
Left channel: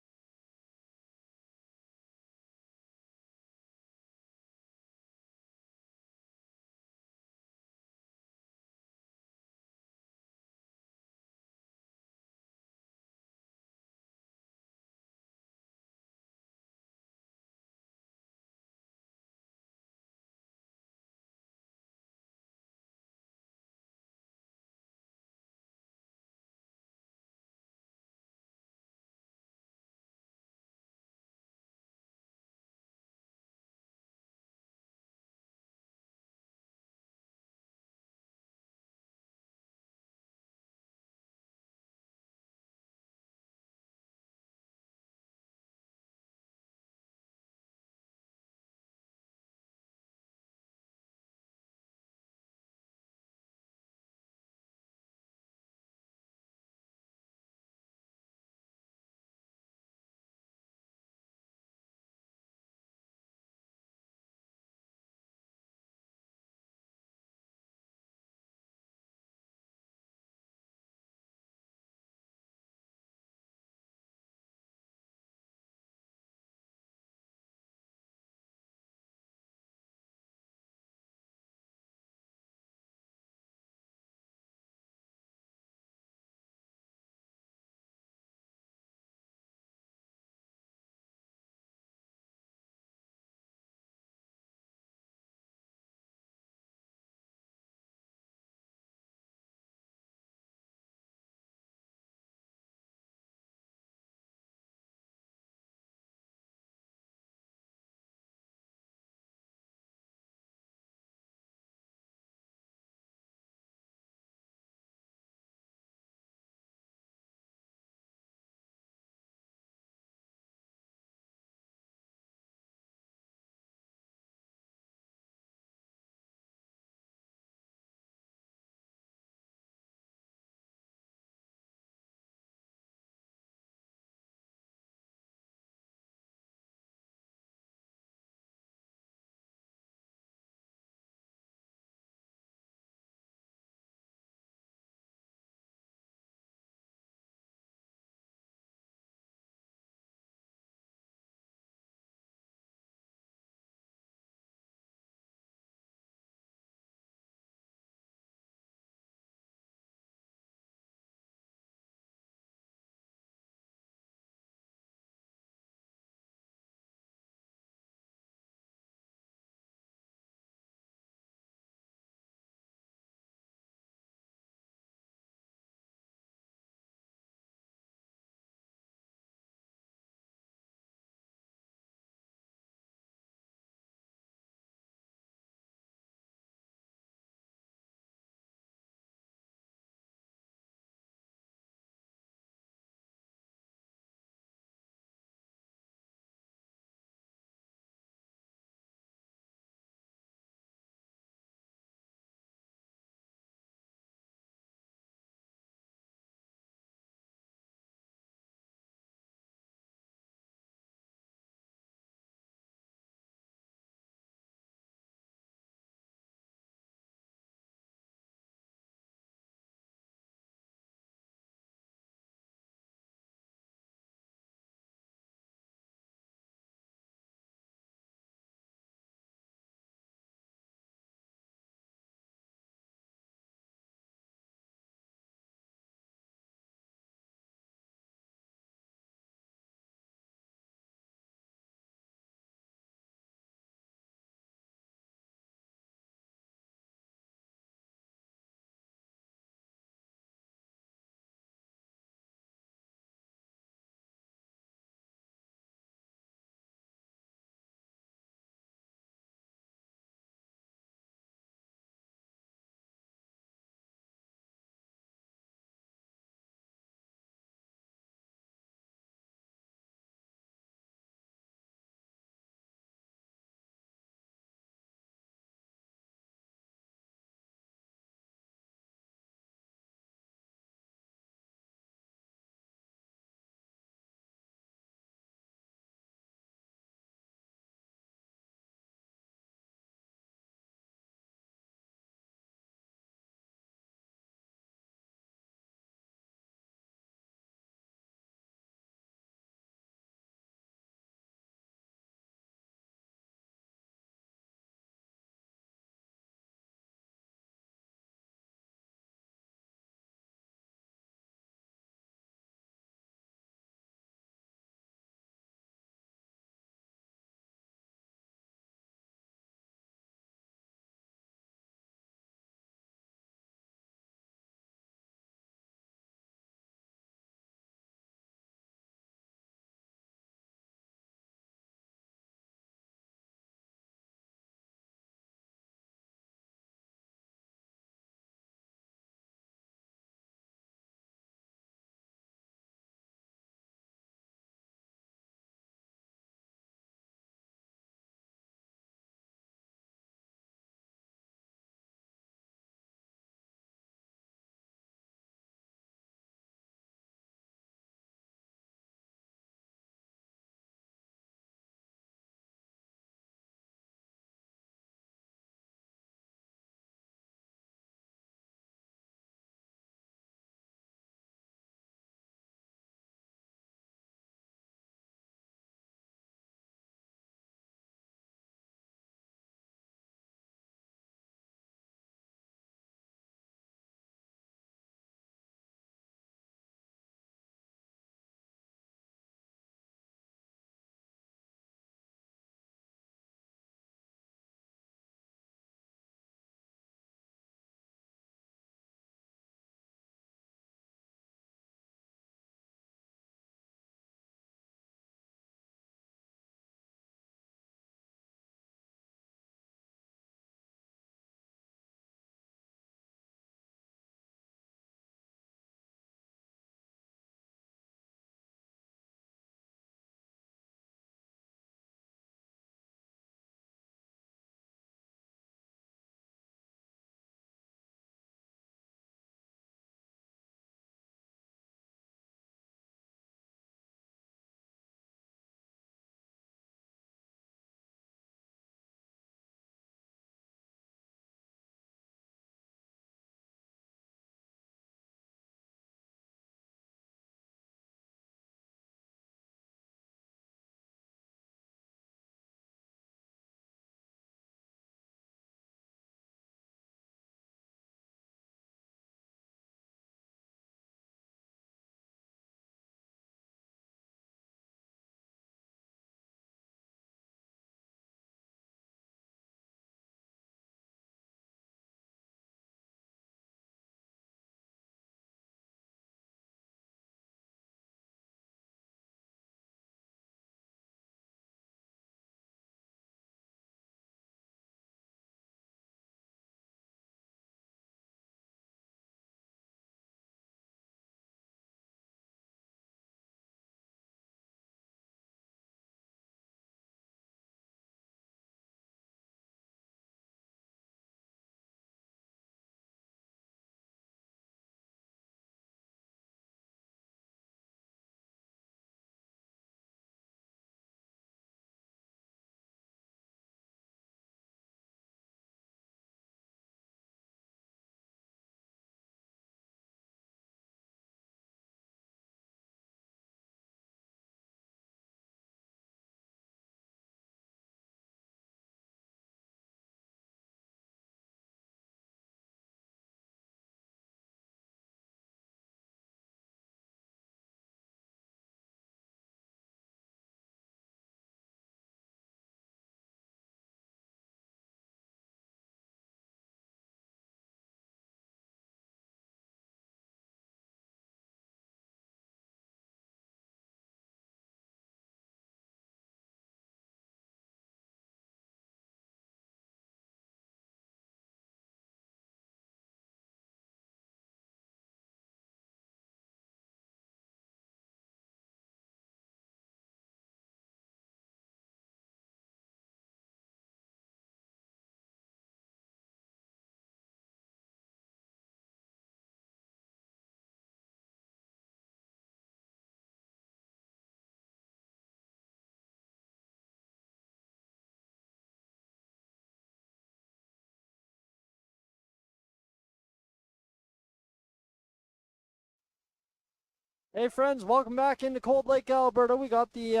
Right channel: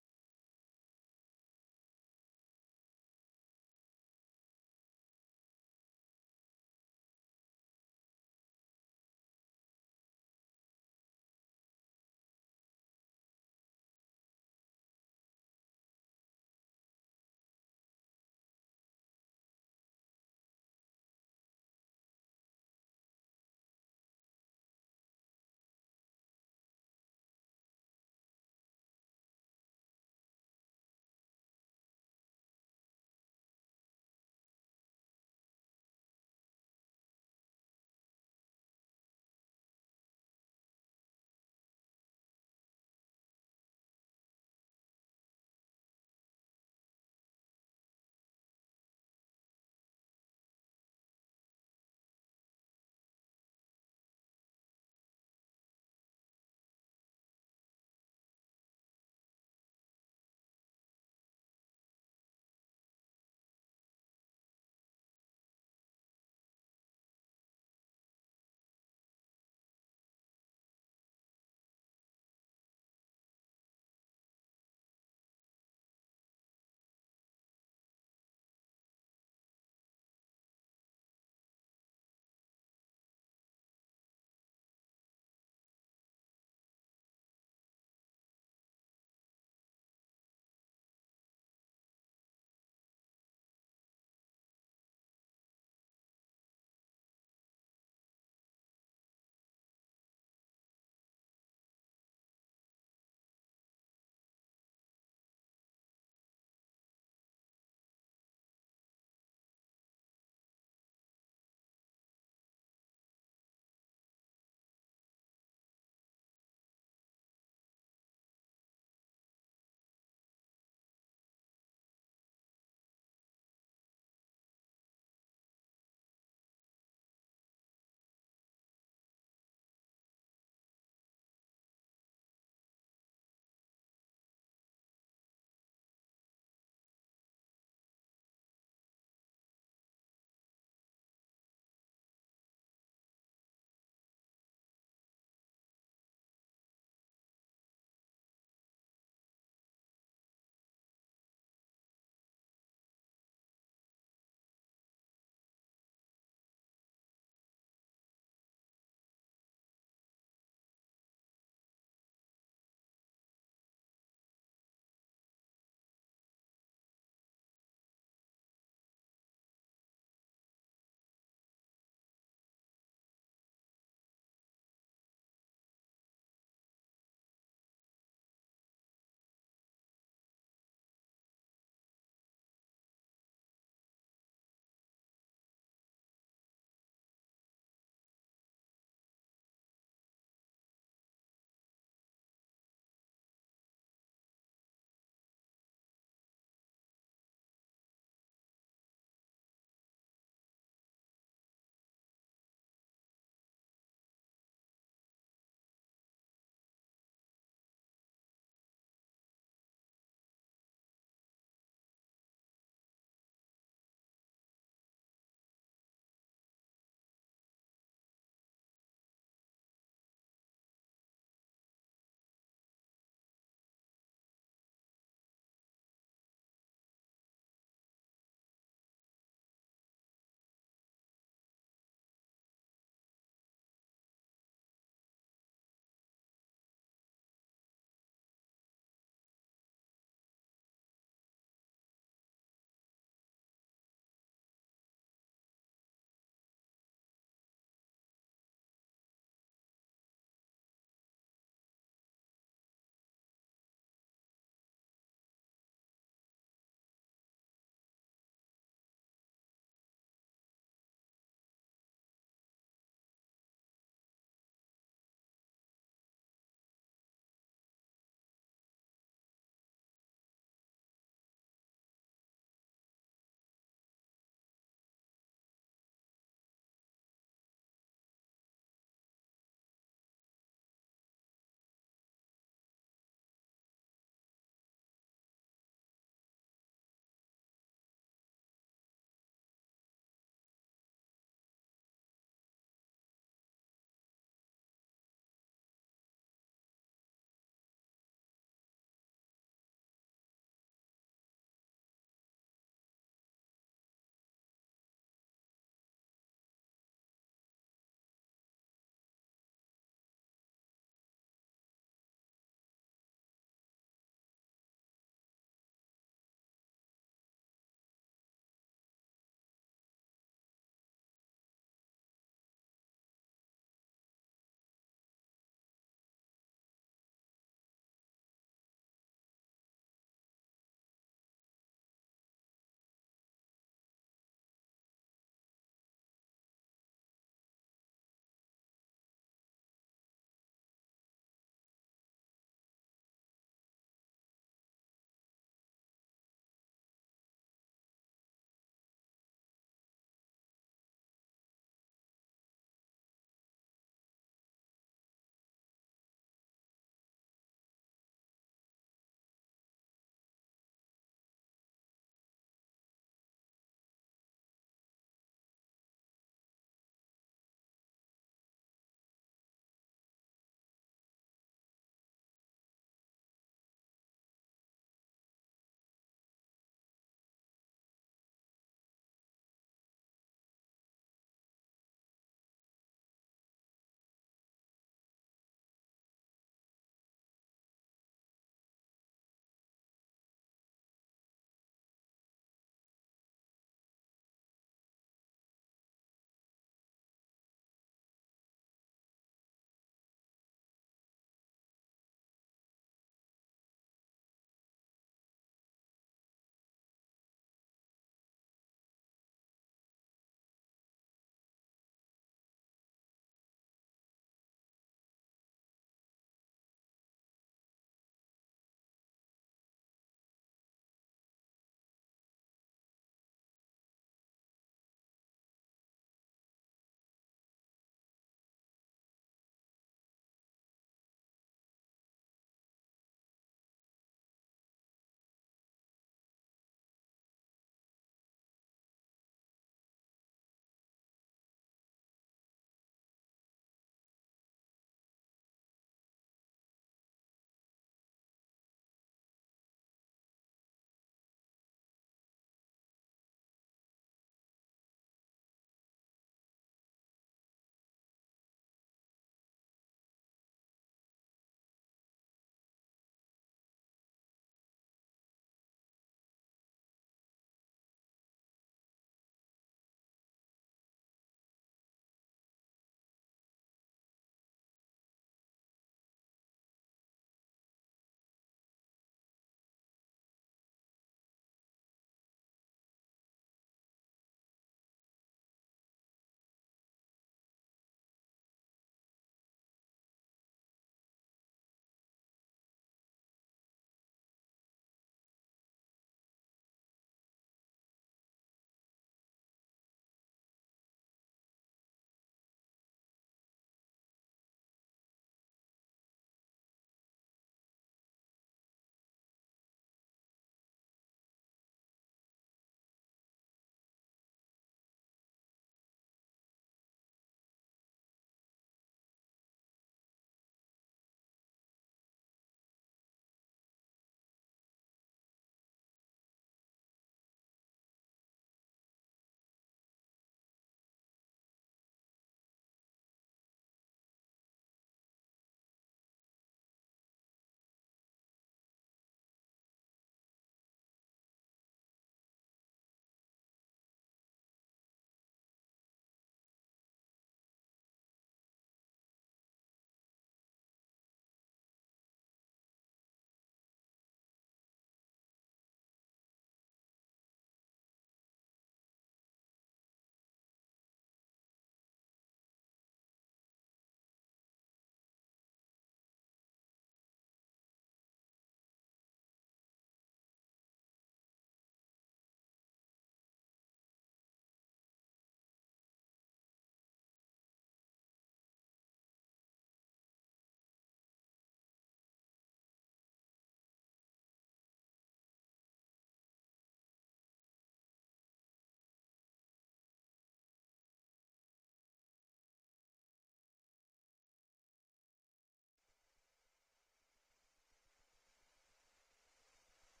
Hey friends, welcome back into Cold Lake, Alberta. We got the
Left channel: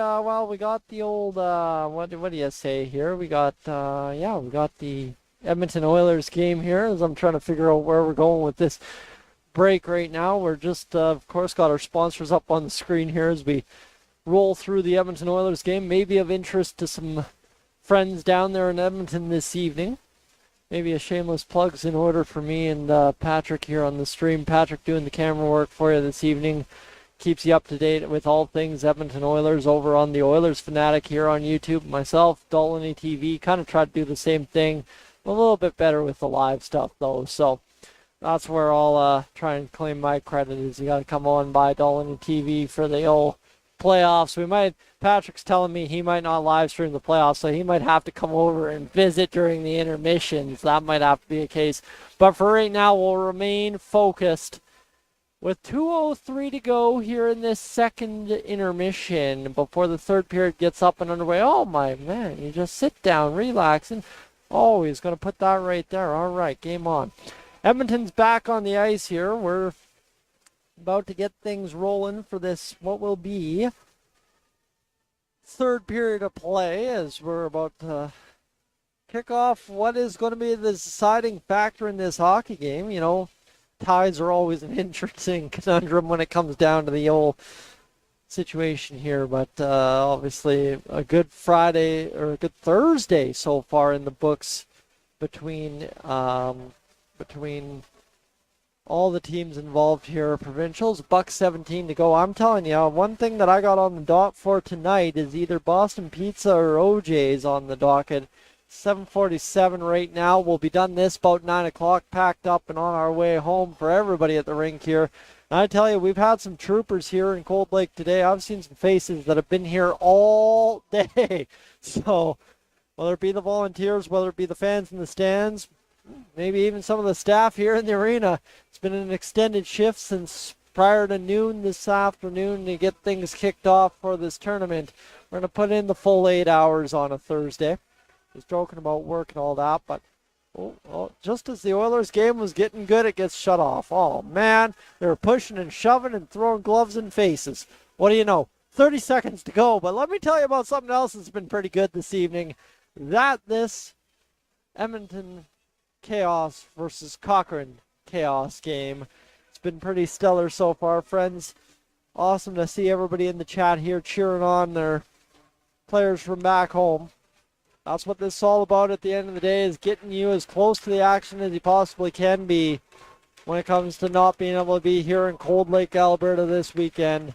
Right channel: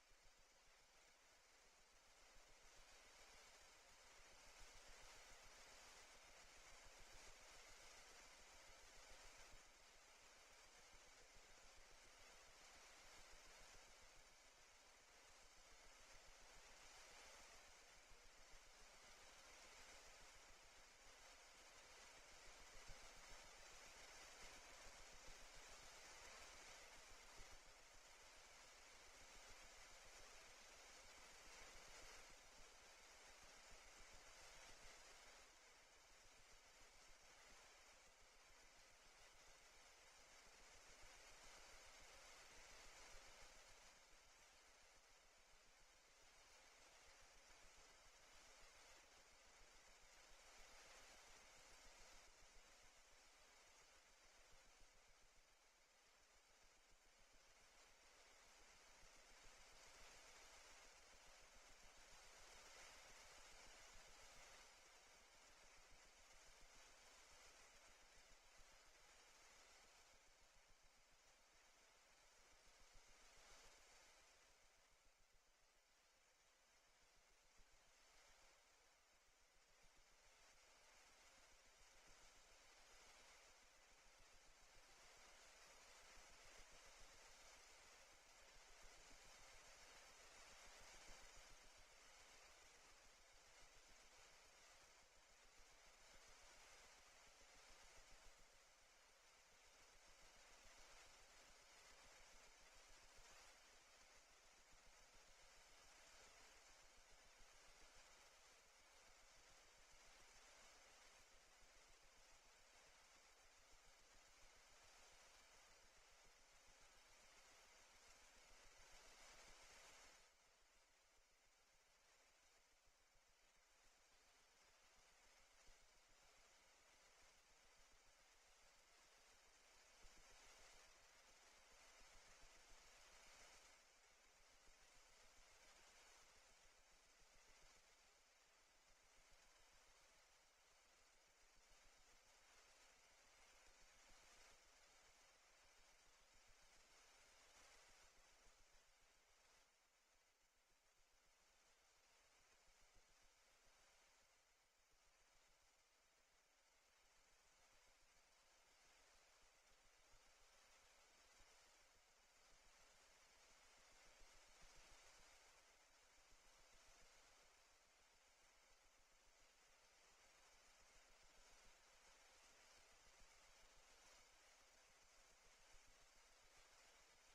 old what do you say here? We got the Edmonton Oilers game here as I'm trying to figure out where we're going with this break right now. We're just of course got our sponsors up on the screen here as we roll through the Edmonton Oilers game, maybe of interest to some friends down there in Edmonton this evening. Maybe a shameless plug's in order for me and Patrick here on the stream. Patrick doing the camera work for you this evening. Keeps you up to date with all things Edmonton Oilers over on the Oilers Fanatic here on YouTube. Myself, Dolany TV, kind of try to do the same thing. A little bit better with the live stuff though. So that's where I'll try and claim my credit is you got to come on by Dolany TV for the old playoffs. Patrick's telling me he might not live stream the playoffs, so he might have to come over and visit during the intermissions. That might have to be a case. But for right now, we'll remain focused. With 2:03 to go here in this second intermission before the third period gets up and underway. Oh my man, you just sit down, relax, and oh, he's going to put that right there. All right, game on. Edmonton's back on the ice here. We're about to get things rolling for this, what will be third period of play as we're about to kick off what is going to be the deciding factor in this hockey game. You know, ties are always an interesting conundrum when it comes down to the old situation here, but obviously a good Friday or a good Thursday so far in the books between all the teams involved here. Provincials, $1.17 to go. I'm telling you, one thing that I got on the dot for tonight is either Boston Pizza or OJ's on the docket. 7:47 right now. We'll be done this about 9 o'clock, packed up and on our way home for everybody at the rink here. And I tell you, we've had some troopers here in Cold Lake today. I've seen some faces that have been here all day. So whether it be the volunteers, whether it be the fans in the stands, maybe even some of the staff here in the arena, it's been an extended shift since prior to noon this afternoon to get things kicked off for this tournament. We're going to put in the full 8 hours on a Thursday. Was joking about work and all that, but just as the Oilers game was getting good, it gets shut off. Oh man, they were pushing and shoving and throwing gloves in faces. What do you know? 30 seconds to go, but let me tell you about something else that's been pretty good this evening. This Edmonton Chaos versus Cochrane Chaos game. It's been pretty stellar so far, friends. Awesome to see everybody in the chat here cheering on their players from back home. That's what this is all about at the end of the day, is getting you as close to the action as you possibly can be when it comes to not being able to be here in Cold Lake, Alberta this weekend.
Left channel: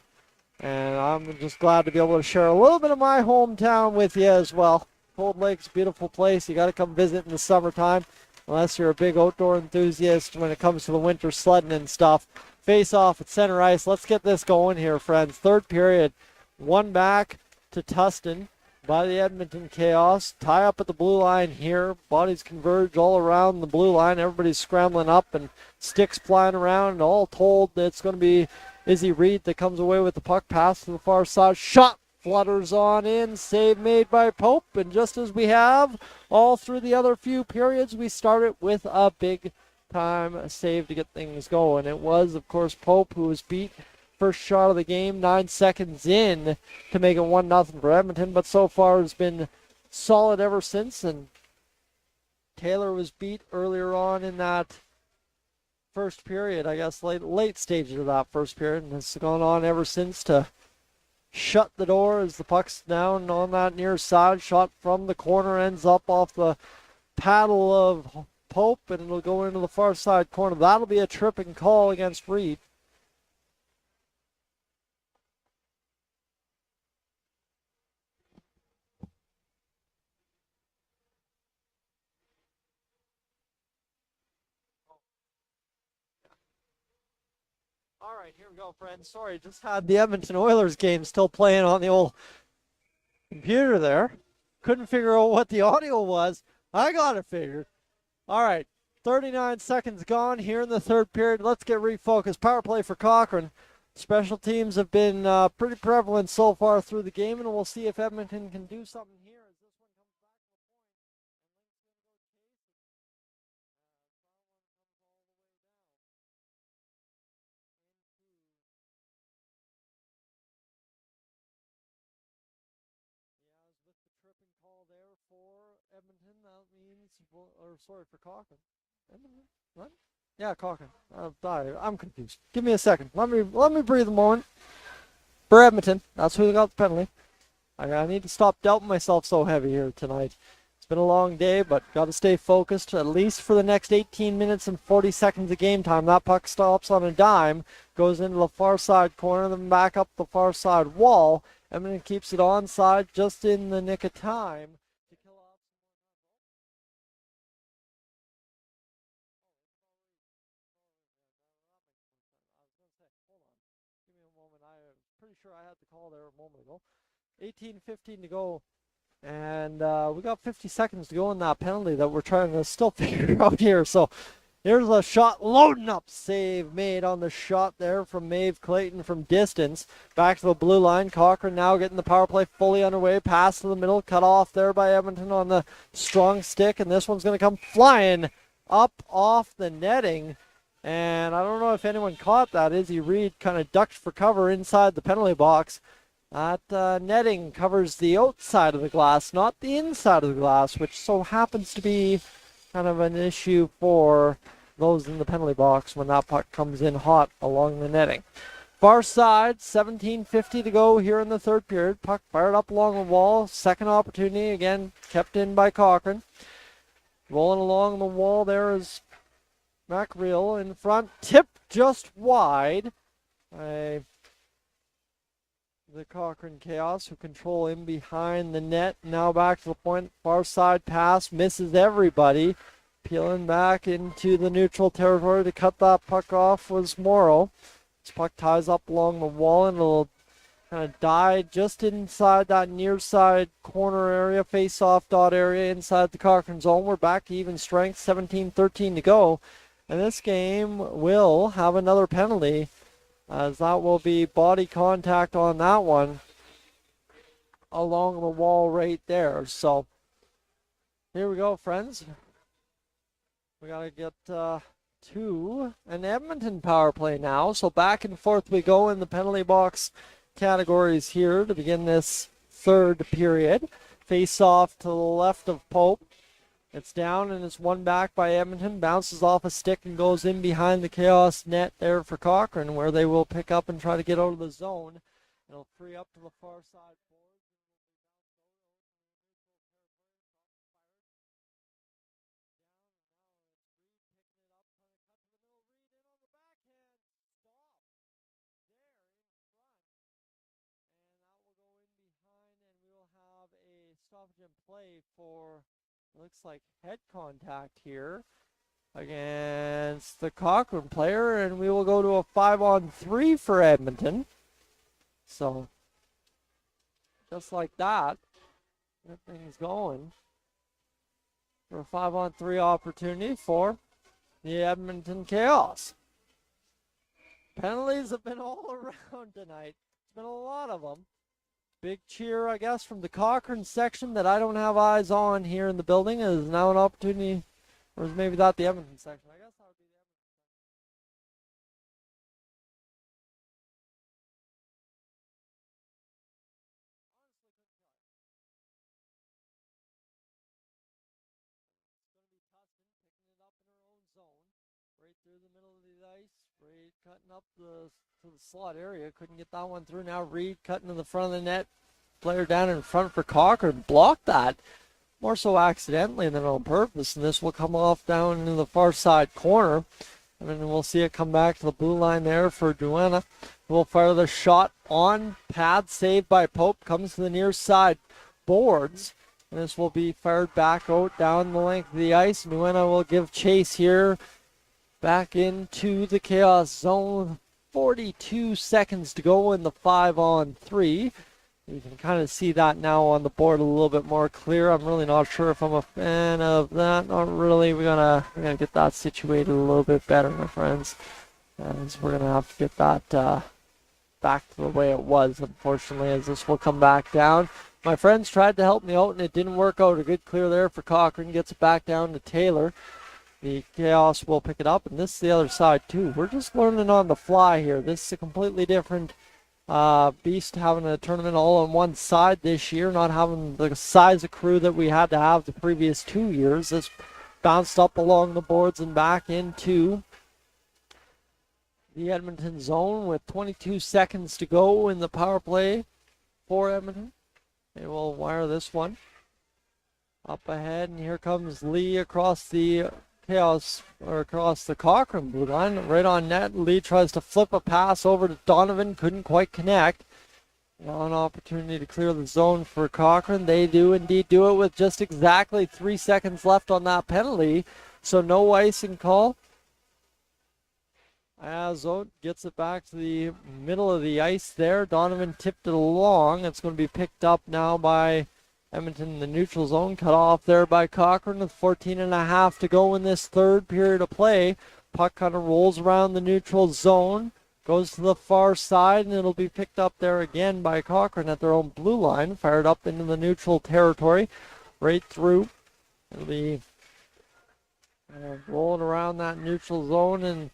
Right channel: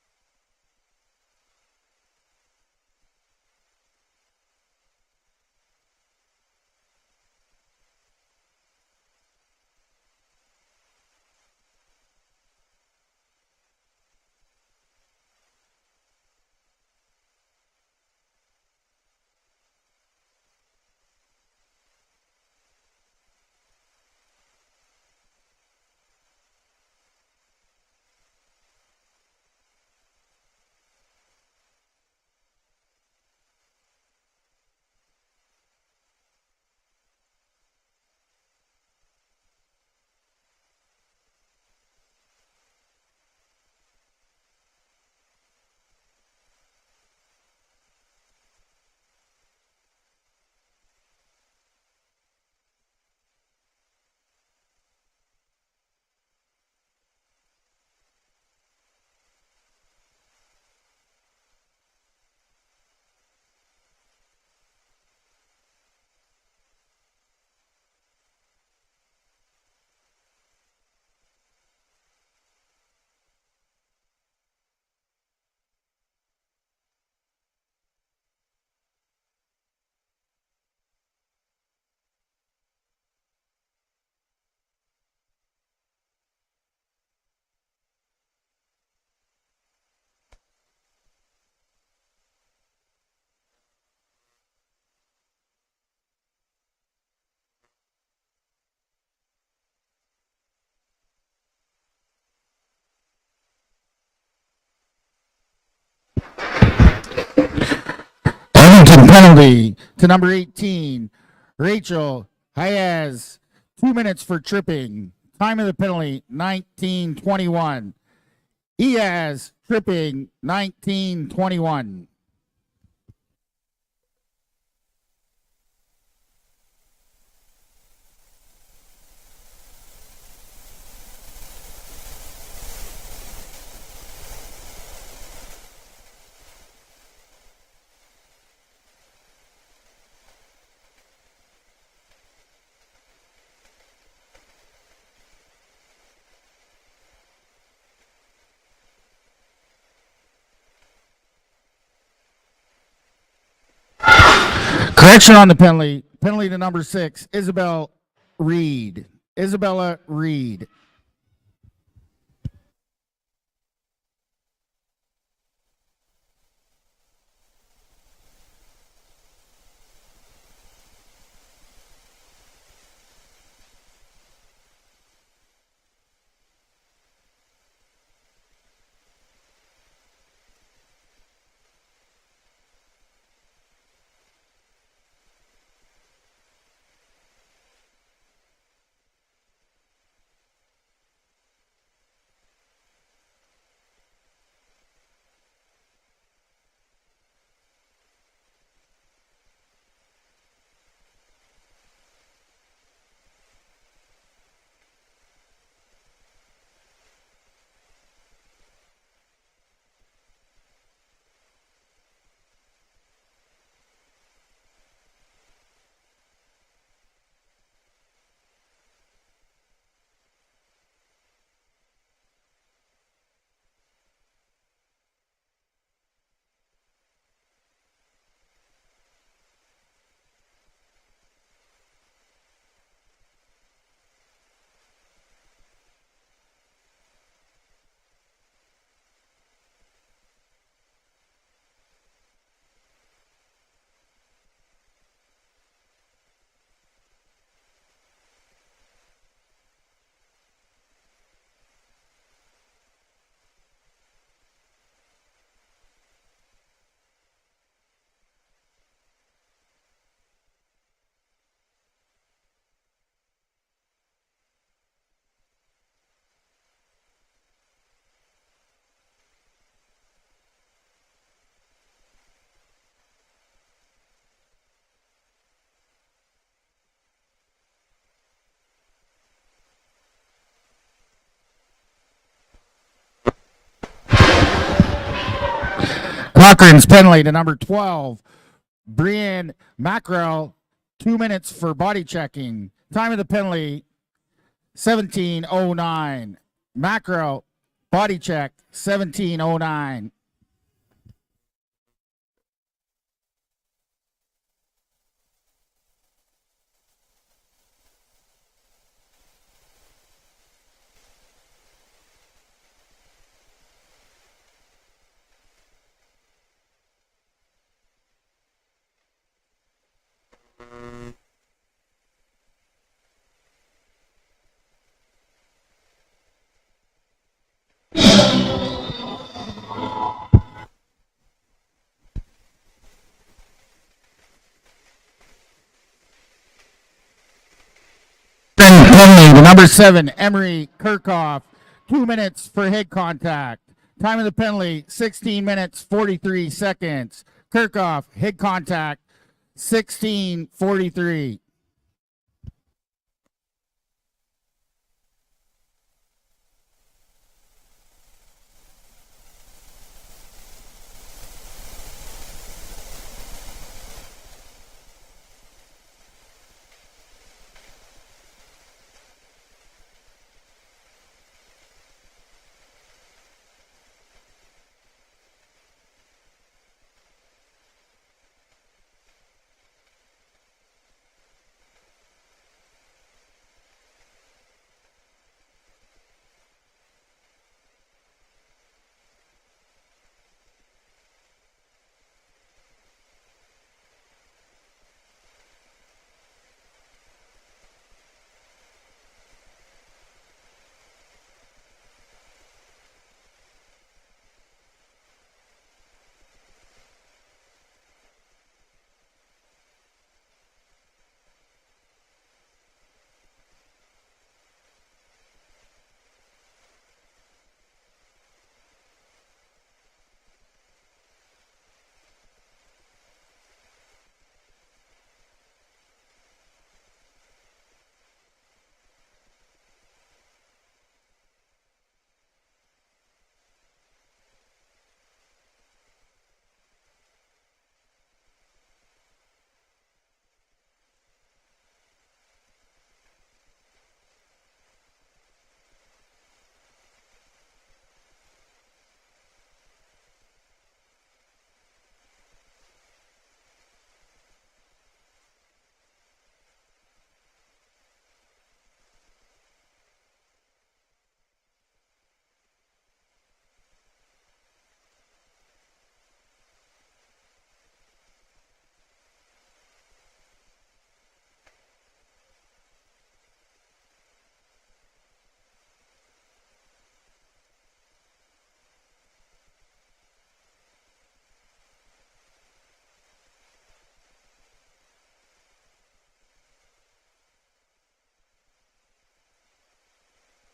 And I'm just glad to be able to share a little bit of my hometown with you as well. Cold Lake's a beautiful place. You got to come visit in the summertime, unless you're a big outdoor enthusiast when it comes to the winter sledding and stuff. Face off at center ice. Let's get this going here, friends. Third period, one back to Tustin by the Edmonton Chaos. Tie up at the blue line here. Bodies converge all around the blue line. Everybody's scrambling up and sticks flying around. And all told, it's going to be Izzy Reed that comes away with the puck. Pass to the far side. Shot flutters on in. Save made by Pope. And just as we have all through the other few periods, we started with a big time save to get things going. It was, of course, Pope who was beat. First shot of the game, 9 seconds in to make it 1-0 for Edmonton, but so far has been solid ever since. And Taylor was beat earlier on in that first period, I guess late stages of that first period, and it's gone on ever since to shut the door as the puck's down on that near side. Shot from the corner ends up off the paddle of Pope, and it'll go into the far side corner. That'll be a tripping call against Reed. All right, here we go, friends. Sorry, just had the Edmonton Oilers game still playing on the old computer there. Couldn't figure out what the audio was. I got it figured. All right, 39 seconds gone here in the third period. Let's get refocused. Power play for Cochrane. Special teams have been pretty prevalent so far through the game, and we'll see if Edmonton penalty to number 18, Rachel Hayes. 2 minutes for tripping. Time of the penalty, 19:21. He has tripping 19-21. Yeah, Cochrane. I'm sorry, I'm confused. Give me a second. Let me breathe a moment. For Edmonton, that's who got the penalty. I need to stop doubting myself so heavy here tonight. It's been a long day, but got to stay focused at least for the next 18 minutes and 40 seconds of game time. That puck stops on a dime, goes into the far side corner, then back up the far side wall. Edmonton keeps it onside, just in the nick of time. Correction on the penalty. Penalty to number 6, Isabella Reed. Isabella Reed. Pretty sure I had the call there a moment ago. 18:15 to go, and we got 50 seconds to go in that penalty that we're trying to still figure out here. So here's a shot loading up, save made on the shot there from Maeve Clayton from distance. Back to the blue line. Cochrane now getting the power play fully underway. Pass to the middle, cut off there by Edmonton on the strong stick, and this one's going to come flying up off the netting. And I don't know if anyone caught that. Izzy Reed kind of ducked for cover inside the penalty box. That netting covers the outside of the glass, not the inside of the glass, which so happens to be kind of an issue for those in the penalty box when that puck comes in hot along the netting. Far side, 17:50 to go here in the third period. Puck fired up along the wall. Second opportunity, again, kept in by Cochrane. Rolling along the wall there is MacReal in front. Tipped just wide by the Cochrane Chaos, who control in behind the net. Now back to the point. Far side pass. Misses everybody. Peeling back into the neutral territory to cut that puck off was Morrow. This puck ties up along the wall and it'll kind of die just inside that near side corner area, face-off dot area inside the Cochrane zone. We're back to even strength, 17-13 to go. And this game will have another penalty, as that will be body contact on that one along the wall right there. So here we go, friends. We got to get to an Edmonton power play now. So back and forth we go in the penalty box categories here to begin this third period. Face off to the left of Pope. It's down and it's won back by Edmonton. Bounces off a stick and goes in behind the Chaos net there for Cochrane, where they will pick up and try to get it. Cochrane's penalty to number 12, Brian Mackrell. 2 minutes for body checking. Time of the penalty, 17:09. Mackrell, body check, 17:09. Like head contact here against the Cochrane player, and we will go to a 5-on-3 for Edmonton. So just like that, everything's going for a 5-on-3 opportunity for the Edmonton Chaos. Penalties, a lot of them. Big cheer, I guess, from the Cochrane section that I don't have eyes on here in the building. Is now an opportunity, or is maybe that penalty, number 7, Emery Kirchhoff. 2 minutes for head contact. Time of the penalty, 16 minutes, 43 seconds. Kirchhoff, head contact, 16:43. Slot area, couldn't get that one through. Now Reed cutting to the front of the net, player down in front for Cochrane, blocked that more so accidentally than on purpose, and this will come off down in the far side corner, and then we'll see it come back to the blue line there for Duena, who will fire the shot on pad, saved by Pope, comes to the near side boards, and this will be fired back out down the length of the ice. Duena will give chase here back into the Chaos zone. 42 seconds to go in the 5-on-3. You can kind of see that now on the board a little bit more clear. I'm really not sure if I'm a fan of that. Not really. We're gonna get that situated a little bit better, my friends. As we're gonna have to get that back to the way it was, unfortunately, as this will come back down. My friends tried to help me out and it didn't work out. A good clear there for Cochrane. Gets it back down to Taylor. The Chaos will pick it up, and this is the other side too. We're just learning on the fly here. This is a completely different Beast having a tournament all on one side this year, not having the size of crew that we had to have the previous 2 years. This bounced up along the boards and back into the Edmonton zone with 22 seconds to go in the power play for Edmonton. They will wire this one up ahead, and here comes Lee across the across the Cochrane blue line, right on net. Lee tries to flip a pass over to Donovan, couldn't quite connect. Now an opportunity to clear the zone for Cochrane. They do indeed do it with just exactly 3 seconds left on that penalty, so no icing call. As Oat gets it back to the middle of the ice there. Donovan tipped it along. It's going to be picked up now by Edmonton in the neutral zone. Cut off there by Cochrane with 14.5 to go in this third period of play. Puck kind of rolls around the neutral zone, goes to the far side, and it'll be picked up there again by Cochrane at their own blue line. Fired up into the neutral territory, right through. It'll be rolling around that neutral zone, and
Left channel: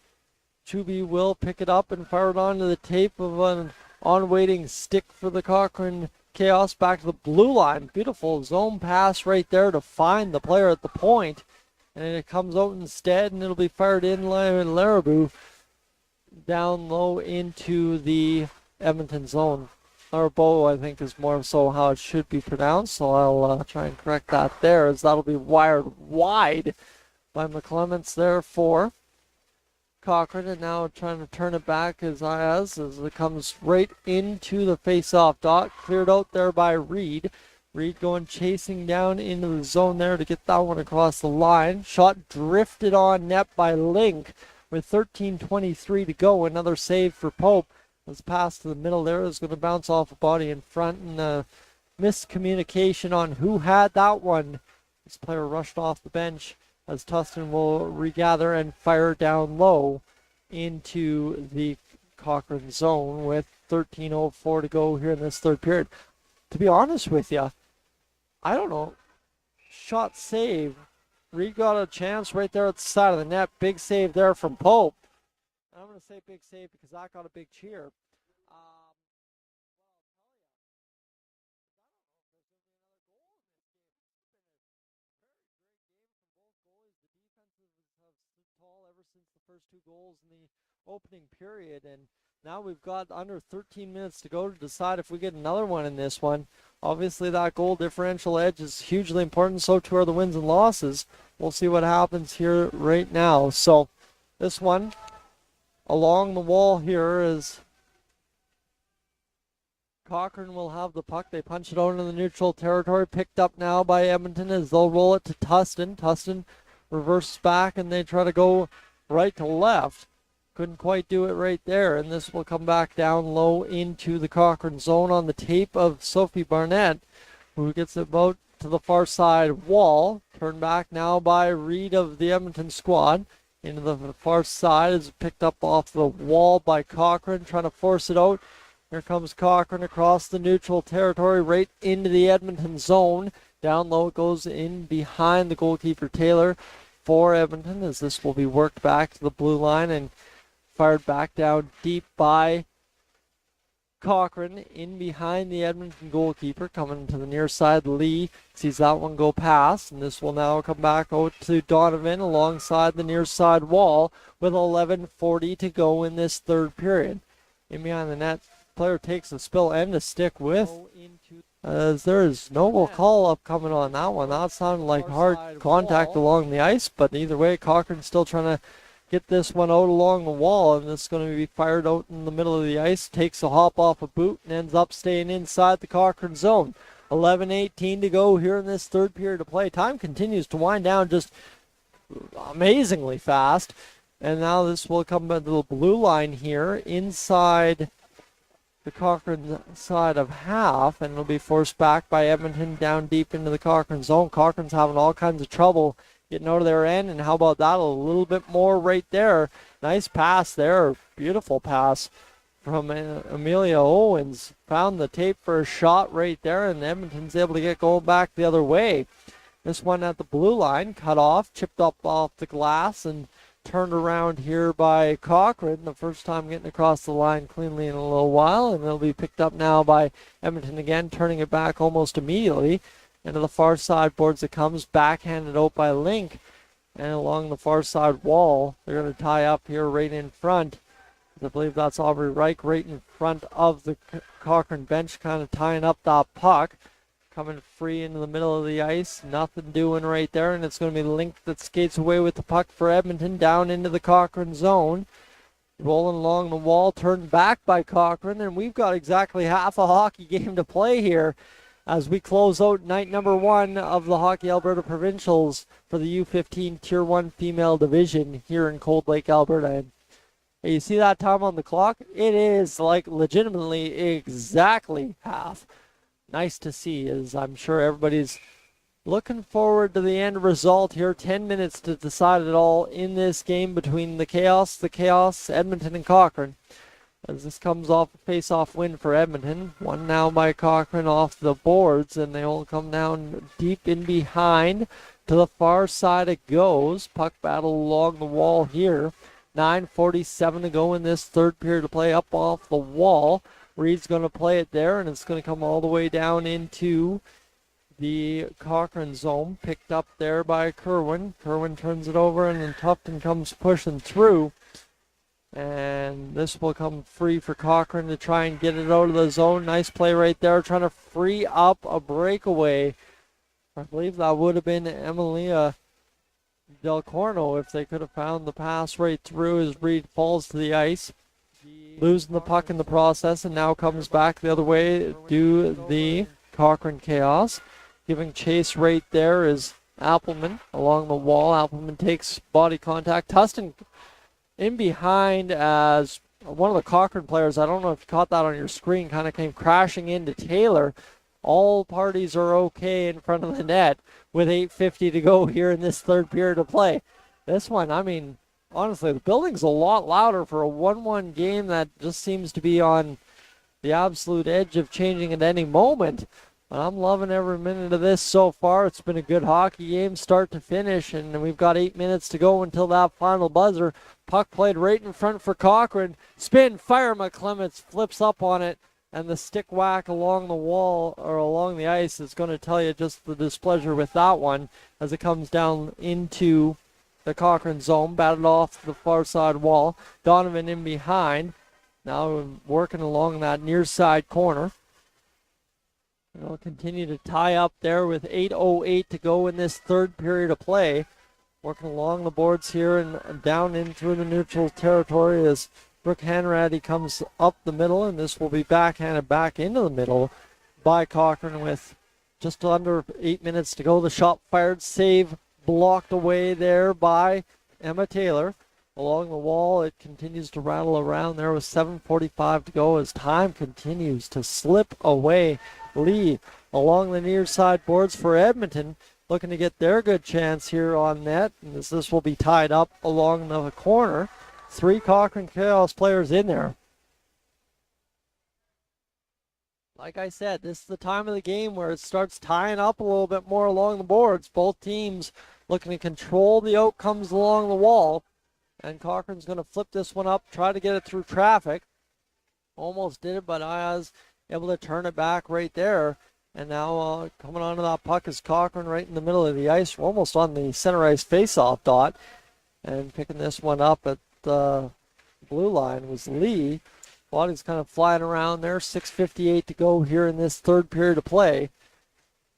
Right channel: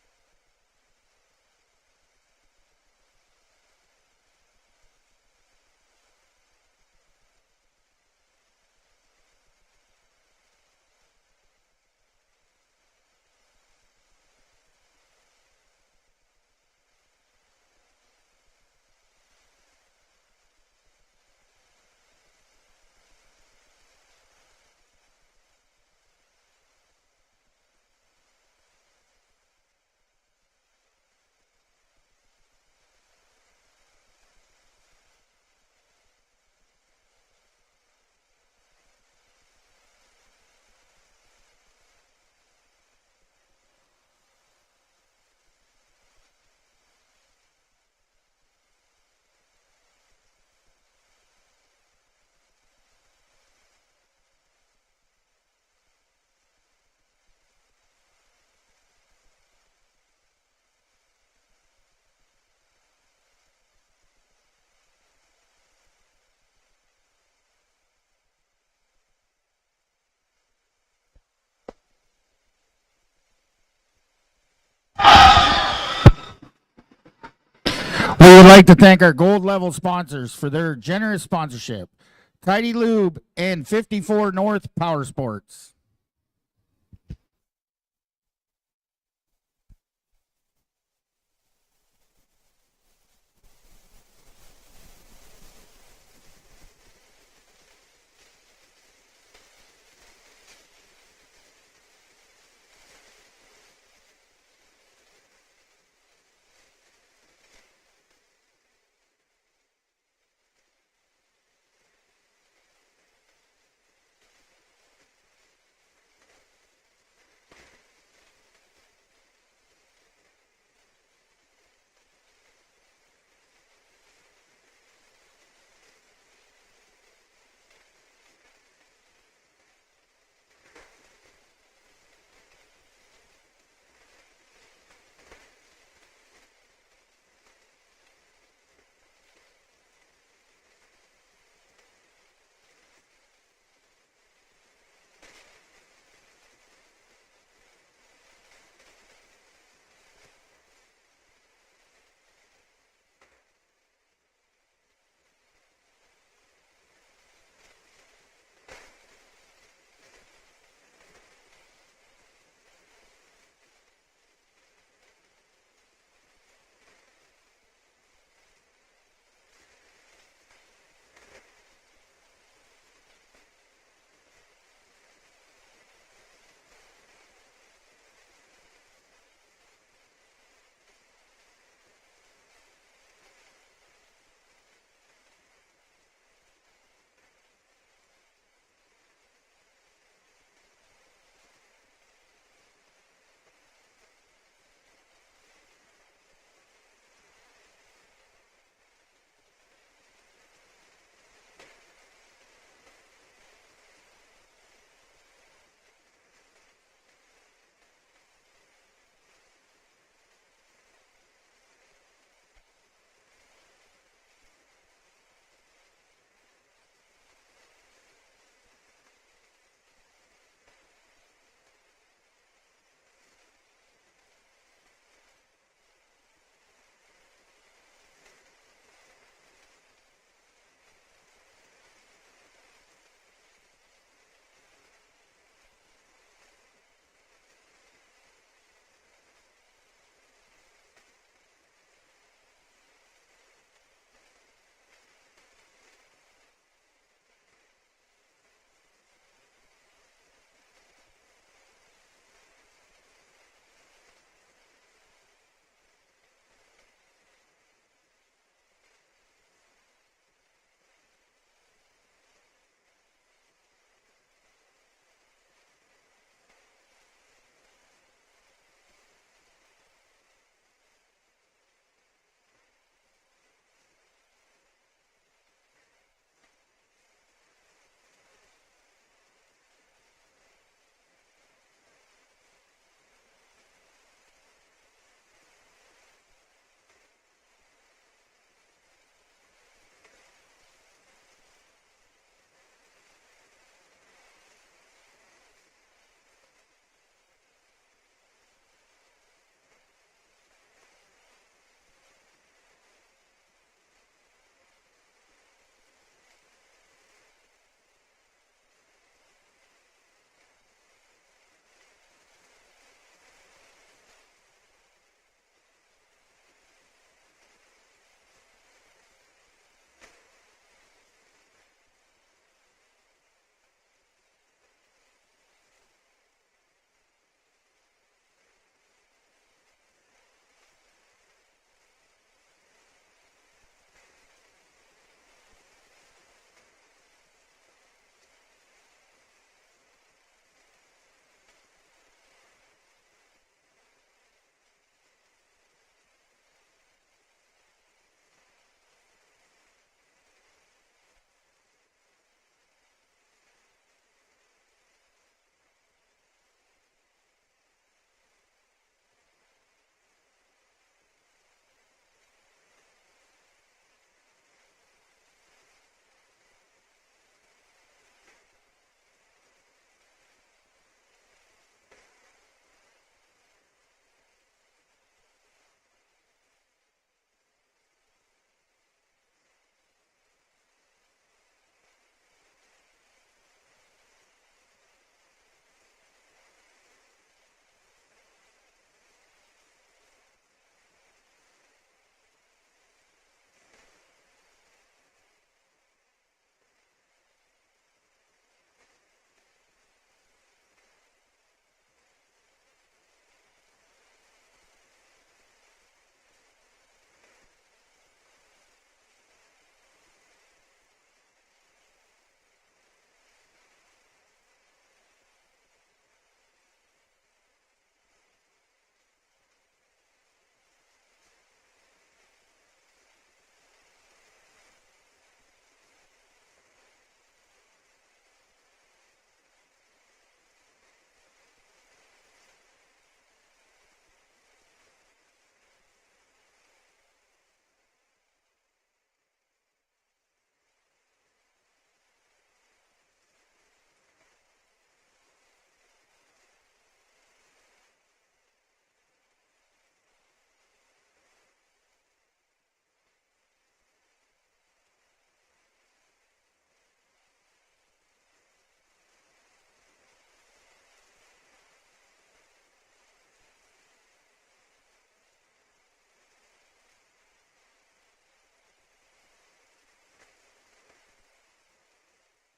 Chubby will pick it up and fire it onto the tape of an on-waiting stick for the Cochrane Chaos back to the blue line. Beautiful zone pass right there to find the player at the point. And it comes out instead, and it'll be fired in Larabou down low into the Edmonton zone. Larabou, I think, is more so how it should be pronounced, so I'll try and correct that there, as that'll be wired wide by McClements there for Cochrane, and now trying to turn it back as it comes right into the face-off dot. Cleared out there by Reed. Reed going chasing down into the zone there to get that one across the line. Shot drifted on net by Link with 13:23 to go. Another save for Pope. This pass to the middle there is going to bounce off a body in front, and miscommunication on who had that one. This player rushed off the bench as Tustin will regather and fire down low into the Cochrane zone with 13:04 to go here in this third period. To be honest with you, I don't know. Shot save. Reed got a chance right there at the side of the net. Big save there from Pope. Big save because that got a big cheer. We would like to thank our gold level sponsors for their generous sponsorship. Tidy Lube and 54 North Power Sports. Opening period, and now we've got under 13 minutes to go to decide if we get another one in this one. Obviously that goal differential edge is hugely important, so too are the wins and losses. We'll see what happens here right now. So this one along the wall here is Cochrane will have the puck. They punch it out into the neutral territory, picked up now by Edmonton as they'll roll it to Tustin. Tustin reverses back, and they try to go right to left. Couldn't quite do it right there, and this will come back down low into the Cochrane zone on the tape of Sophie Barnett, who gets it about to the far side wall. Turned back now by Reed of the Edmonton squad. Into the far side is picked up off the wall by Cochrane, trying to force it out. Here comes Cochrane across the neutral territory, right into the Edmonton zone. Down low it goes in behind the goalkeeper Taylor for Edmonton, as this will be worked back to the blue line and fired back down deep by Cochrane in behind the Edmonton goalkeeper. Coming to the near side, Lee sees that one go past, and this will now come back out to Donovan alongside the near side wall with 11:40 to go in this third period. In behind the net, player takes a spill and a stick with, as there is no call up coming on that one. That sounded like hard contact along the ice, but either way, Cochrane's still trying to get this one out along the wall, and it's going to be fired out in the middle of the ice. Takes a hop off a boot and ends up staying inside the Cochrane zone. 11:18 to go here in this third period of play. Time continues to wind down just amazingly fast. And now this will come to the blue line here inside the Cochrane side of half, and it'll be forced back by Edmonton down deep into the Cochrane zone. Cochrane's having all kinds of trouble getting out of their end, and how about that? A little bit more right there. Nice pass there. Beautiful pass from Amelia Owens. Found the tape for a shot right there, and Edmonton's able to get going back the other way. This one at the blue line, cut off, chipped up off the glass, and turned around here by Cochrane, the first time getting across the line cleanly in a little while, and it'll be picked up now by Edmonton again, turning it back almost immediately. Into the far side boards it comes, backhanded out by Link, and along the far side wall, they're going to tie up here right in front. I believe that's Aubrey Reich right in front of the Cochrane bench, kind of tying up that puck. Coming free into the middle of the ice, nothing doing right there, and it's going to be Link that skates away with the puck for Edmonton down into the Cochrane zone. Rolling along the wall, turned back by Cochrane, and we've got exactly half a hockey game to play here as we close out night number 1 of the Hockey Alberta Provincials for the U15 Tier 1 female division here in Cold Lake, Alberta. And you see that time on the clock? It is like legitimately exactly half. Nice to see, as I'm sure everybody's looking forward to the end result here. 10 minutes to decide it all in this game between the Chaos, Edmonton, and Cochrane. As this comes off a face-off win for Edmonton. One now by Cochrane off the boards, and they all come down deep in behind. To the far side it goes. Puck battle along the wall here. 9:47 to go in this third period to play, up off the wall. Reed's going to play it there, and it's going to come all the way down into the Cochrane zone. Picked up there by Kerwin. Kerwin turns it over, and then Tufton comes pushing through. And this will come free for Cochrane to try and get it out of the zone. Nice play right there, trying to free up a breakaway. I believe that would have been Emilia Del Corno if they could have found the pass right through as Reed falls to the ice. Losing the puck in the process, and now comes back the other way to the Cochrane Chaos. Giving chase right there is Appleman along the wall. Appleman takes body contact. Tustin in behind as one of the Cochrane players, I don't know if you caught that on your screen, kind of came crashing into Taylor. All parties are okay in front of the net with 8:50 to go here in this third period of play. This one, I mean, honestly, the building's a lot louder for a 1-1 game that just seems to be on the absolute edge of changing at any moment. But I'm loving every minute of this so far. It's been a good hockey game, start to finish, and we've got 8 minutes to go until that final buzzer. Puck played right in front for Cochrane. Spin, fire, McClements flips up on it, and the stick whack along the wall or along the ice is going to tell you just the displeasure with that one as it comes down into the Cochrane zone, batted off the far side wall. Donovan in behind, now working along that near side corner. They'll continue to tie up there with 8:08 to go in this third period of play. Working along the boards here and down in through the neutral territory as Brooke Hanratty comes up the middle, and this will be backhanded back into the middle by Cochrane with just under 8 minutes to go. The shot fired, save blocked away there by Emma Taylor. Along the wall, it continues to rattle around there with 7:45 to go as time continues to slip away. Lee along the near side boards for Edmonton, looking to get their good chance here on net, and as this will be tied up along the corner. 3 Cochrane Chaos players in there. Like I said, this is the time of the game where it starts tying up a little bit more along the boards. Both teams looking to control the outcomes along the wall. And Cochrane's going to flip this one up, try to get it through traffic. Almost did it, but Ayaz able to turn it back right there. And now coming onto that puck is Cochrane right in the middle of the ice. We're almost on the center ice face-off dot. And picking this one up at the blue line was Lee. Body's kind of flying around there. 6:58 to go here in this third period of play.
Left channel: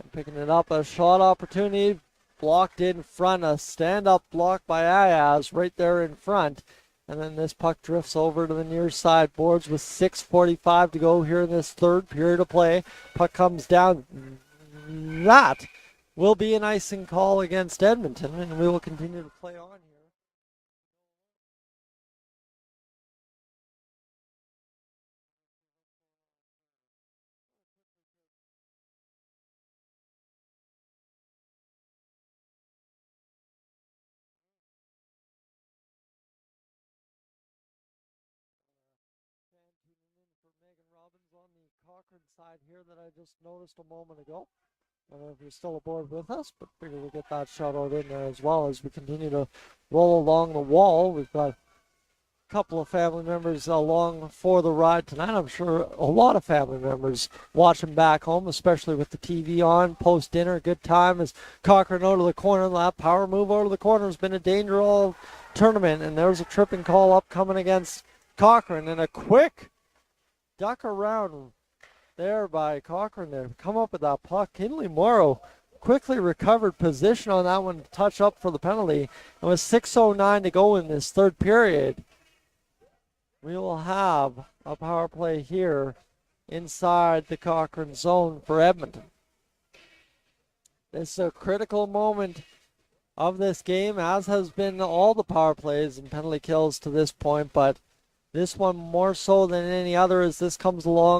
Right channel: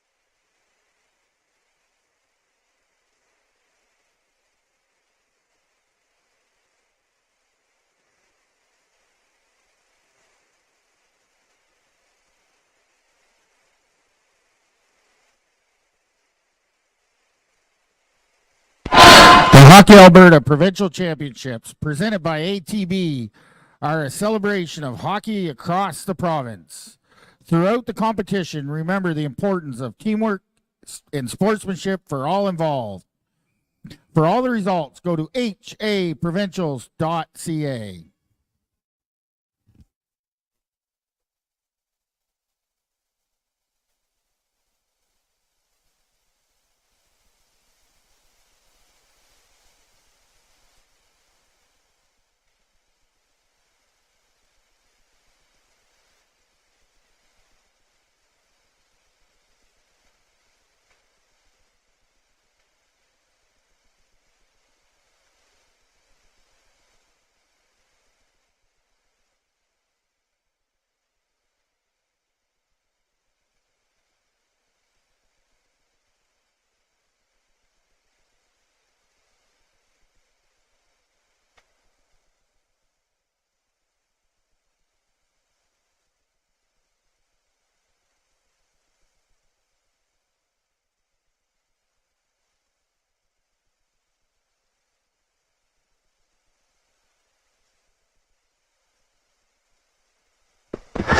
And picking it up, a shot opportunity. Blocked in front, a stand-up block by Ayaz right there in front. And then this puck drifts over to the near side boards with 6:45 to go here in this third period of play. Puck comes down. That will be an icing call against Edmonton, and we will continue. The Hockey Alberta Provincial Championships, presented by ATB, are a celebration of hockey across the province. Throughout the competition, remember the importance of teamwork and sportsmanship for all involved. For all the results, go to haprovincials.ca. Side here that I just noticed a moment ago. I don't know if you're still aboard with us, but figure we'll get that shout out in there as well as we continue to roll along the wall. We've got a couple of family members along for the ride tonight. I'm sure a lot of family members watching back home, especially with the TV on, post-dinner, good time as Cochrane out of the corner. That power move out of the corner has been a danger all tournament, and there's a tripping call upcoming against Cochrane, and a quick duck around there by Cochrane to come up with that puck. Kinley Morrow quickly recovered position on that one to touch up for the penalty. And with 6:09 to go in this third period, we will have a power play here inside the Cochrane zone for Edmonton. This is a critical moment of this game, as has been all the power plays and penalty kills to this point, but this one more so than any other as this comes along.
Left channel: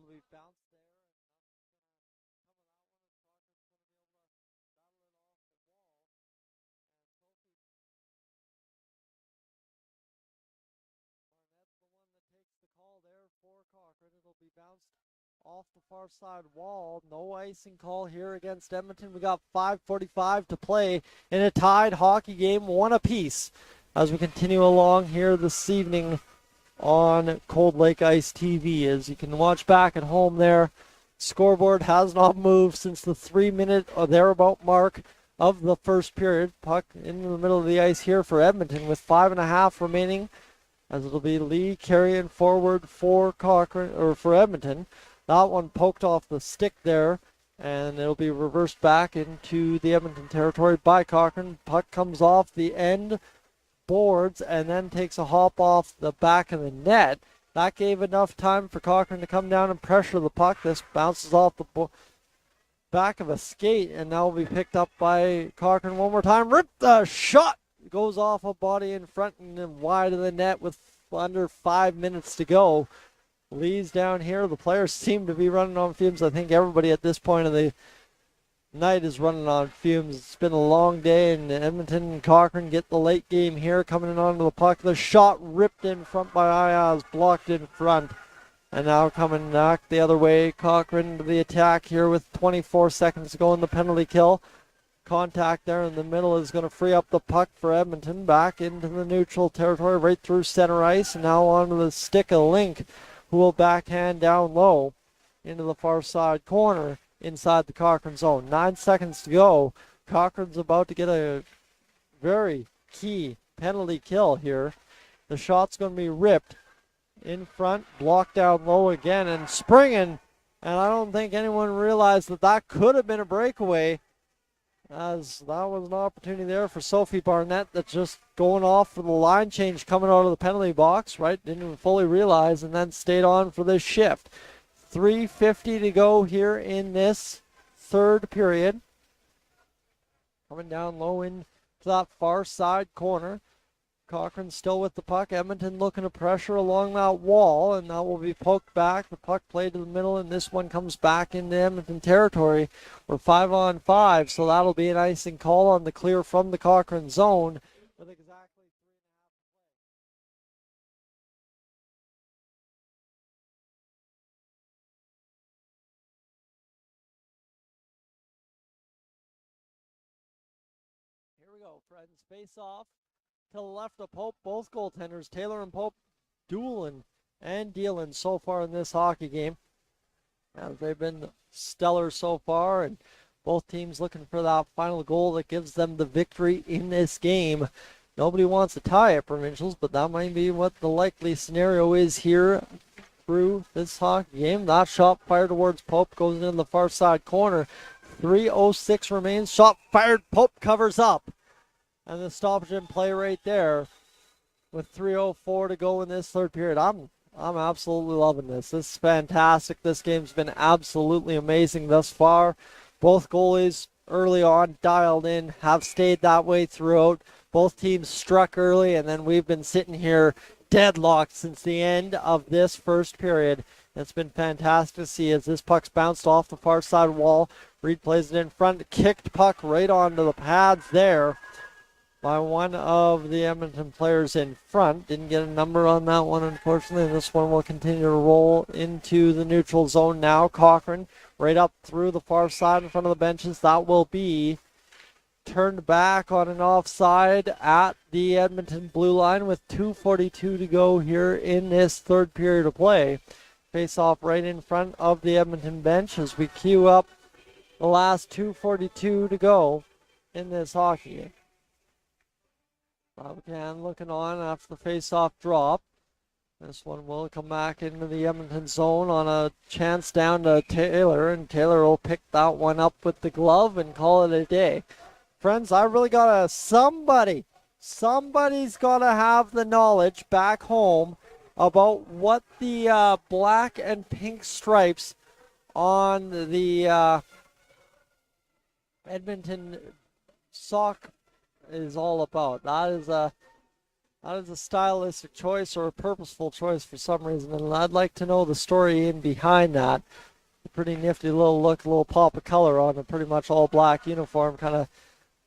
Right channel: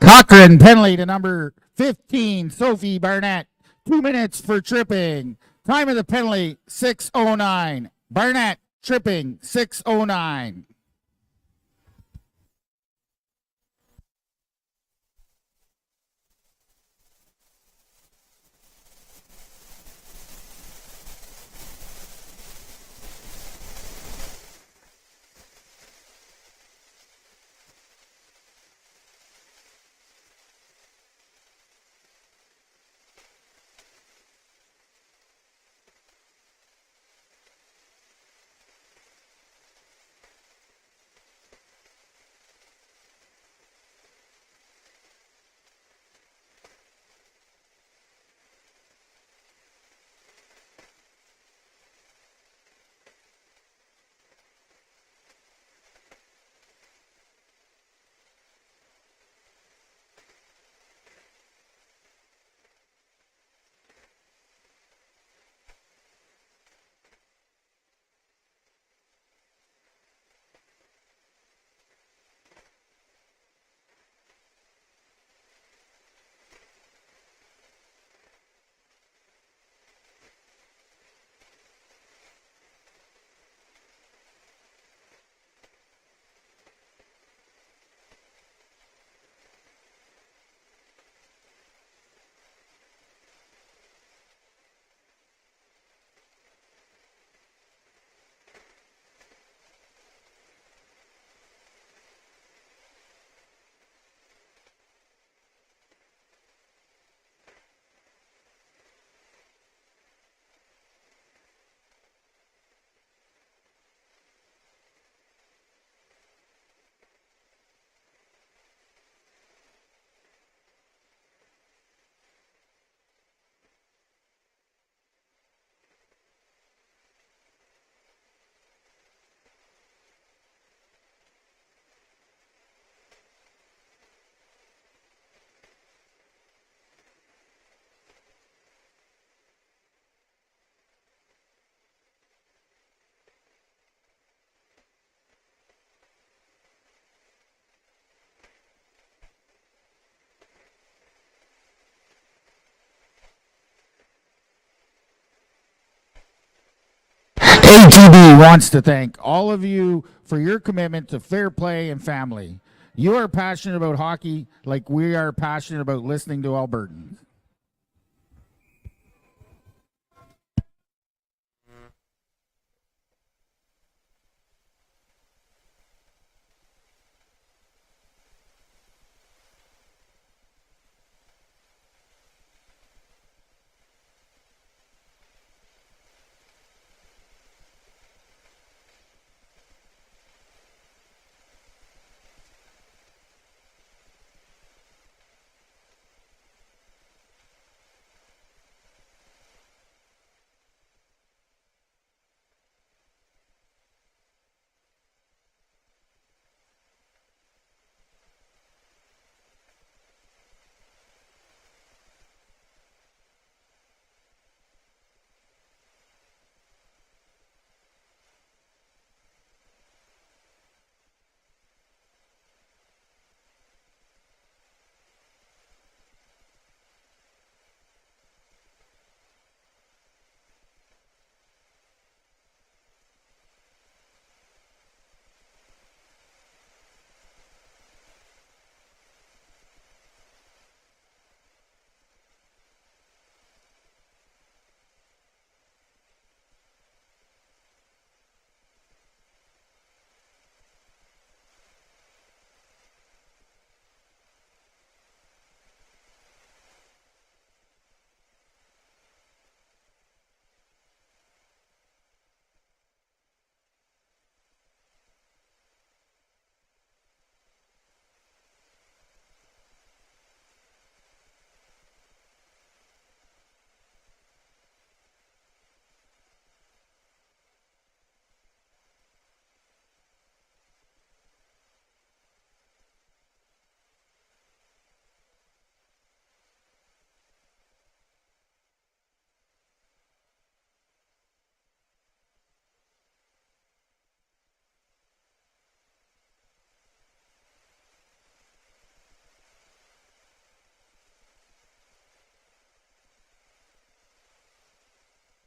Cochrane penalty to number 15, Sophie Barnett. 2 minutes for tripping. Time of the penalty, 6:09. Barnett tripping, 6:09. Off the far side wall, no icing call here against Edmonton. We got 5:45 to play in a tied hockey game, one apiece, as we continue along here this evening on Cold Lake Ice TV. As you can watch back at home there, scoreboard has not moved since the 3-minute or thereabout mark of the first period. Puck in the middle of the ice here for Edmonton with 5.5 remaining, as it'll be Lee carrying forward for Cochrane, or for Edmonton. That one poked off the stick there, and it'll be reversed back into the Edmonton territory by Cochrane. Puck comes off the end boards and then takes a hop off the back of the net. That gave enough time for Cochrane to come down and pressure the puck. This bounces off the back of a skate and now will be picked up by Cochrane one more time. Rip the shot! Goes off a body in front and then wide of the net with under 5 minutes to go. Lee's down here. The players seem to be running on fumes. I think everybody at this point of the night is running on fumes. It's been a long day, and Edmonton and Cochrane get the late game here coming in onto the puck. The shot ripped in front by Ayaz, blocked in front, and now coming back the other way. Cochrane to the attack here with 24 seconds to go in the penalty kill. Contact there in the middle is going to free up the puck for Edmonton. Back into the neutral territory, right through center ice, and now onto the stick of Link, who will backhand down low into the far side corner inside the Cochrane zone. 9 seconds to go. Cochrane's about to get a very key penalty kill here. The shot's going to be ripped in front, blocked down low again, and springing. And I don't think anyone realized that that could have been a breakaway, as that was an opportunity there for Sophie Barnett that's just going off for the line change coming out of the penalty box, right? Didn't even fully realize, and then stayed on for this shift. 3:50 to go here in this third period. Coming down low into that far side corner. Cochrane still with the puck. Edmonton looking to pressure along that wall, and that will be poked back. The puck played to the middle, and this one comes back into Edmonton territory. We're 5-on-5, so that'll be an icing call on the clear from the Cochrane zone. ATB wants to thank all of you for your commitment to fair play and family. You are passionate about hockey like we are passionate about listening to Albertans. Here we go, friends. Face off to the left of Pope. Both goaltenders, Taylor and Pope, dueling and dealing so far in this hockey game. As they've been stellar so far, and both teams looking for that final goal that gives them the victory in this game. Nobody wants to tie at Provincials, but that might be what the likely scenario is here through this hockey game. That shot fired towards Pope goes into the far side corner. 3:06 remains. Shot fired. Pope covers up. And the stoppage in play right there with 3:04 to go in this third period. I'm absolutely loving this. This is fantastic. This game's been absolutely amazing thus far. Both goalies early on dialed in, have stayed that way throughout. Both teams struck early, and then we've been sitting here deadlocked since the end of this first period. It's been fantastic to see as this puck's bounced off the far side wall. Reed plays it in front, kicked puck right onto the pads there by one of the Edmonton players in front. Didn't get a number on that one, unfortunately. And this one will continue to roll into the neutral zone now. Cochrane right up through the far side in front of the benches. That will be turned back on an offside at the Edmonton blue line with 2:42 to go here in this third period of play. Face off right in front of the Edmonton bench as we queue up the last 2:42 to go in this hockey game. Bobcan looking on after the face-off drop. This one will come back into the Edmonton zone on a chance down to Taylor, and Taylor will pick that one up with the glove and call it a day. Friends, I really gotta, somebody's gotta have the knowledge back home about what the black and pink stripes on the Edmonton sock is all about. That is a stylistic choice or a purposeful choice for some reason, and I'd like to know the story in behind that. A pretty nifty little look, a little pop of color on a pretty much all black uniform, kind of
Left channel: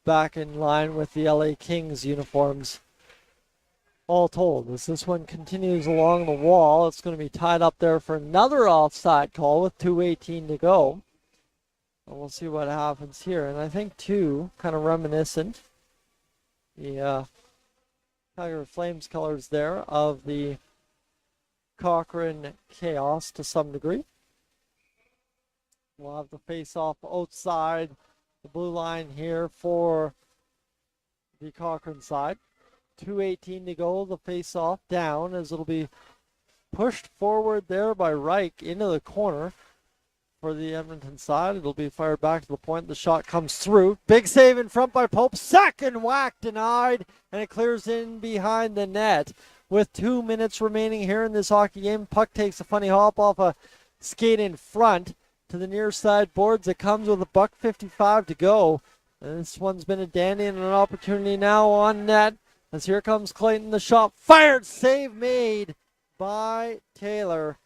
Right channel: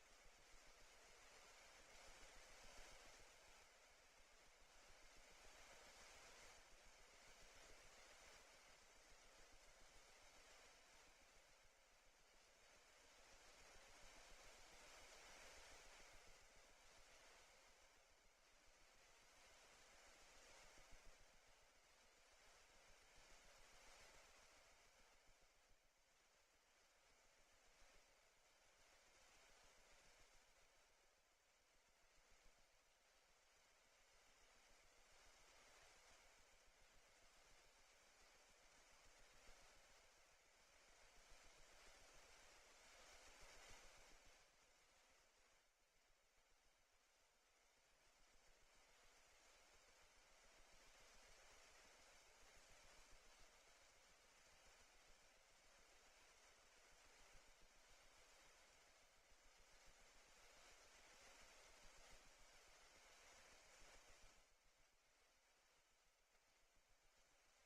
back in line with the LA Kings uniforms. All told, as this one continues along the wall, it's going to be tied up there for another offside call with 2:18 to go. And we'll see what happens here. And I think, too, kind of reminiscent, the Calgary Flames colors there of the Cochrane Chaos to some degree. We'll have the face-off outside the blue line here for the Cochrane side. 2:18 to go, the face-off down as it'll be pushed forward there by Reich into the corner. For the Edmonton side, it'll be fired back to the point. The shot comes through. Big save in front by Pope. Second whack denied, and it clears in behind the net. With 2 minutes remaining here in this hockey game, puck takes a funny hop off a skate in front to the near side boards. It comes with a $1:55 to go. And this one's been a dandy and an opportunity now on net. As here comes Clayton, the shot fired, save made by Taylor.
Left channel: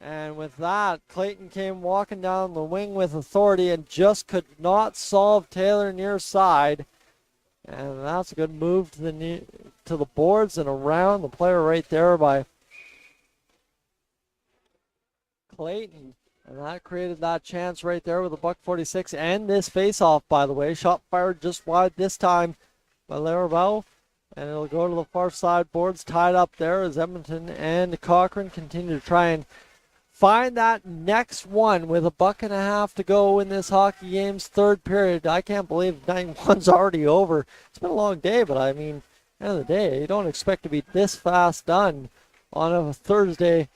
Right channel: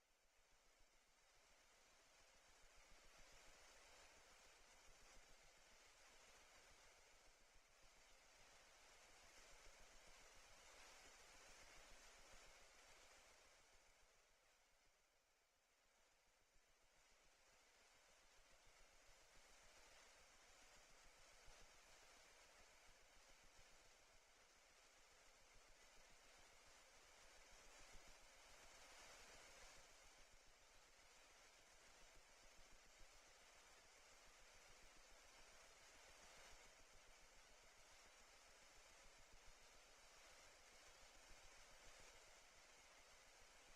And with that, Clayton came walking down the wing with authority and just could not solve Taylor near side. And that's a good move to the boards and around the player right there by Clayton. And that created that chance right there with a $1:46 and this face-off, by the way. Shot fired just wide this time by Laravel. And it'll go to the far side boards, tied up there as Edmonton and Cochrane continue to try and find that next one with a $1.50 to go in this hockey game's third period. I can't believe 9-1's already over. It's been a long day, but I mean, at the end of the day, you don't expect to be this fast done on a Thursday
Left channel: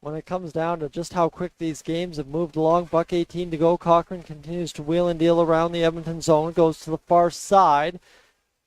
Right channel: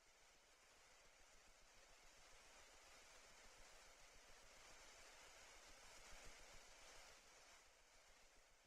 when it comes down to just how quick these games have moved along. $1:18 to go. Cochrane continues to wheel and deal around the Edmonton zone, goes to the far side.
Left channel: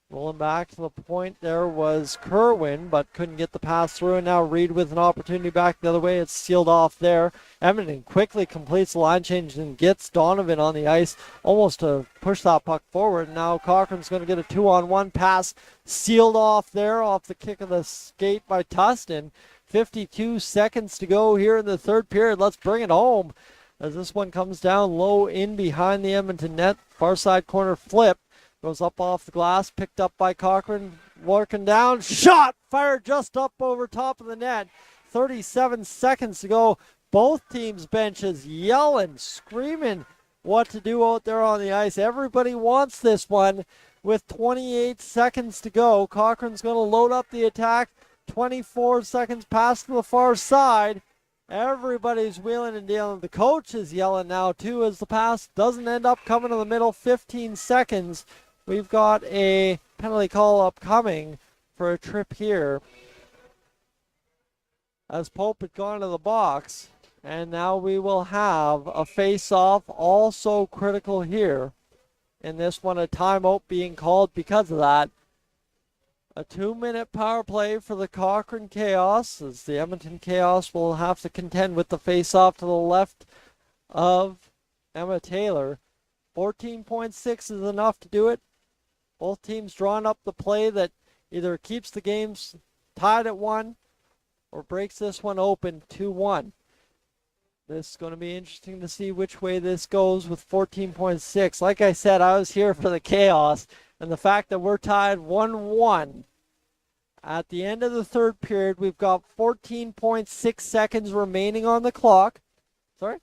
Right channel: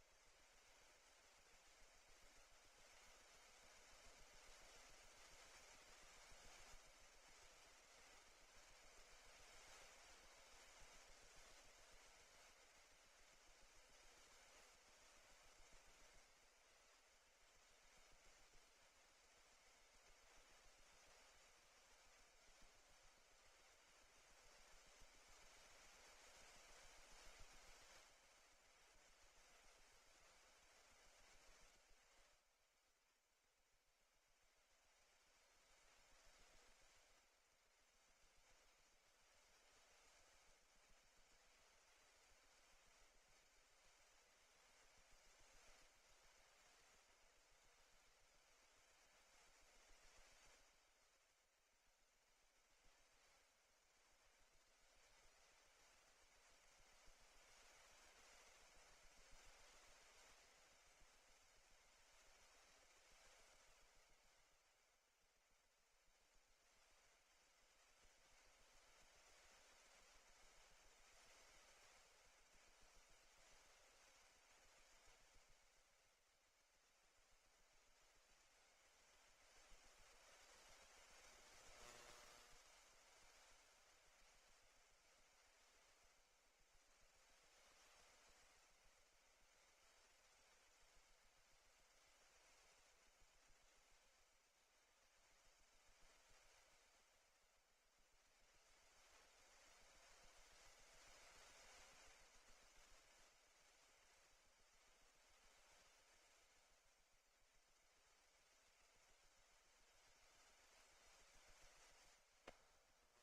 Rolling back to the point there was Kerwin, but couldn't get the pass through. And now Reed with an opportunity back the other way. It's sealed off there. Edmonton quickly completes the line change and gets Donovan on the ice almost to push that puck forward. Now Cochrane's going to get a 2-on-1 pass sealed off there off the kick of the skate by Tustin. 52 seconds to go here in the third period. Let's bring it home as this one comes down low in behind the Edmonton net. Far side corner flip. Goes up off the glass, picked up by Cochrane, working down, shot, fired just up over top of the net. 37 seconds to go. Both teams' benches yelling, screaming what to do out there on the ice. Everybody wants this one with 28 seconds to go. Cochrane's going to load up the attack. 24 seconds past to the far side. Everybody's wheeling and dealing. The coach is yelling now too as the pass doesn't end up coming to the middle. 15 seconds. We've got a penalty call upcoming for a trip here as Pope had gone to the box. And now we will have a face-off, also critical here. In this one, a timeout being called because of that. A 2-minute power play for the Cochrane Chaos as the Edmonton Chaos will have to contend with the face-off to the left of Emma Taylor. 14.6 is enough to do it. Both teams drawing up the play that either keeps the games tied at 1 or breaks this one open 2-1. This is going to be interesting to see which way this goes with 14.6. Like I said, I was here for the chaos, and the fact that we're tied 1-1 at the end of the third period. We've got 14.6 seconds remaining on the clock. Sorry?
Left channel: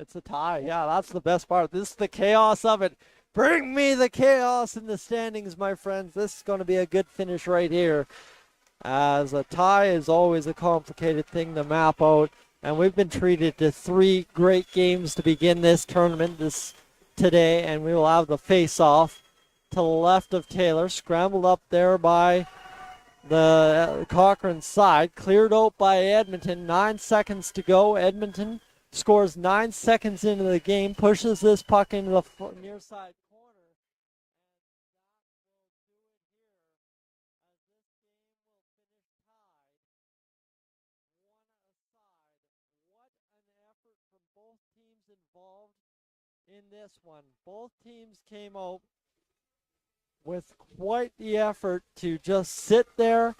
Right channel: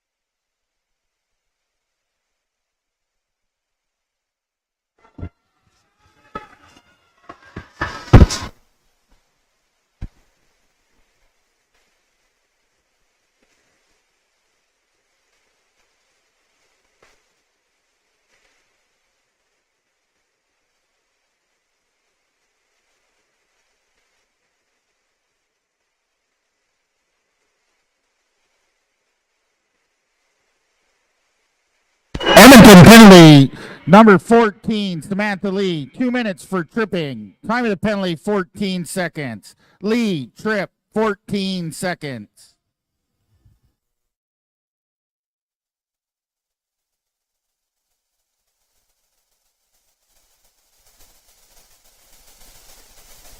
It's a tie. Yeah, that's the best part. This is the chaos of it. Bring me the chaos in the standings, my friends. This is going to be a good finish right here. As a tie is always a complicated thing to map out. And we've been treated to 3 great games to begin this tournament today. And we will have the face-off to the left of Taylor. Scrambled up there by the Cochrane side. Cleared out by Edmonton. 9 seconds to go. Edmonton scores 9 seconds into the game, pushes this puck into the Edmonton penalty, number 14, Samantha Lee. 2 minutes for tripping. Time of the penalty, 14 seconds. Lee, trip, 14 seconds. Both teams involved in this one. Both teams came out with quite the effort to just sit there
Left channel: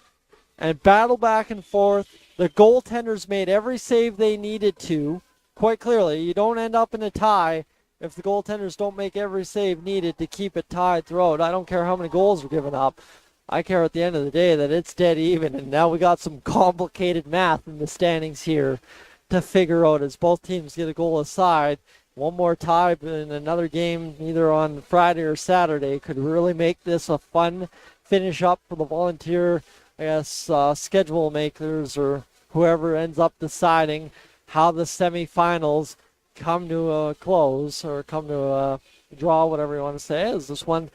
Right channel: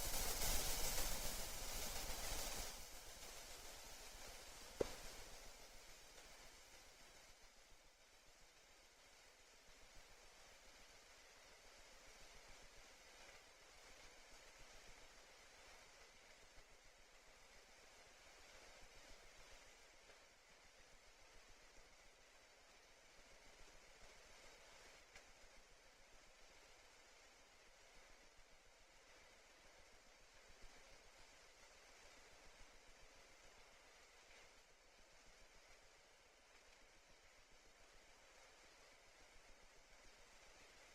and battle back and forth. The goaltenders made every save they needed to. Quite clearly, you don't end up in a tie if the goaltenders don't make every save needed to keep it tied throughout. I don't care how many goals are given up. I care at the end of the day that it's dead even, and now we got some complicated math in the standings here to figure out as both teams get a goal aside. One more tie in another game either on Friday or Saturday could really make this a fun finish up for the Volunteer, schedule makers or whoever ends up deciding how the semifinals come to a close or come to a draw, whatever you want to say. As this one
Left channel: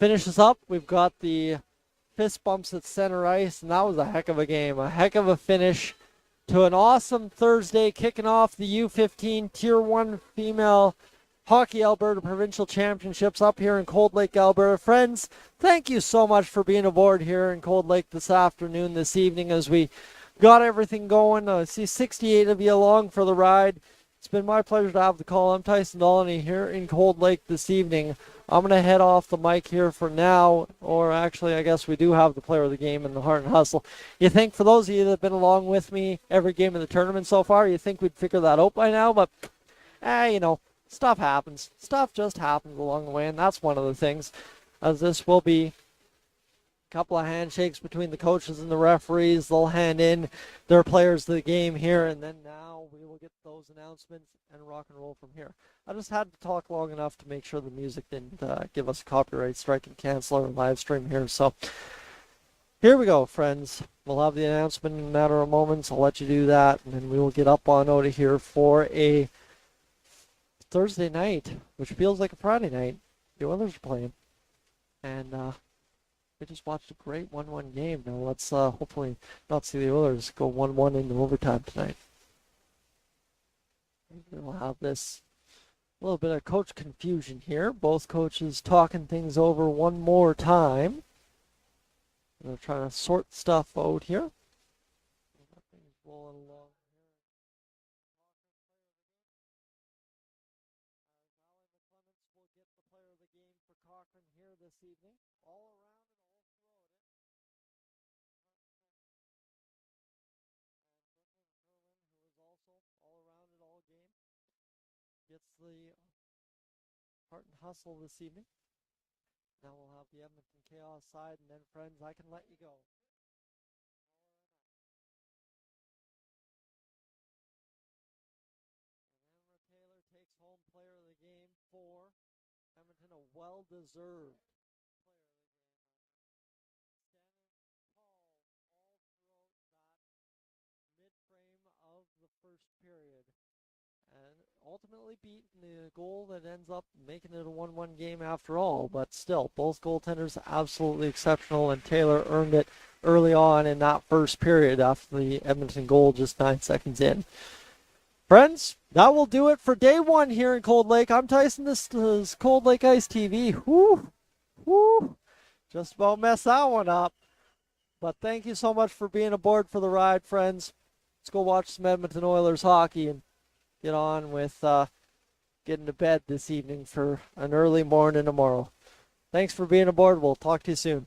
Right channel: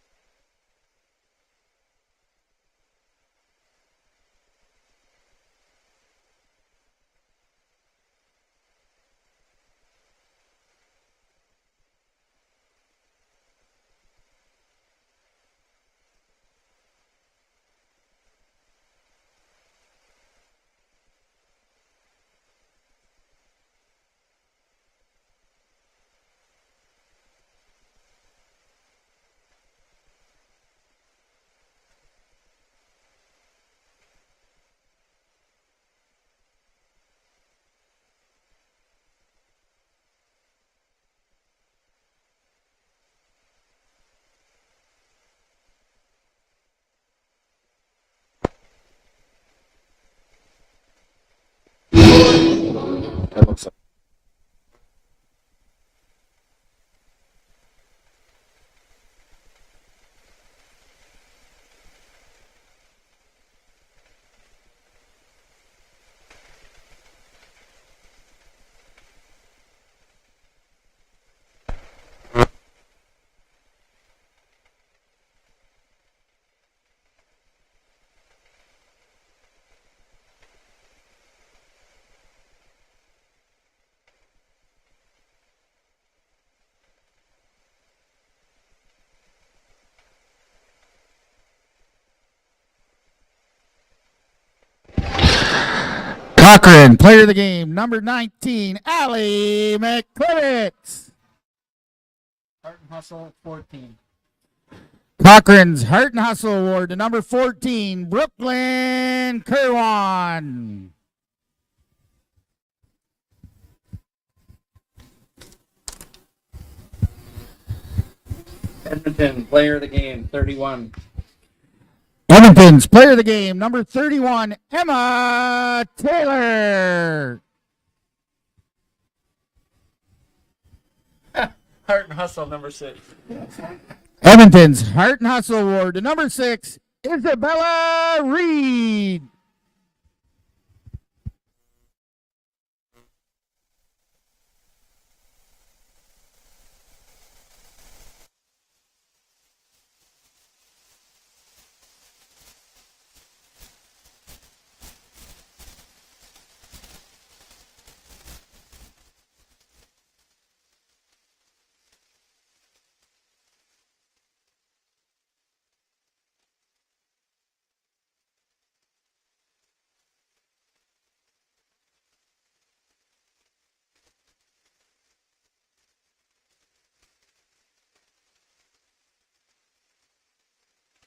finishes up, we've got the fist bumps at center ice, and that was a heck of a game, a heck of a finish to an awesome Thursday, kicking off the U15 Tier 1 Female Hockey Alberta Provincial Championships up here in Cold Lake, Alberta. Friends, thank you so much for being aboard here in Cold Lake this afternoon, this evening, as we got everything going. I see 68 of you along for the ride. It's been my pleasure to have the call. I'm Tyson Dolany here in Cold Lake this evening. I'm going to head off the mic here for now, or actually I guess we do have the player of the game in the Heart and Hustle. You think for those of you that have been along with me every game of the tournament so far, you think we'd figure that out by now, but stuff happens. Stuff just happens along the way, and that's one of the things, as this will be couple of handshakes between the coaches and the referees. They'll hand in their players to the game here. Announcement and rock and roll from here. I just had to talk long enough to make sure the music didn't give us a copyright strike and cancel our live stream here. So here we go, friends. We'll have the announcement in a matter of moments. I'll let you do that, and then we will get up on out of here for a Thursday night, which feels like a Friday night. The Oilers are playing. And we just watched a great 1-1 game. Now let's hopefully not see the Oilers go 1-1 into overtime tonight. We'll have this a little bit of coach confusion here. Both coaches talking things over one more time. They're trying to sort stuff out here. Cochrane, player of the game, number 19, Allie McClivitz. Heart and Hustle, 14. Cochrane's Heart and Hustle Award to number 14, Brooklyn Kerwan. Edmonton, player of the game, 31. Edmonton's player of the game, number 31, Emma Taylor. Heart and Hustle, number 6. Edmonton's Heart and Hustle Award to number 6, Isabella Reed. Ultimately beating the goal that ends up making it a 1-1 game after all, but still, both goaltenders absolutely exceptional, and Taylor earned it early on in that first period after the Edmonton goal just 9 seconds in. Friends, that will do it for day one here in Cold Lake. I'm Tyson. This is Cold Lake Ice TV. Whoo, just about messed that one up. But thank you so much for being aboard for the ride, friends. Let's go watch some Edmonton Oilers hockey and get on with getting to bed this evening for an early morning tomorrow. Thanks for being aboard. We'll talk to you soon.